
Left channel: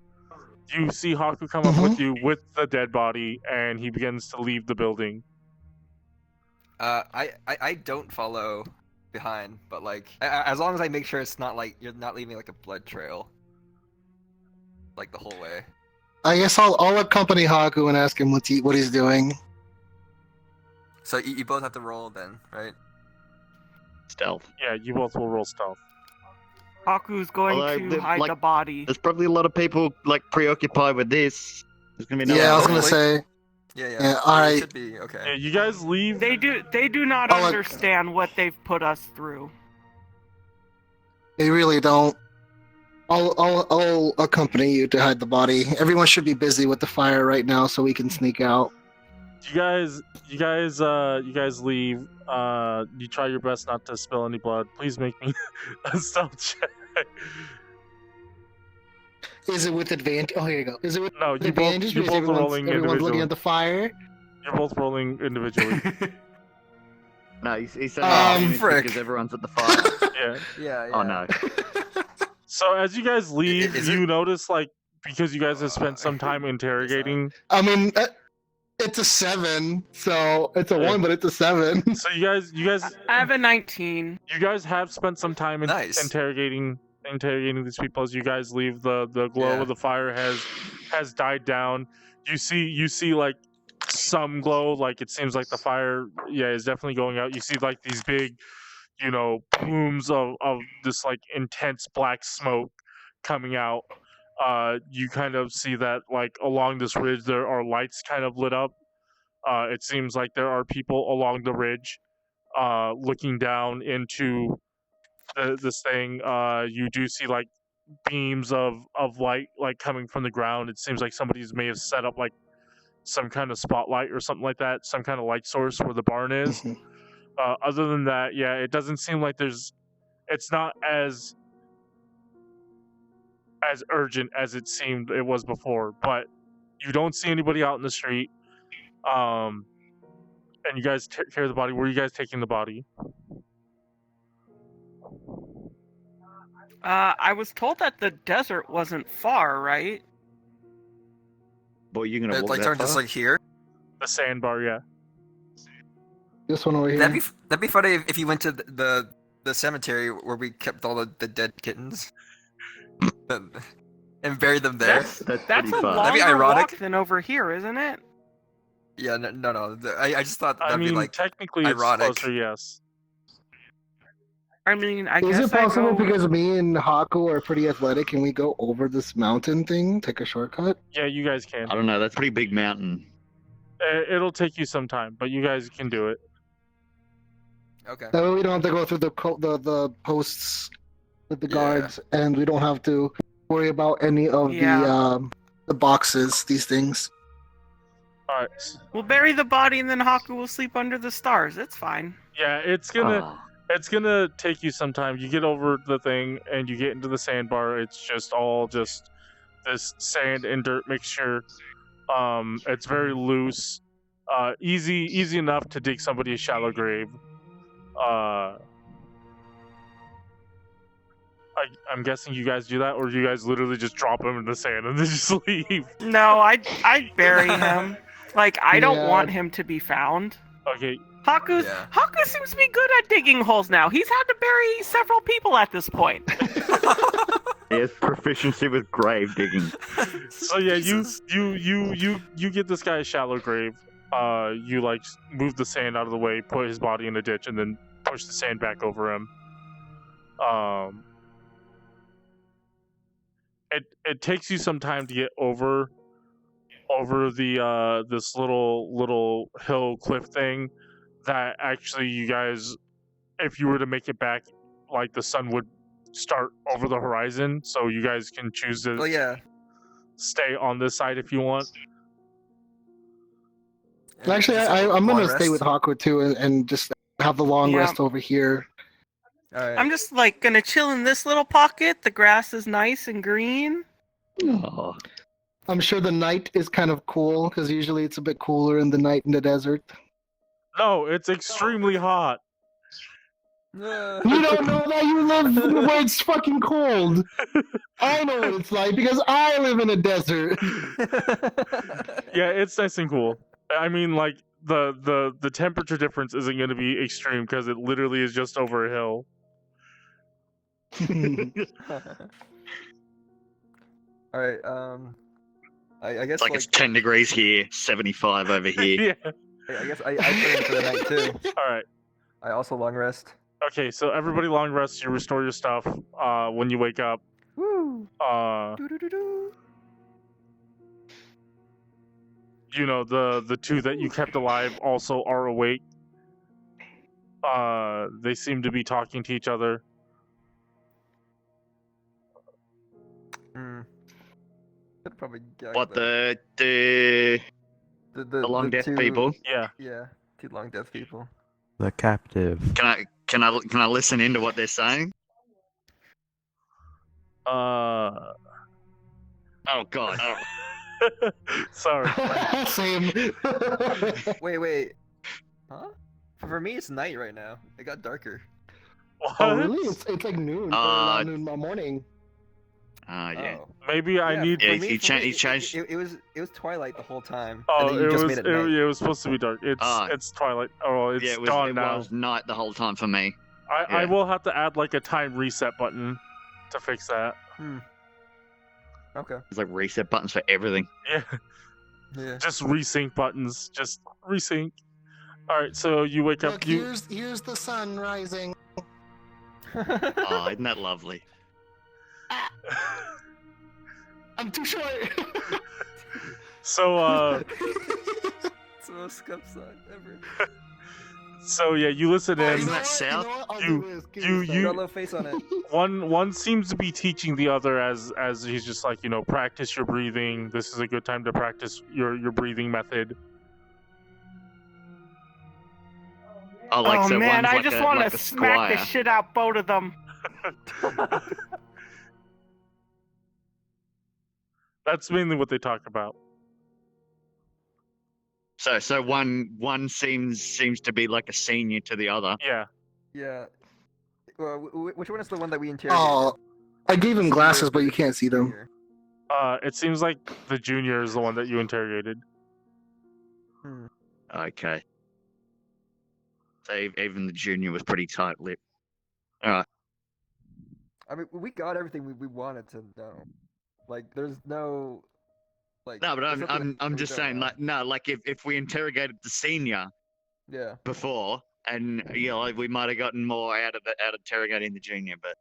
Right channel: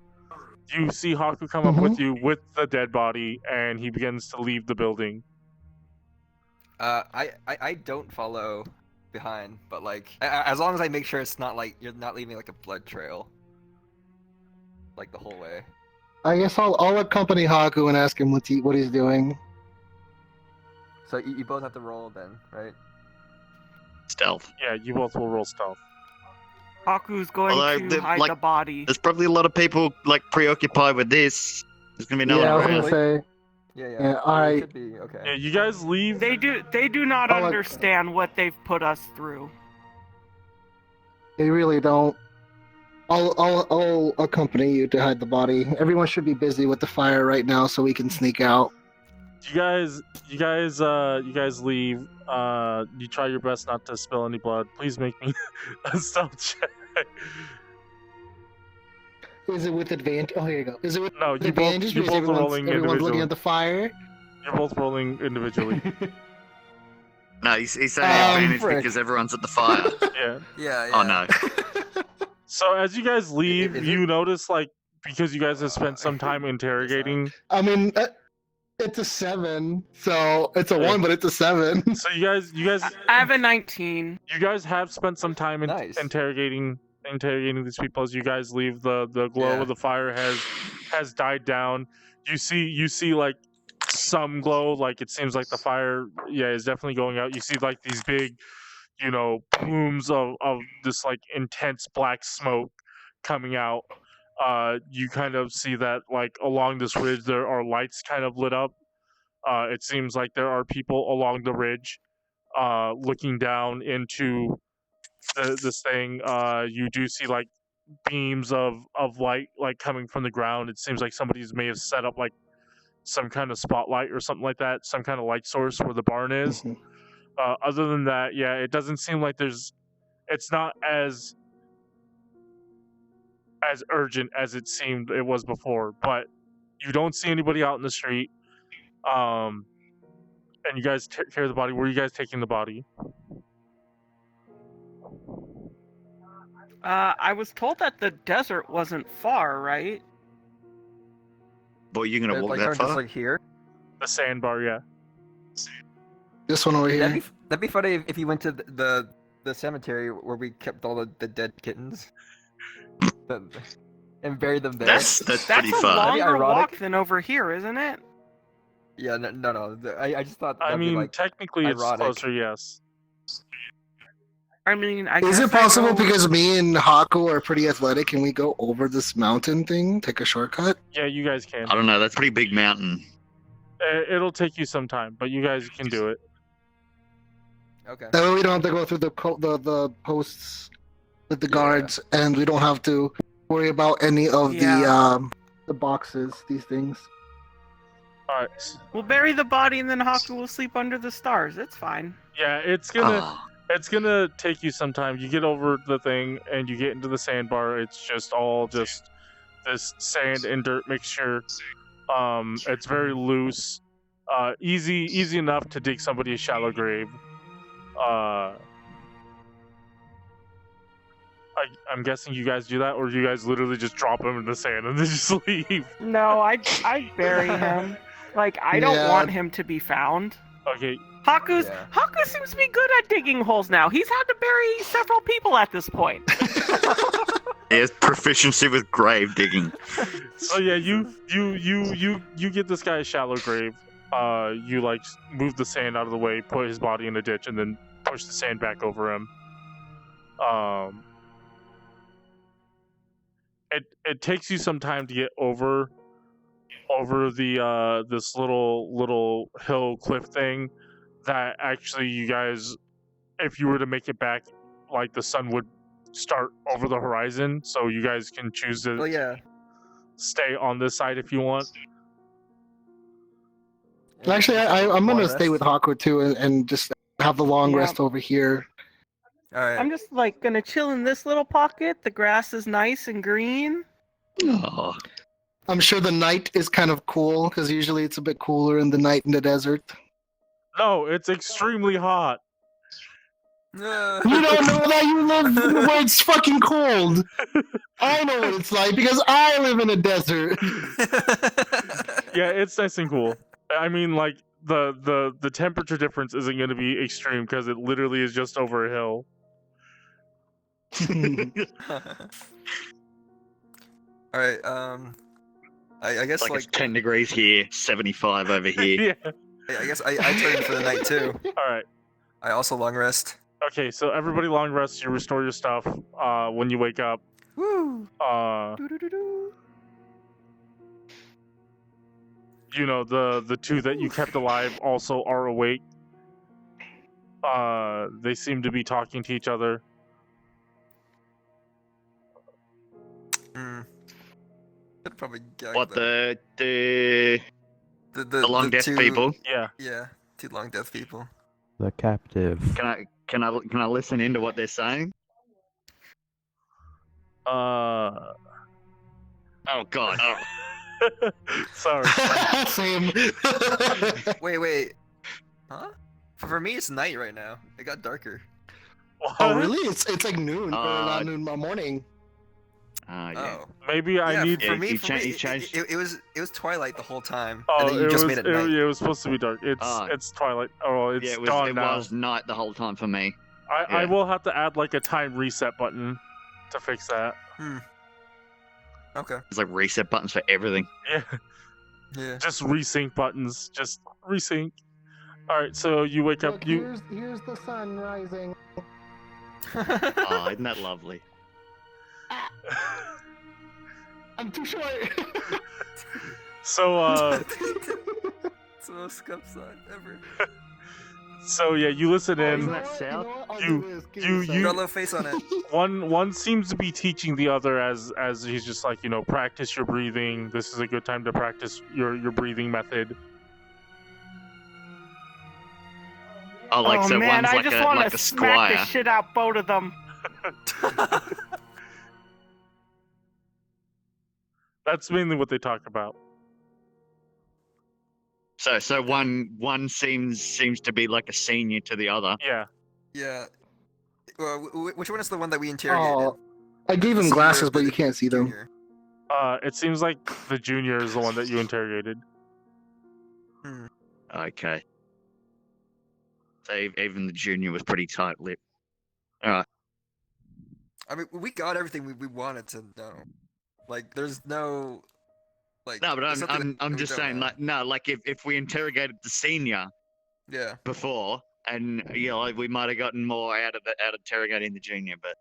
You see Hakku come up with you with the dead body, and he begins to leave the building. I don't follow behind, but like as long as I make sure it's not like you're not leaving like a blood trail, like the whole way. I guess I'll accompany Hakku and ask him what he's doing. So you both have to roll then, right? Stealth. Yeah, you both will roll stealth. Hakku's going to hide the body. There's probably a lot of people like preoccupied with this. There's gonna be no. Yeah, I was gonna say. Yeah. All right. Should be okay. Yeah, you guys leave. They do not understand what they've put us through. They really don't. I'll accompany you to hide the body. Everyone should be busy with the fire right now, so we can sneak out. You guys leave. You try your best not to spill any blood. Please make me a stealth check. Is it with advantage? Oh, here you go. Is it with advantage? You're both rolling individually. Everyone's looking at the fire? You're both rolling individually. No, he's saying advantage because everyone's at the fire. Yeah. Oh, no. So as you guys leave, you notice, like, because you guys have spent some time interrogating... I mean... It's a 7, so it's a 1, but it's a 7. So you guys. I have a 19. You guys have spent some time interrogating these people as you guys leave. The glow of the fire has died down. You see like some glow, like it seems like the fire is definitely going out. You see like these big, plumes of this like intense black smoke coming out. You kind of see that like along this ridge there are lights kind of lit up. It seems like there are people along the ridge looking down into this thing. You do see like beams of light like coming from the ground. It seems like somebody may have set up like some kind of spotlight or something like that, some kind of light source where the barn is. Other than that, it doesn't seem like it's not as urgent as it seemed it was before, but you don't see anybody out in the street. And you guys take care of the body. Where are you guys taking the body? I was told that the desert wasn't far, right? Boy, you're gonna walk that far? Just like here? The sandbar, yeah. This one over here. That'd be funny if you went to the cemetery where we kept all the dead kittens. And buried them there. That's pretty fun. That's a longer walk than over here, isn't it? Yeah, no. I just thought. I mean, technically, ironic. It's closer. Yes. I mean, is it possible because me and Hakku are pretty athletic? Can we go over this mountain thing? Take a shortcut? Yeah, you guys can. I don't know. That's a pretty big mountain. It'll take you some time, but you guys can do it. Okay. That way we don't have to go through the posts with the guards, and we don't have to worry about any of the boxes, these things. Alright. We'll bury the body and then Hakku will sleep under the stars. It's fine. Yeah, it's gonna take you some time. You get over the thing and you get into the sandbar. It's just this sand and dirt mixture. It's very loose. Easy enough to dig somebody a shallow grave. I'm guessing you guys do that, or you guys literally just drop him in the sand and then just leave? No, I'd bury him. Like, I don't want him to be found. Okay. Hakku seems to be good at digging holes now. He's had to bury several people at this point. He has proficiency with grave digging. So yeah, you get this guy a shallow grave. You like move the sand out of the way, put his body in a ditch, and then push the sand back over him. It takes you some time to get over the this little hill cliff thing that actually you guys, if you were to make it back, like the sun would start over the horizon, so you guys can choose to stay on this side if you want. Actually, I'm gonna stay with Hakku too and just have the long rest over here. Right. I'm just like gonna chill in this little pocket. The grass is nice and green. Oh. I'm sure the night is kind of cool because usually it's a bit cooler in the night in the desert. No, it's extremely hot. You don't know that you live where it's fucking cold. I know what it's like because I live in a desert. Yeah, it's nice and cool. I mean, like the temperature difference isn't going to be extreme because it literally is just over a hill. All right. I guess like it's 10 degrees here, 75 over here. Yeah. I guess I turn for the night too. All right. I also long rest. Okay, so everybody long rest. You restore your stuff when you wake up. Woo! You know, the two that you kept alive also are awake. They seem to be talking to each other. Could probably what the long death people? Yeah. Yeah, two long death people. The captive. Can I listen into what they're saying? Oh God. Oh. Sorry. Same. Wait. Huh? For me, it's night right now. It got darker. What? Oh, really? It's like noon. Or noon morning. Yeah. Oh. Maybe I need. Yeah, for me, changed. It was twilight the whole time. Oh, it was supposed to be dark. It's twilight. Oh, it's dawn now. It was night the whole time for me. I will have to add like a time reset button to fix that. Okay. There's like reset buttons for everything. Yeah. Just resync buttons. Just resync. All right, so you wake up. Here's the sun rising. Oh, isn't that lovely? I'm too short. So It's the most scuffed sun ever. So yeah, you listen in. Isn't that south? You face on it. One seems to be teaching the other as he's just like, you know, practice your breathing. This is a good time to practice your breathing method. Oh, like, oh so man, one's I like just a, want like to a smack the squire. shit out both of them. That's mainly what they talk about. So one seems to be like a senior to the other. Yeah. Yeah. Well, which one is the one that we interrogated? I gave him glasses, but you can't see them. It seems like the junior is the one that you interrogated. Okay. So even the junior was pretty tight-lipped. All right. I mean, we got everything we wanted to know. Like, there's no. Like, no, but I'm just saying, like, no, like if we interrogated the senior, before, and you know, like, we might have gotten more out of interrogating the junior, but.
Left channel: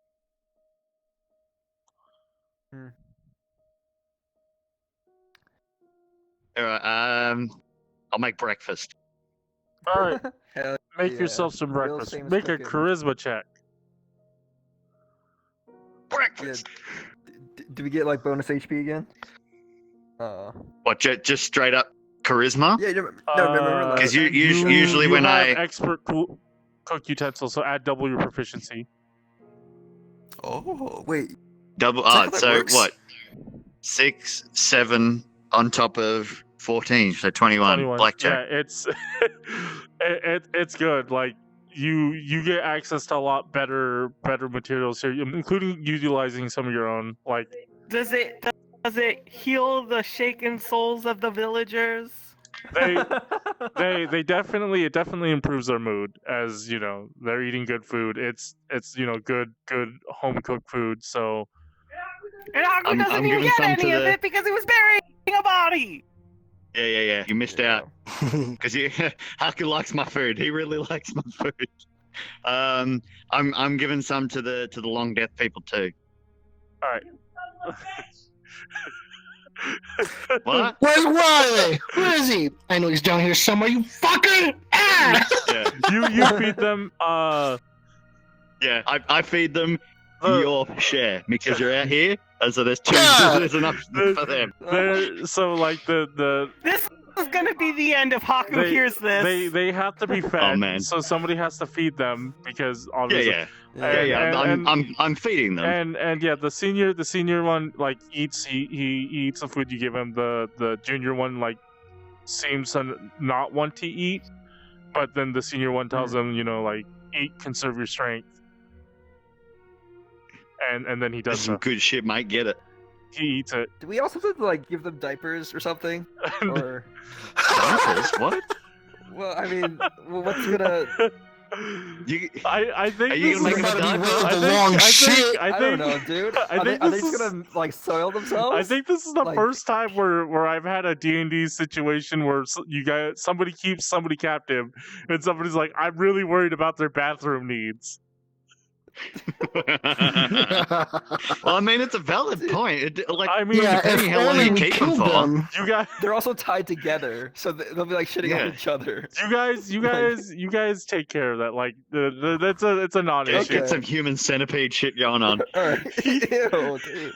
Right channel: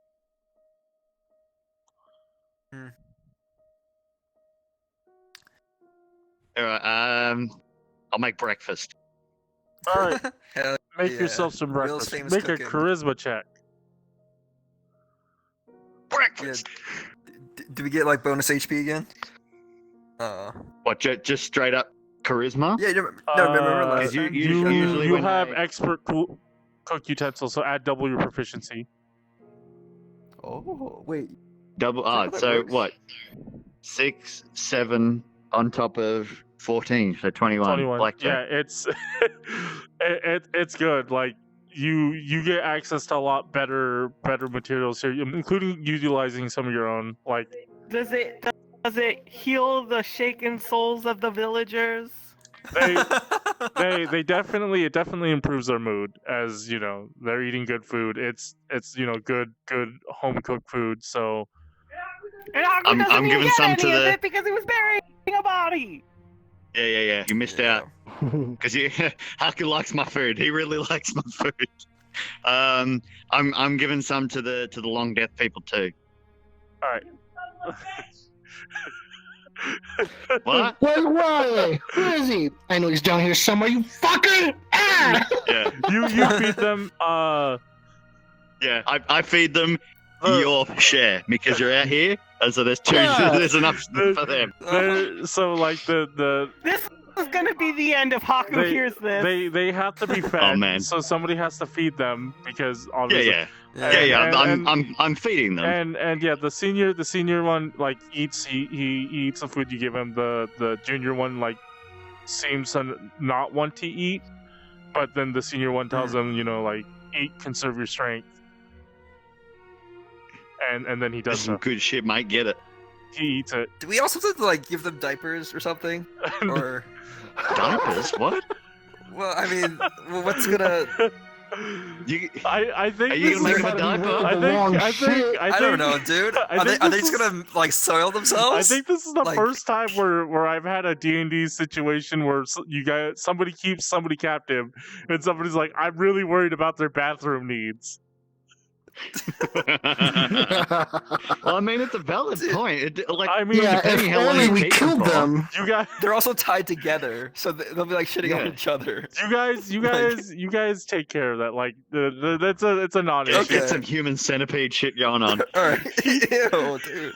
All right. I'll make breakfast. All right. Make yourself some breakfast. Make cooking. a charisma check. Breakfast. Yeah. Do we get like bonus HP again? What? Just straight up charisma? Yeah. Remember. Because usually when have expert cook utensils, so add double your proficiency. Oh wait. Double. So works? what? 6, 7 on top of 14, so 21. Blackjack. Yeah, it's good. Like you get access to a lot better materials here, including utilizing some of your own. Like, does it heal the shaken souls of the villagers? It definitely improves their mood, as you know, they're eating good food. It's you know, good home cooked food. So and Hakku doesn't even get any of it because he was burying a body. Yeah. You missed out because Hakku likes my food. He really likes my food. I'm giving some to the long death people too. All right. What? Where's Riley? Where is he? I know he's down here somewhere. You fucker! Ah! Yeah. You feed them. Yeah, I feed them your share because you're out here, and so there's enough for them. So like the is gonna be the end if Hakku hears this. They have to be fed. Oh, man. So somebody has to feed them because obviously. I'm feeding them. And yeah, the senior one like eats. He eats the food you give him. The junior one like seems to not want to eat, but then the senior one tells him, like eat, conserve your strength. And then he does some good shit, mate. Get it. He eats it. Do we also have to like give them diapers or something? Or diapers? What? Well, I mean, what's gonna? I think. Are you gonna make them a diaper? I don't know, dude. Are they just gonna like soil themselves? I think this is the first time where I've had a D&D situation where somebody keeps somebody captive, and somebody's like, I'm really worried about their bathroom needs. Well, I mean, it's a valid point. Depending how long you keep them, you guys, they're also tied together, so they'll be like shitting on each other. You guys take care of that. Like, it's a non-issue. Let's get some human centipede shit going on. Ew, dude.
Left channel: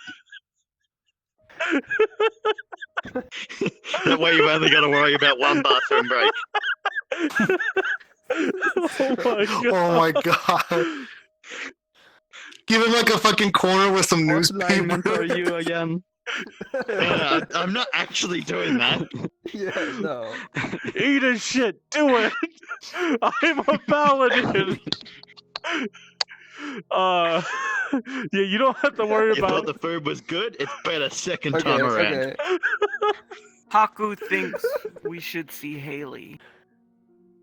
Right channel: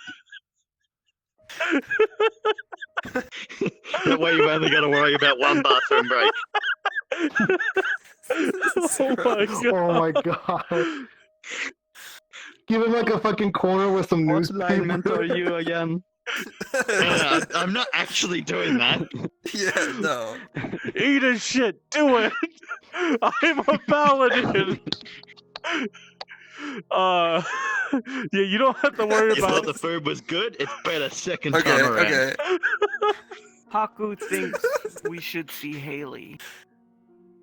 That way, you've only got to worry about one bathroom break. Oh my god. Give him like a fucking corner with some newspaper. What are you again? I'm not actually doing that. Yeah, no. Eat his shit. Do it. I'm a paladin. Yeah, you don't have to worry about. If the food was good, it's better second time around. Okay. Hakku thinks we should see Haley.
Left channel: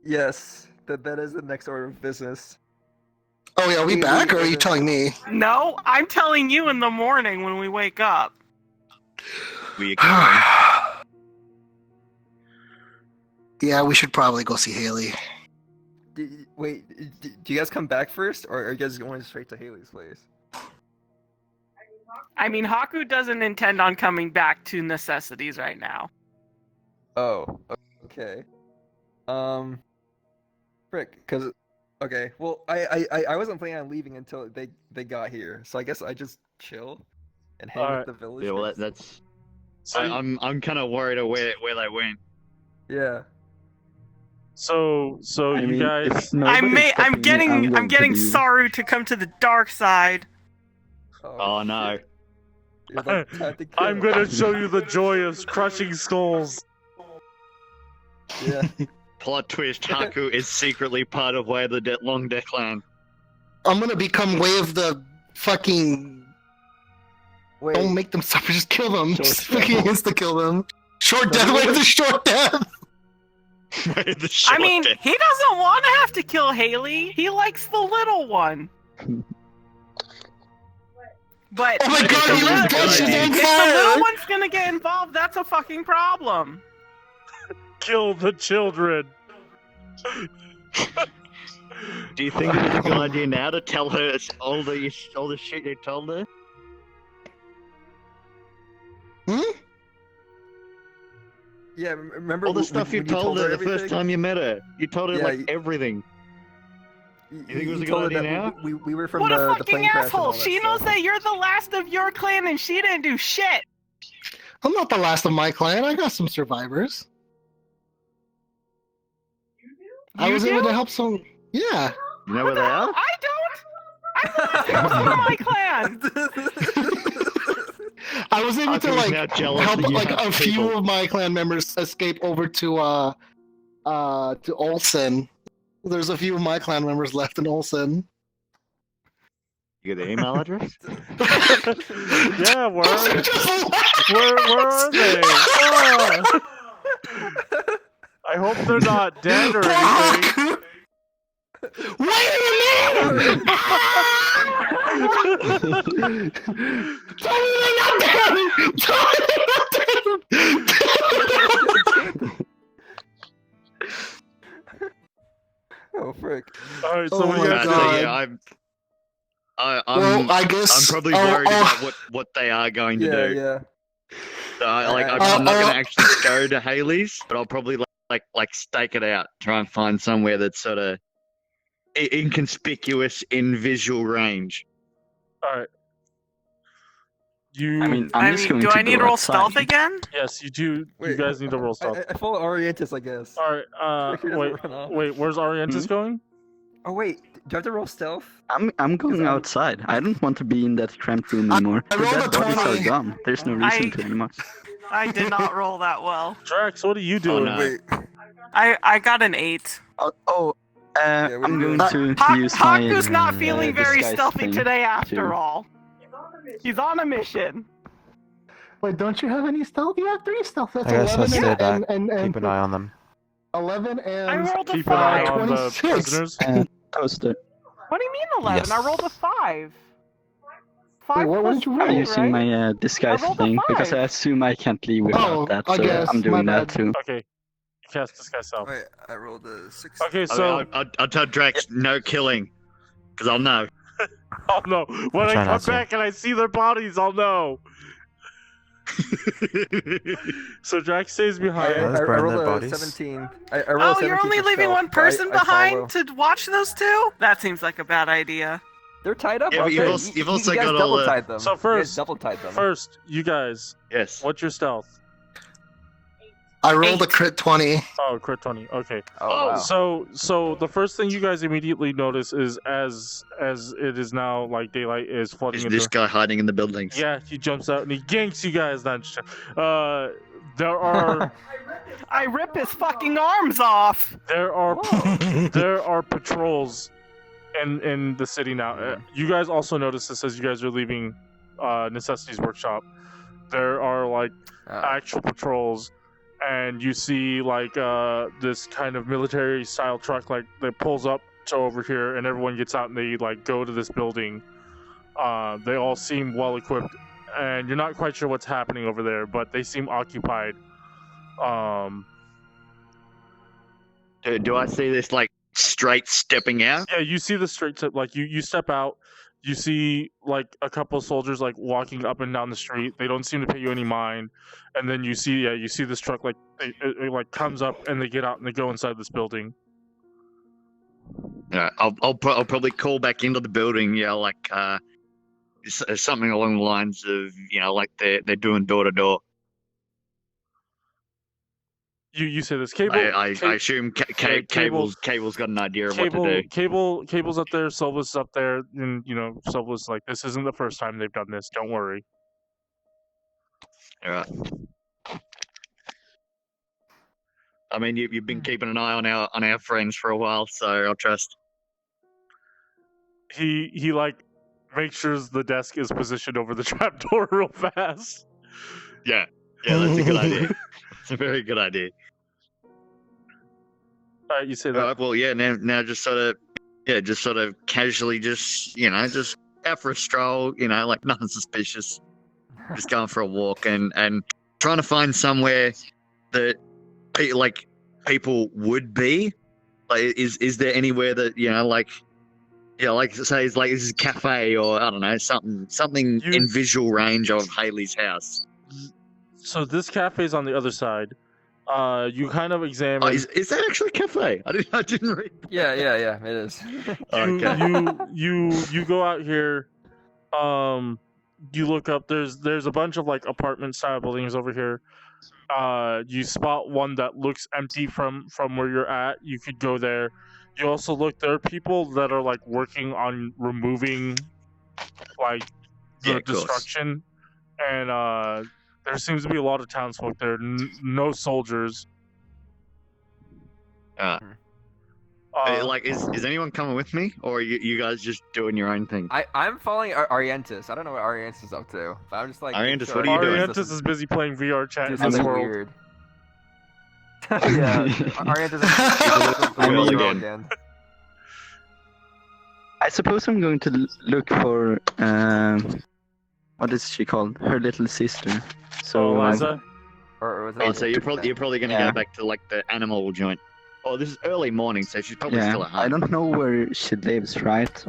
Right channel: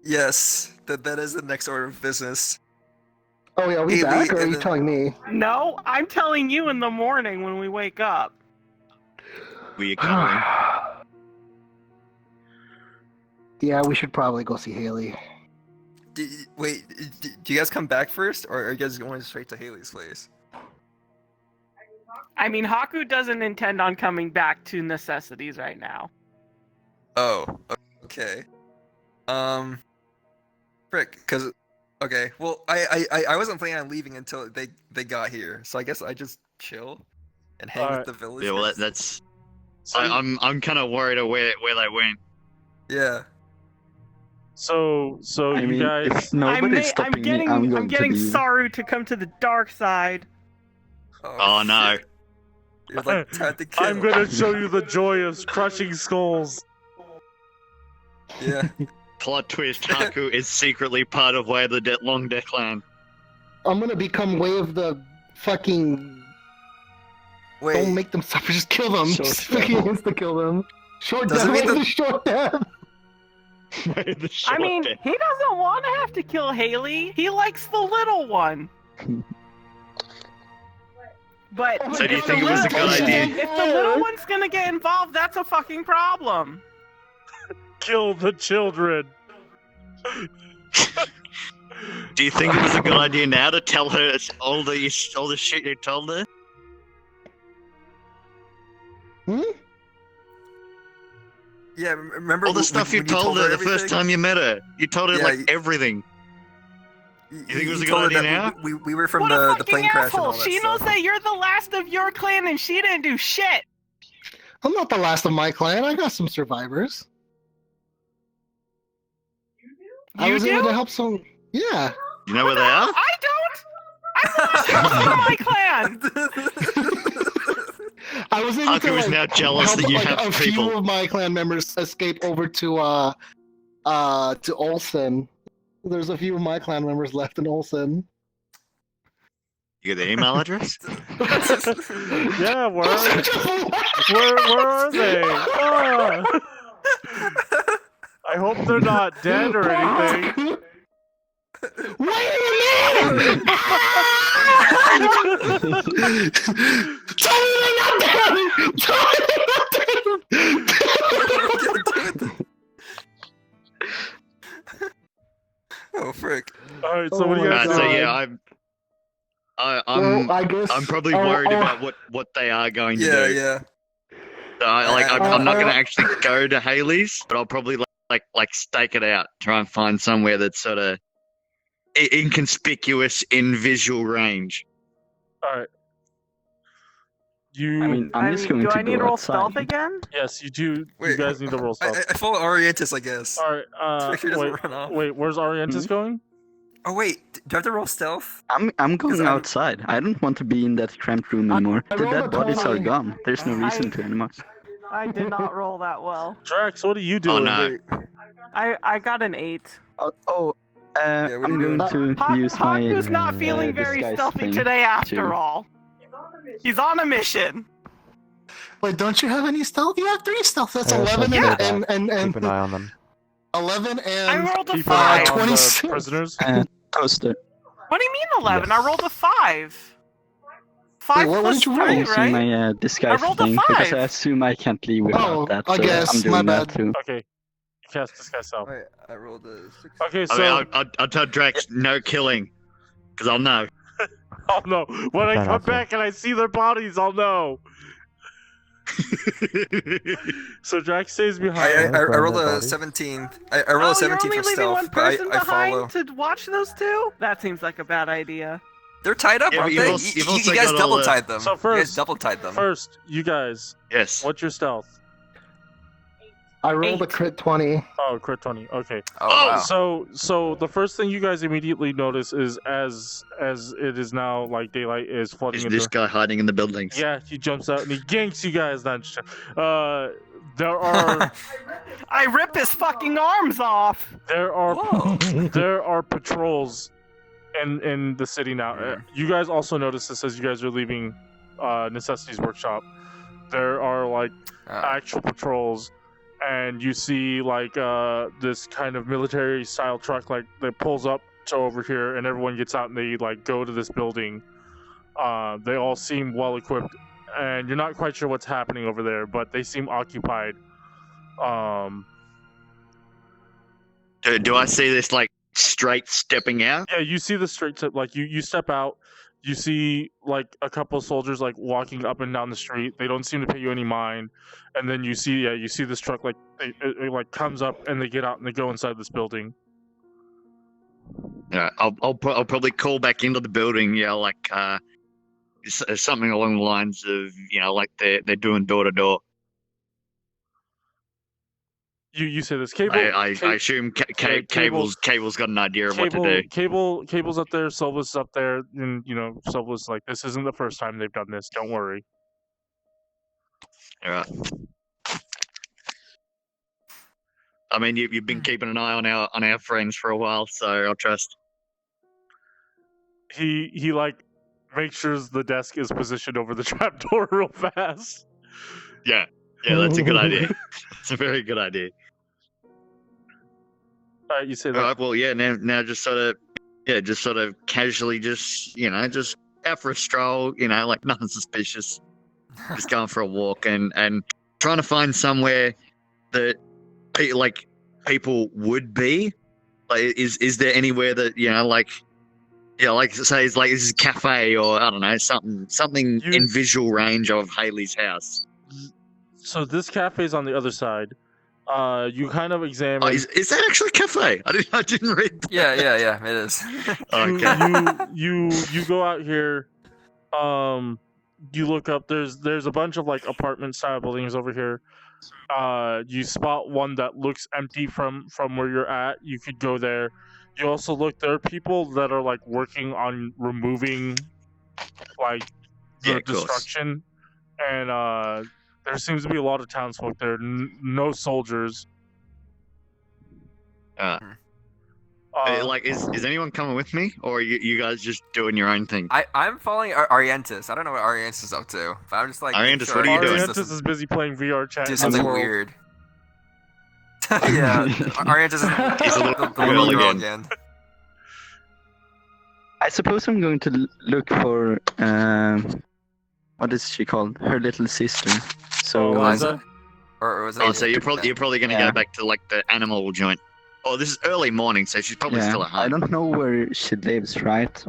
Yes, that is the next order of business. Oh yeah, are we back, or are you telling me? No, I'm telling you in the morning when we wake up. We are covering. Yeah, we should probably go see Haley. Wait, do you guys come back first, or are you guys going straight to Haley's place? I mean, Hakku doesn't intend on coming back to necessities right now. Oh, okay. Frick, because... Okay, well, I wasn't planning on leaving until they got here, so I guess I just chill and hang with the villagers. Yeah, well, that's... So I'm kind of worried of where they went. Yeah. So you guys... I'm getting Saru to come to the dark side. Oh no. I'm gonna show you the joy of crushing skulls. Yeah. Plot twist, Hakku is secretly part of Way of the Long Deck Clan. I'm gonna become Way of the fucking... Wait. Don't make them suffer, just kill them. Just fucking insta-kill them. Short death, Way of the Short Death! I mean, he doesn't want to have to kill Haley. He likes the little one. But oh my god, if the little one's gonna get involved, that's a fucking problem. Kill the children. Do you think it was a good idea now to tell her all the shit you told her? Yeah, remember all the stuff you told her the first time you met her. You told her like everything. You think it was a good idea now? We were from what the a fucking plane crash. asshole! She knows that you're the last of your clan, and she didn't do shit. I'm not the last of my clan. I got some survivors. I was able to help some. Yeah. You know where they are? I don't. I'm the last of my clan. I was able to now jealous help that you like have a few of my clan members escape over to Olsen. There's a few of my clan members left in Olsen. You get the email address? Yeah, where are they? Oh. I hope they're not dead or anything. Wait a minute! Oh frick! All right, so what do you guys do? So yeah, I'm probably worried about what they are going to do. Yeah. So I'm not going to actually go to Haley's, but I'll probably like stake it out, try and find somewhere that's sort of inconspicuous in visual range. All right. I'm just going do to I need go to roll outside. stealth again? Yes, you do. Wait, you guys need to roll stealth. I follow Arientus, I guess. All right. Sure doesn't run off. Wait. Where's Arientus going? Oh wait, do I have to roll stealth? I'm going outside. I don't want to be in that cramped room anymore. The dead bodies are gone. There's no reason to anymore. I did not roll that well. Drax, what are you doing? I got an 8. I'm going to use my. Hakku's not feeling very stealthy today after all. He's on a mission. Wait, don't you have any stealth? You have 3 stealth. That's I guess 11 and keep an eye on them. 11 and I rolled a Keep 5. an eye on 26. the prisoners. Toaster. What do you mean 11? Yes. I rolled a 5. 5 Wait, what plus did you 3, roll? I'm using right? my disguise I rolled a thing because 5. I assume I can't leave without that, I so guess, I'm doing my that bad. too. Okay. Cast disguise self. Wait, I rolled a 6. Okay, so I'll tell Drax no killing, because I'll know. I'll know when I trying come not to. back and I see their bodies. I'll know. So Drax stays I behind. rolled a bodies. 17. I rolled a Oh, 17 you're only for leaving stealth, one but person I follow. behind to watch those two? That seems like a bad idea. They're tied up, Yeah, but aren't you've they? also- you've You also guys got all double the- tied them. So You guys first- double tied them. First, you guys, Yes. what's your stealth? I rolled a crit 20. Oh, crit 20. Okay. Oh, wow. So the first thing you guys immediately notice is as it is now like daylight is flooding Is into. this guy hiding in the building? Yeah, he jumps out and he ganks you guys. There are I rip his fucking arms off! there are patrols in the city now. You guys also notice this as you guys are leaving Necessity's workshop. There are like actual patrols, and you see like this kind of military style truck like that pulls up to over here, and everyone gets out and they like go to this building. They all seem well equipped, and you're not quite sure what's happening over there, but they seem occupied. Do I see this like straight stepping out? Yeah, you see the straight step. Like you step out, you see like a couple of soldiers like walking up and down the street. They don't seem to pay you any mind, and then you see this truck like it like comes up and they get out and they go inside this building. Yeah, I'll probably call back into the building. Yeah, like something along the lines of like they're doing door to door. You say this cable. I assume Cable's got an idea of what to do. Cable's up there. Silva's up there, and Silva's like, this isn't the first time they've done this. Don't worry. All right. I mean, you've been keeping an eye on our friends for a while, so I'll trust. He like makes sure the desk is positioned over the trapdoor real fast. Yeah, that's a good idea. It's a very good idea. All right, you say that. Well, yeah. Now, just sort of casually, just out for a stroll. Like nothing suspicious. Just going for a walk and trying to find somewhere that people would be. Like, is there anywhere that like say is like this is a cafe or I don't know something in visual range of Haley's house. So this cafe is on the other side. You kind of examine. Oh, is that actually a cafe? I didn't read. Yeah, it is. You go out here. You look up. There's a bunch of like apartment style buildings over here. You spot one that looks empty from where you're at. You could go there. You also look. There are people that are like working on removing like the destruction, and there seems to be a lot of townsfolk there. No soldiers. Like, is anyone coming with me, or are you guys just doing your own thing? I'm following Arientus. I don't know what Arientus is up to. But I'm just like. Arientus, what are you doing? Arientus is busy playing VRChat Do in something Discord. weird. Yeah, Arientus is again. I suppose I'm going to look for what is she called? Her little sister. So Liza? Or was so you're probably gonna go back to like the animal joint. Oh, this is early morning, so she's probably still at home. I don't know where she lives, right?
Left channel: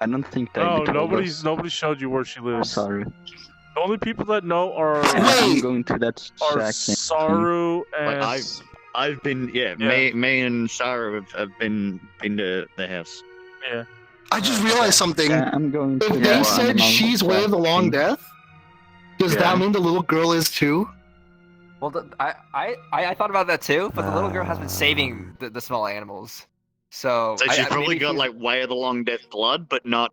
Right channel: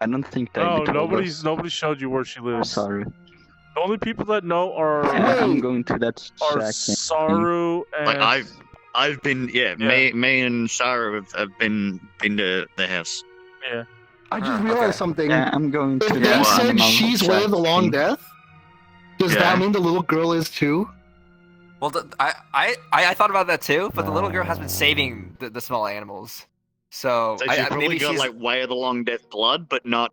I don't think that. No, nobody showed you where she lives. Sorry. The only people that know are I'm going to that. Saru and. Like I've been me and Saru have been to the house. Yeah. I just realized something. Yeah, I'm going to. If they said she's way of the long death, Does that mean the little girl is too? Well, I thought about that too, but the little girl has been saving the small animals. So she's probably got like way of the long death blood, but not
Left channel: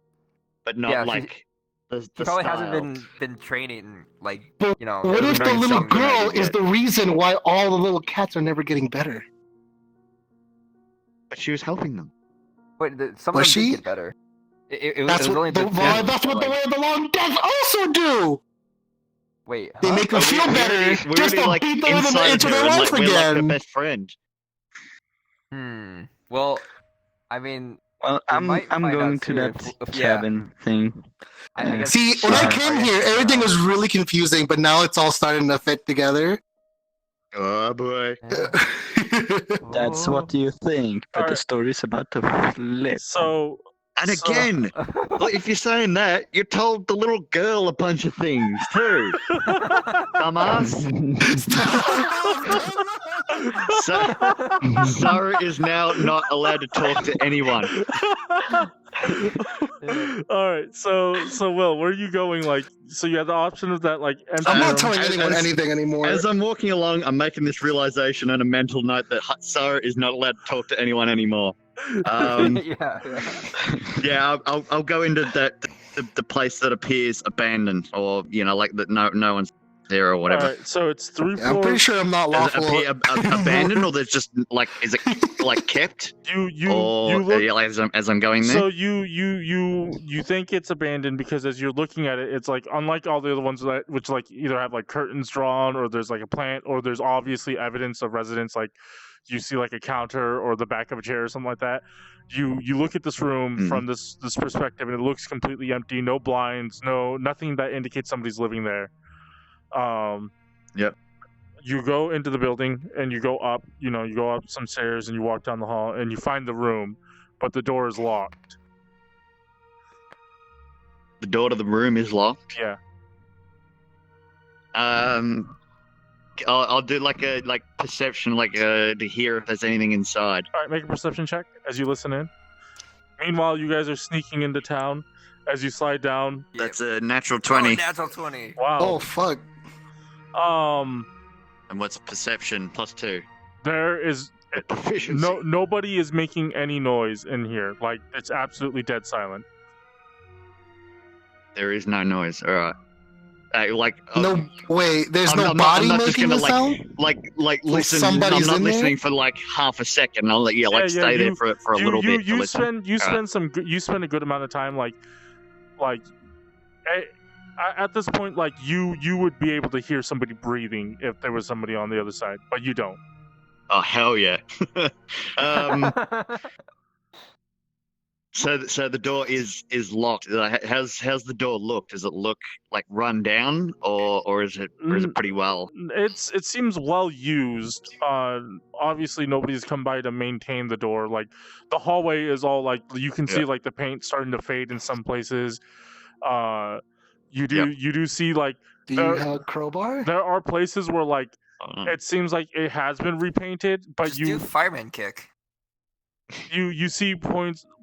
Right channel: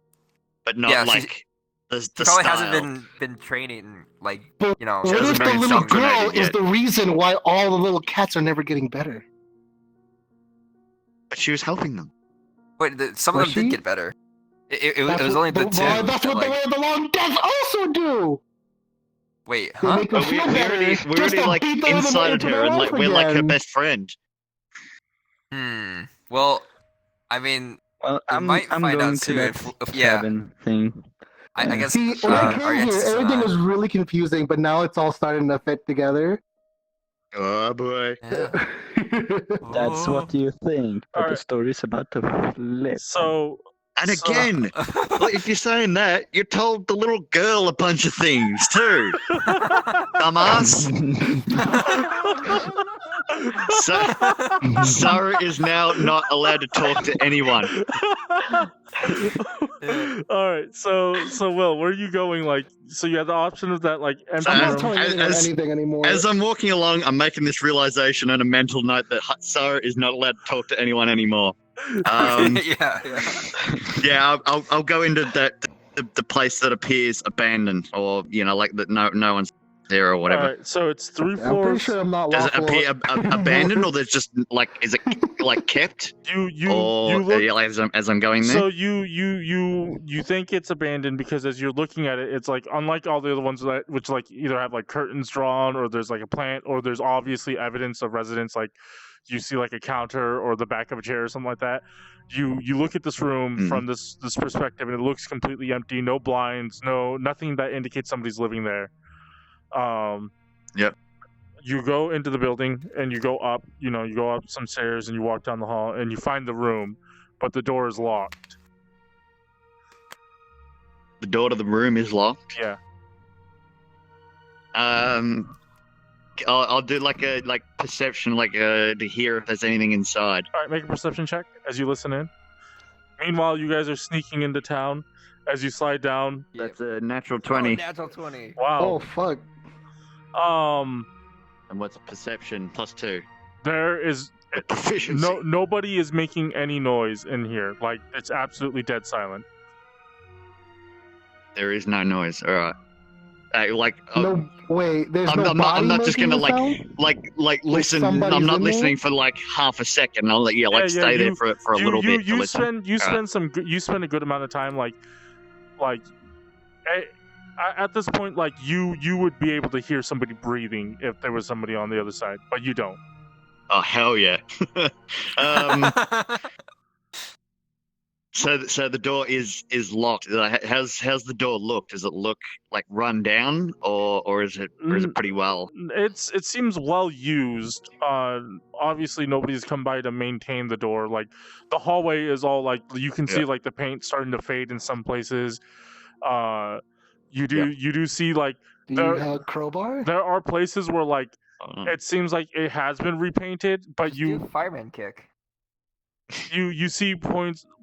like the probably style. hasn't been training like What if the little girl is the reason why all the little cats are never getting better? But she was helping them. Wait, some of them did get better. It was only the two. That's what the way of the long death also do. Wait, they make her feel better. We already like inside her, and like we're like her best friend. Well, I mean, I'm going to that cabin thing. I guess. See, when I came here, everything was really confusing, but now it's all starting to fit together. Oh boy. That's what you think, but the story's about to flip. And again, if you're saying that, you told the little girl a bunch of things too. Dumbass. Saru is now not allowed to talk to anyone. Alright, so Will, where are you going? Like, so you have the option of that like empty I'm not telling anyone anything anymore. As I'm walking along, I'm making this realization and a mental note that Saru is not allowed to talk to anyone anymore. Yeah, I'll go into the place that appears abandoned, or like that no one's there or whatever. Alright, so it's 3 floors. I'm pretty sure I'm not Does it appear abandoned, or there's just like, is it like kept? You look, as I'm going there. So you think it's abandoned because as you're looking at it, it's like unlike all the other ones which like either have like curtains drawn, or there's like a plant, or there's obviously evidence of residence, like you see like a counter or the back of a chair or something like that. You look at this room from this perspective, and it looks completely empty. No blinds, nothing that indicates somebody's living there. Yep. You go into the building and you go up. You go up some stairs and you walk down the hall and you find the room, but the door is locked. The door to the room is locked. Yeah. I'll do like a perception, to hear if there's anything inside. All right, make a perception check as you listen in. Meanwhile, you guys are sneaking into town. As you slide down, that's a natural 20. Natural 20. Wow. Oh fuck. And what's perception +2? There is nobody is making any noise in here. Like, it's absolutely dead silent. There is no noise. All right. No, wait. There's I'm not just gonna listen. I'm not listening for like half a second. I'll stay there for a little bit. You spend a good amount of time at this point, like you would be able to hear somebody breathing if there was somebody on the other side, but you don't. Oh hell yeah! So the door is locked. How's the door look? Does it look like run down, or is it pretty well? It seems well used. Obviously nobody's come by to maintain the door. Like, the hallway is all like, you can see like the paint starting to fade in some places. You do see like. Do you have a crowbar? There are places where like it seems like it has been repainted, but just do fireman kick. You see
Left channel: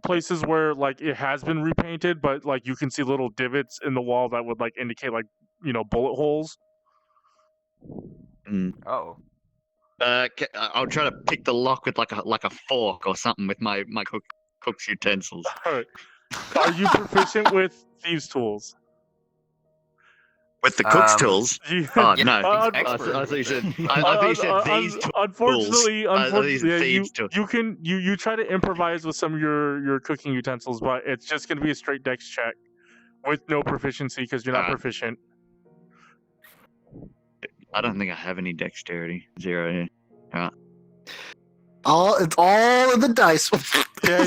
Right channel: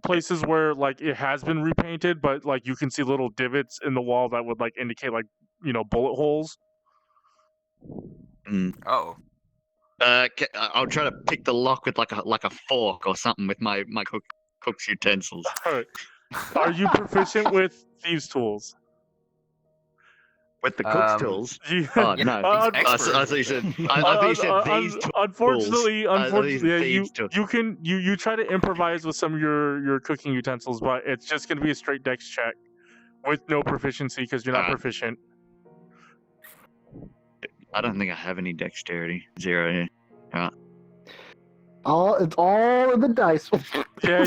places where like it has been repainted, but like you can see little divots in the wall that would like indicate like bullet holes. Oh. I'll try to pick the lock with like a fork or something with my cook's utensils. All right. Are you proficient with thieves' tools? With the cook's tools? Oh, no. I thought you said thieves tools. Unfortunately, you try to improvise with some of your cooking utensils, but it's just going to be a straight dex check with no proficiency because you're not proficient. I don't think I have any dexterity. 0 here. It's all in the dice. Yeah,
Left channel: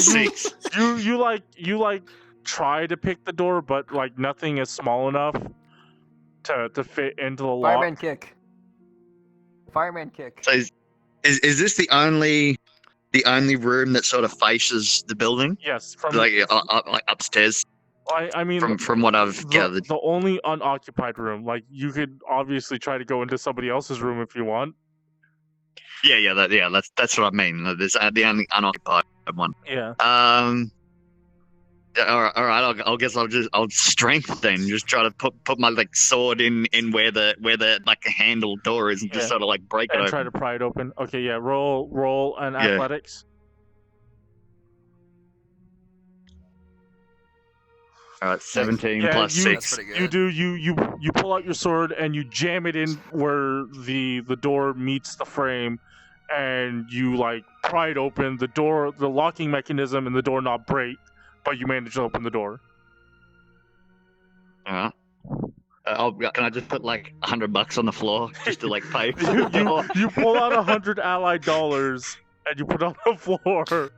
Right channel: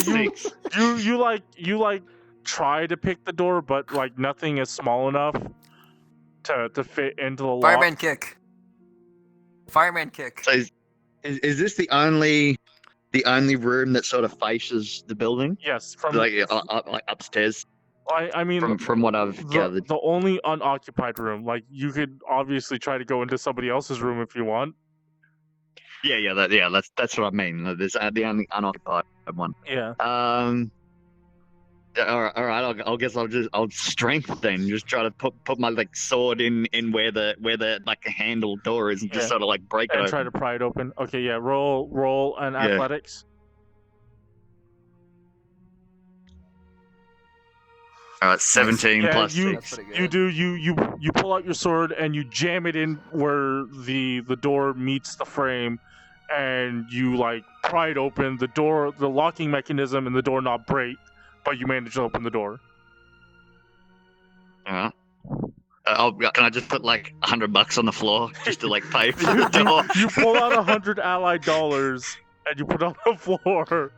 you try to pick the door, but like nothing is small enough to fit into the lock. Fireman kick. So is this the only room that sort of faces the building? Yes, from like upstairs. I mean, from what I've gathered, the only unoccupied room. Like, you could obviously try to go into somebody else's room if you want. That's what I mean. There's the only unoccupied one. Yeah. All right. I'll guess I'll strength then. Just try to put my like sword in where the like handle door is, and just sort of like break it and open. try to pry it open. Okay, yeah. Roll an athletics. 17 plus 6. You do. You pull out your sword and you jam it in where the door meets the frame, and you like pry it open. The locking mechanism and the doorknob break, but you manage to open the door. Can I just put like $100 on the floor just to like pay for the door? You pull out 100 allied dollars and you put it on the floor.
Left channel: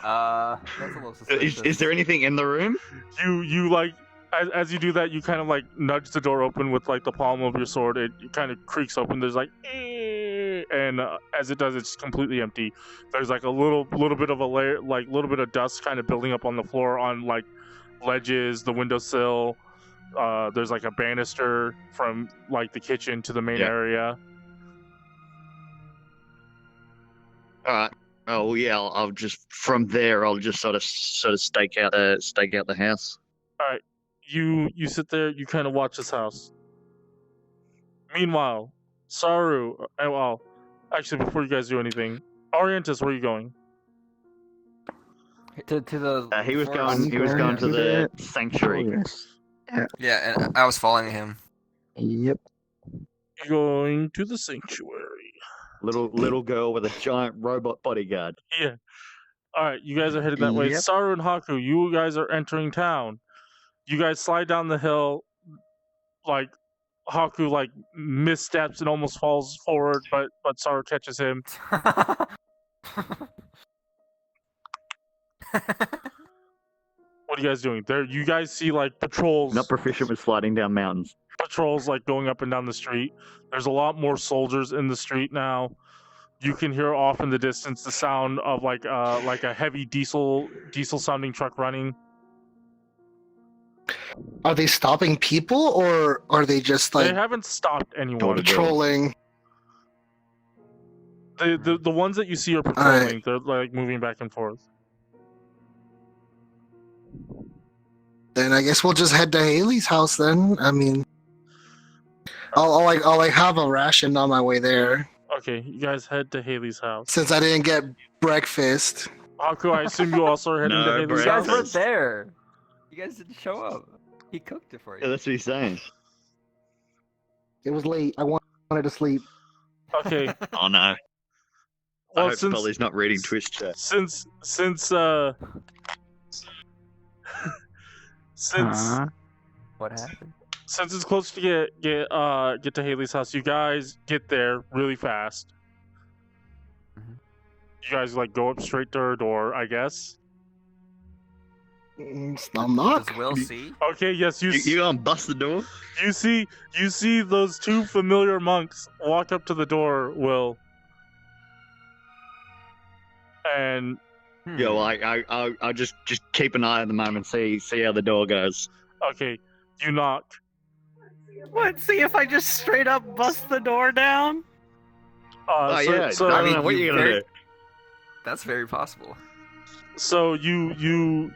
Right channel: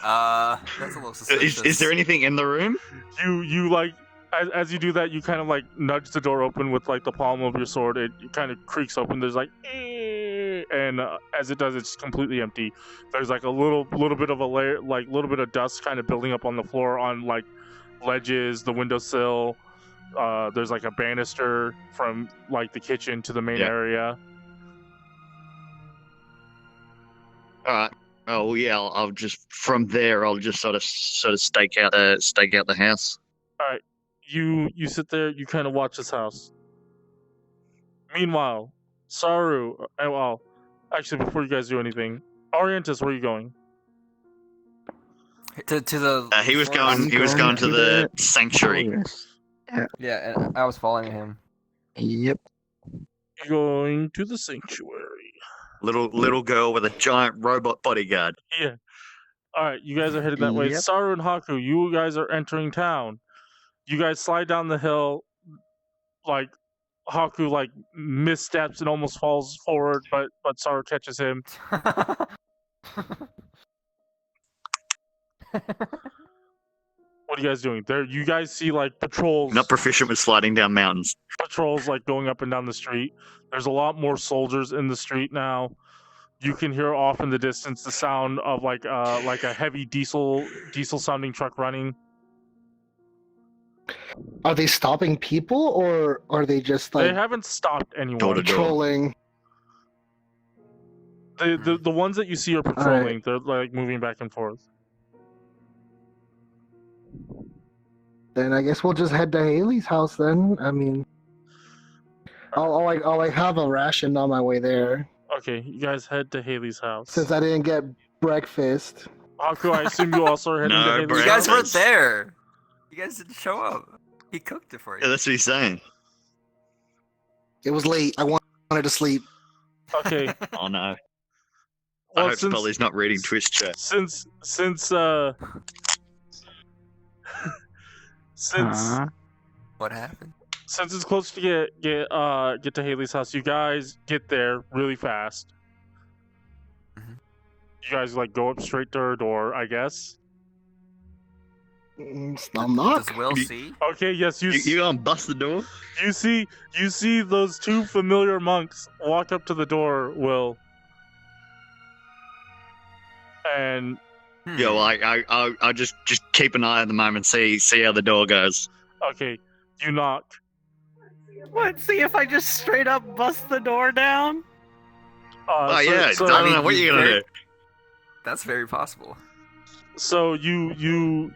That's a little suspicious. Is there anything in the room? You like as you do that, you kind of like nudge the door open with like the palm of your sword. It kind of creaks open. There's like, and as it does, it's completely empty. There's like a little bit of a layer, like a little bit of dust kind of building up on the floor on like ledges, the windowsill. There's like a banister from like the kitchen to the main area. All right. Oh yeah, I'll just from there. I'll just sort of stake out the house. All right, you sit there. You kind of watch this house. Meanwhile, Saru. Well, actually, before you guys do anything, Arientus, where are you going? To the. He was going to the sanctuary. Yeah, and I was following him. Yep. You're going to the sanctuary. Little girl with a giant robot bodyguard. Yeah. All right, you guys are headed that way. Saru and Hakku, you guys are entering town. You guys slide down the hill. Like Hakku like missteps and almost falls forward, but Saru catches him. What are you guys doing? There, you guys see like patrols. Not proficient with sliding down mountains. Patrols like going up and down the street. There's a lot more soldiers in the street now. You can hear off in the distance the sound of like a heavy diesel sounding truck running. Are they stopping people or are they just like? They haven't stopped anyone. Patrolling. The ones that you see are patrolling. Right. They're like moving back and forth. Then I guess we'll just head to Haley's house. Then I mean, I'll have a ration on my way there. Okay, you guys head to Haley's house. Since I didn't get breakfast. Hakku, I assume you also are heading to Haley's house. You guys weren't there. You guys didn't show up. He cooked it for you. Yeah, that's what he's saying. It was late. I wanted to sleep. Okay. Oh no. Well, I hope Spoly's not reading Twitch chat. Since what happened? Since it's close to get to Haley's house, you guys get there really fast. Mm-hmm. You guys like go up straight to her door, I guess. I'll knock. Does Will see? Okay, yes, you gonna bust the door? You see those two familiar monks walk up to the door, Will. And yo, I just keep an eye at the moment, see how the door goes. Okay, you knock. What? See if I just straight up bust the door down? I mean, what are you gonna do? That's very possible. So you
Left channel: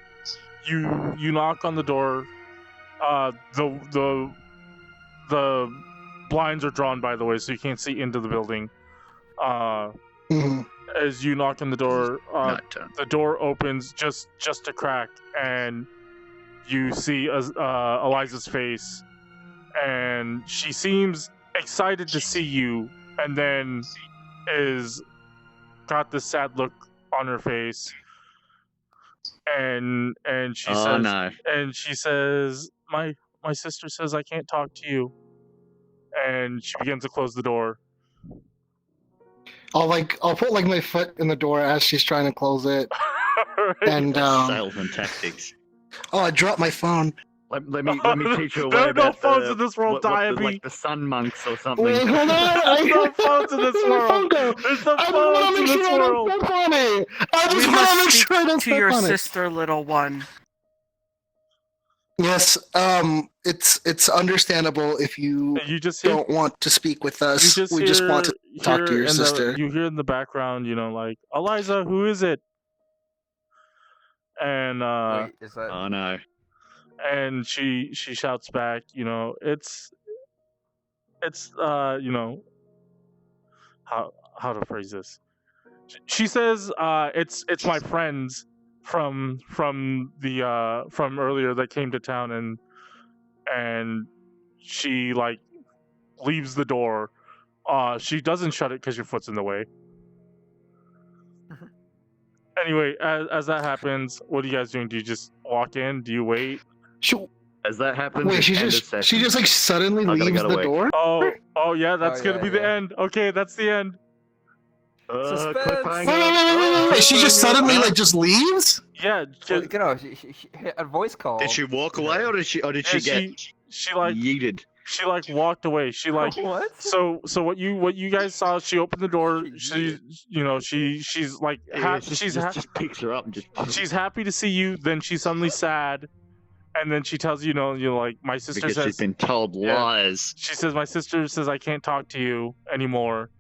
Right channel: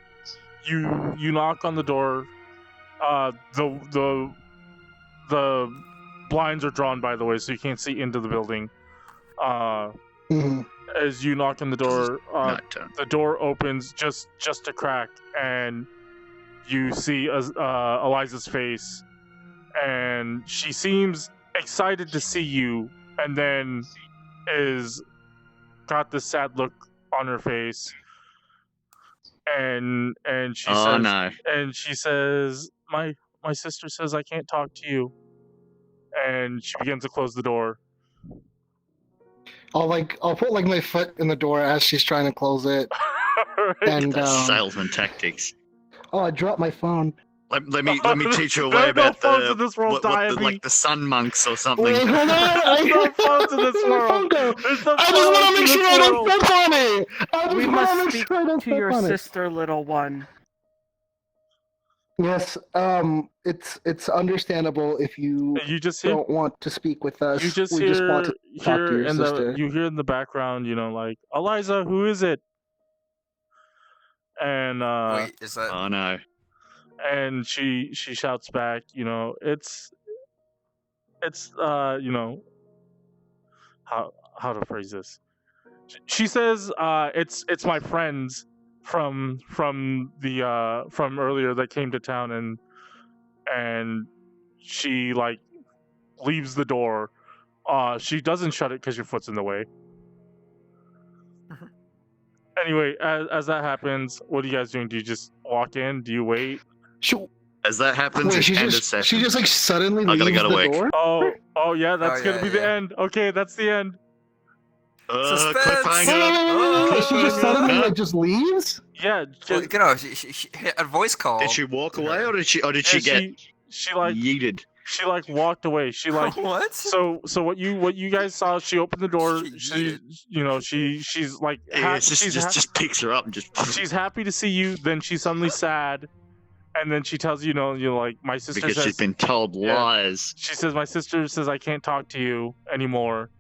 knock on the door. The blinds are drawn, by the way, so you can't see into the building. As you knock on the door, the door opens just a crack, and you see Eliza's face, and she seems excited to see you, and then is got this sad look on her face, and she says, my sister says I can't talk to you, and she begins to close the door. I'll put like my foot in the door as she's trying to close it. And salesman tactics. Oh, I dropped my phone. Let me teach you a way about no phones in this world, Dyabie. Like the sun monks or something. Wait, hold on. There's no phones in this world. There's no phones in this world. I just want to make sure I don't to your sister, little one. Yes, it's understandable if you don't want to speak with us. We just want to talk to your sister. You hear in the background, like, Eliza, who is it? And Wait, is that... Oh no. And she shouts back, you know, it's you know, how to phrase this. She says it's my friends from earlier that came to town, and she like leaves the door. She doesn't shut it because your foot's in the way. Anyway, as that happens, what are you guys doing? Do you just walk in? Do you wait? As that happens, wait, she just like suddenly leaves the door? Oh yeah, that's gonna be the end. Okay, that's the end. Wait, she just suddenly like just leaves? Yeah, you know, she a voice call. Did she walk away, or did she get she like yeeted? She like walked away. She like what? So what you guys saw? She opened the door. She's like just picks her up and just. She's happy to see you. Then she's suddenly sad, and then she tells you, you're like, my sister because says she's been told lies. She says my sister says I can't talk to you anymore,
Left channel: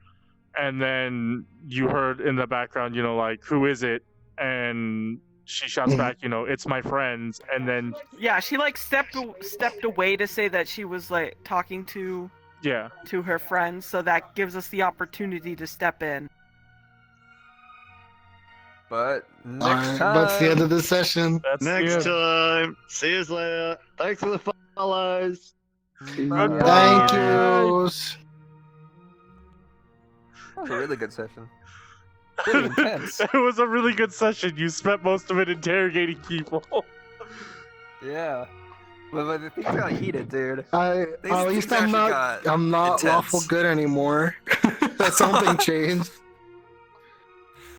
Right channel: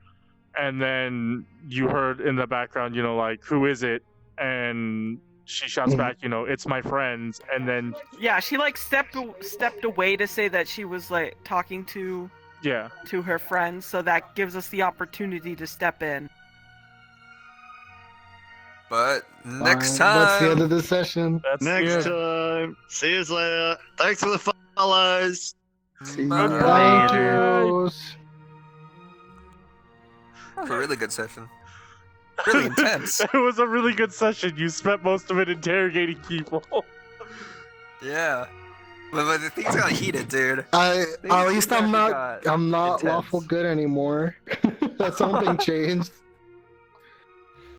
and then you heard in the background, like, who is it? And she shouts back, it's my friends, and then she like stepped away to say that she was like talking to her friends, so that gives us the opportunity to step in. But next time, that's the end of the session. Next time, see you later. Thanks for the follows. Goodbye. Thank you. It was a really good session. Really intense. It was a really good session. You spent most of it interrogating people. Yeah. But the things got heated, dude. At least I'm not lawful good anymore. Something changed.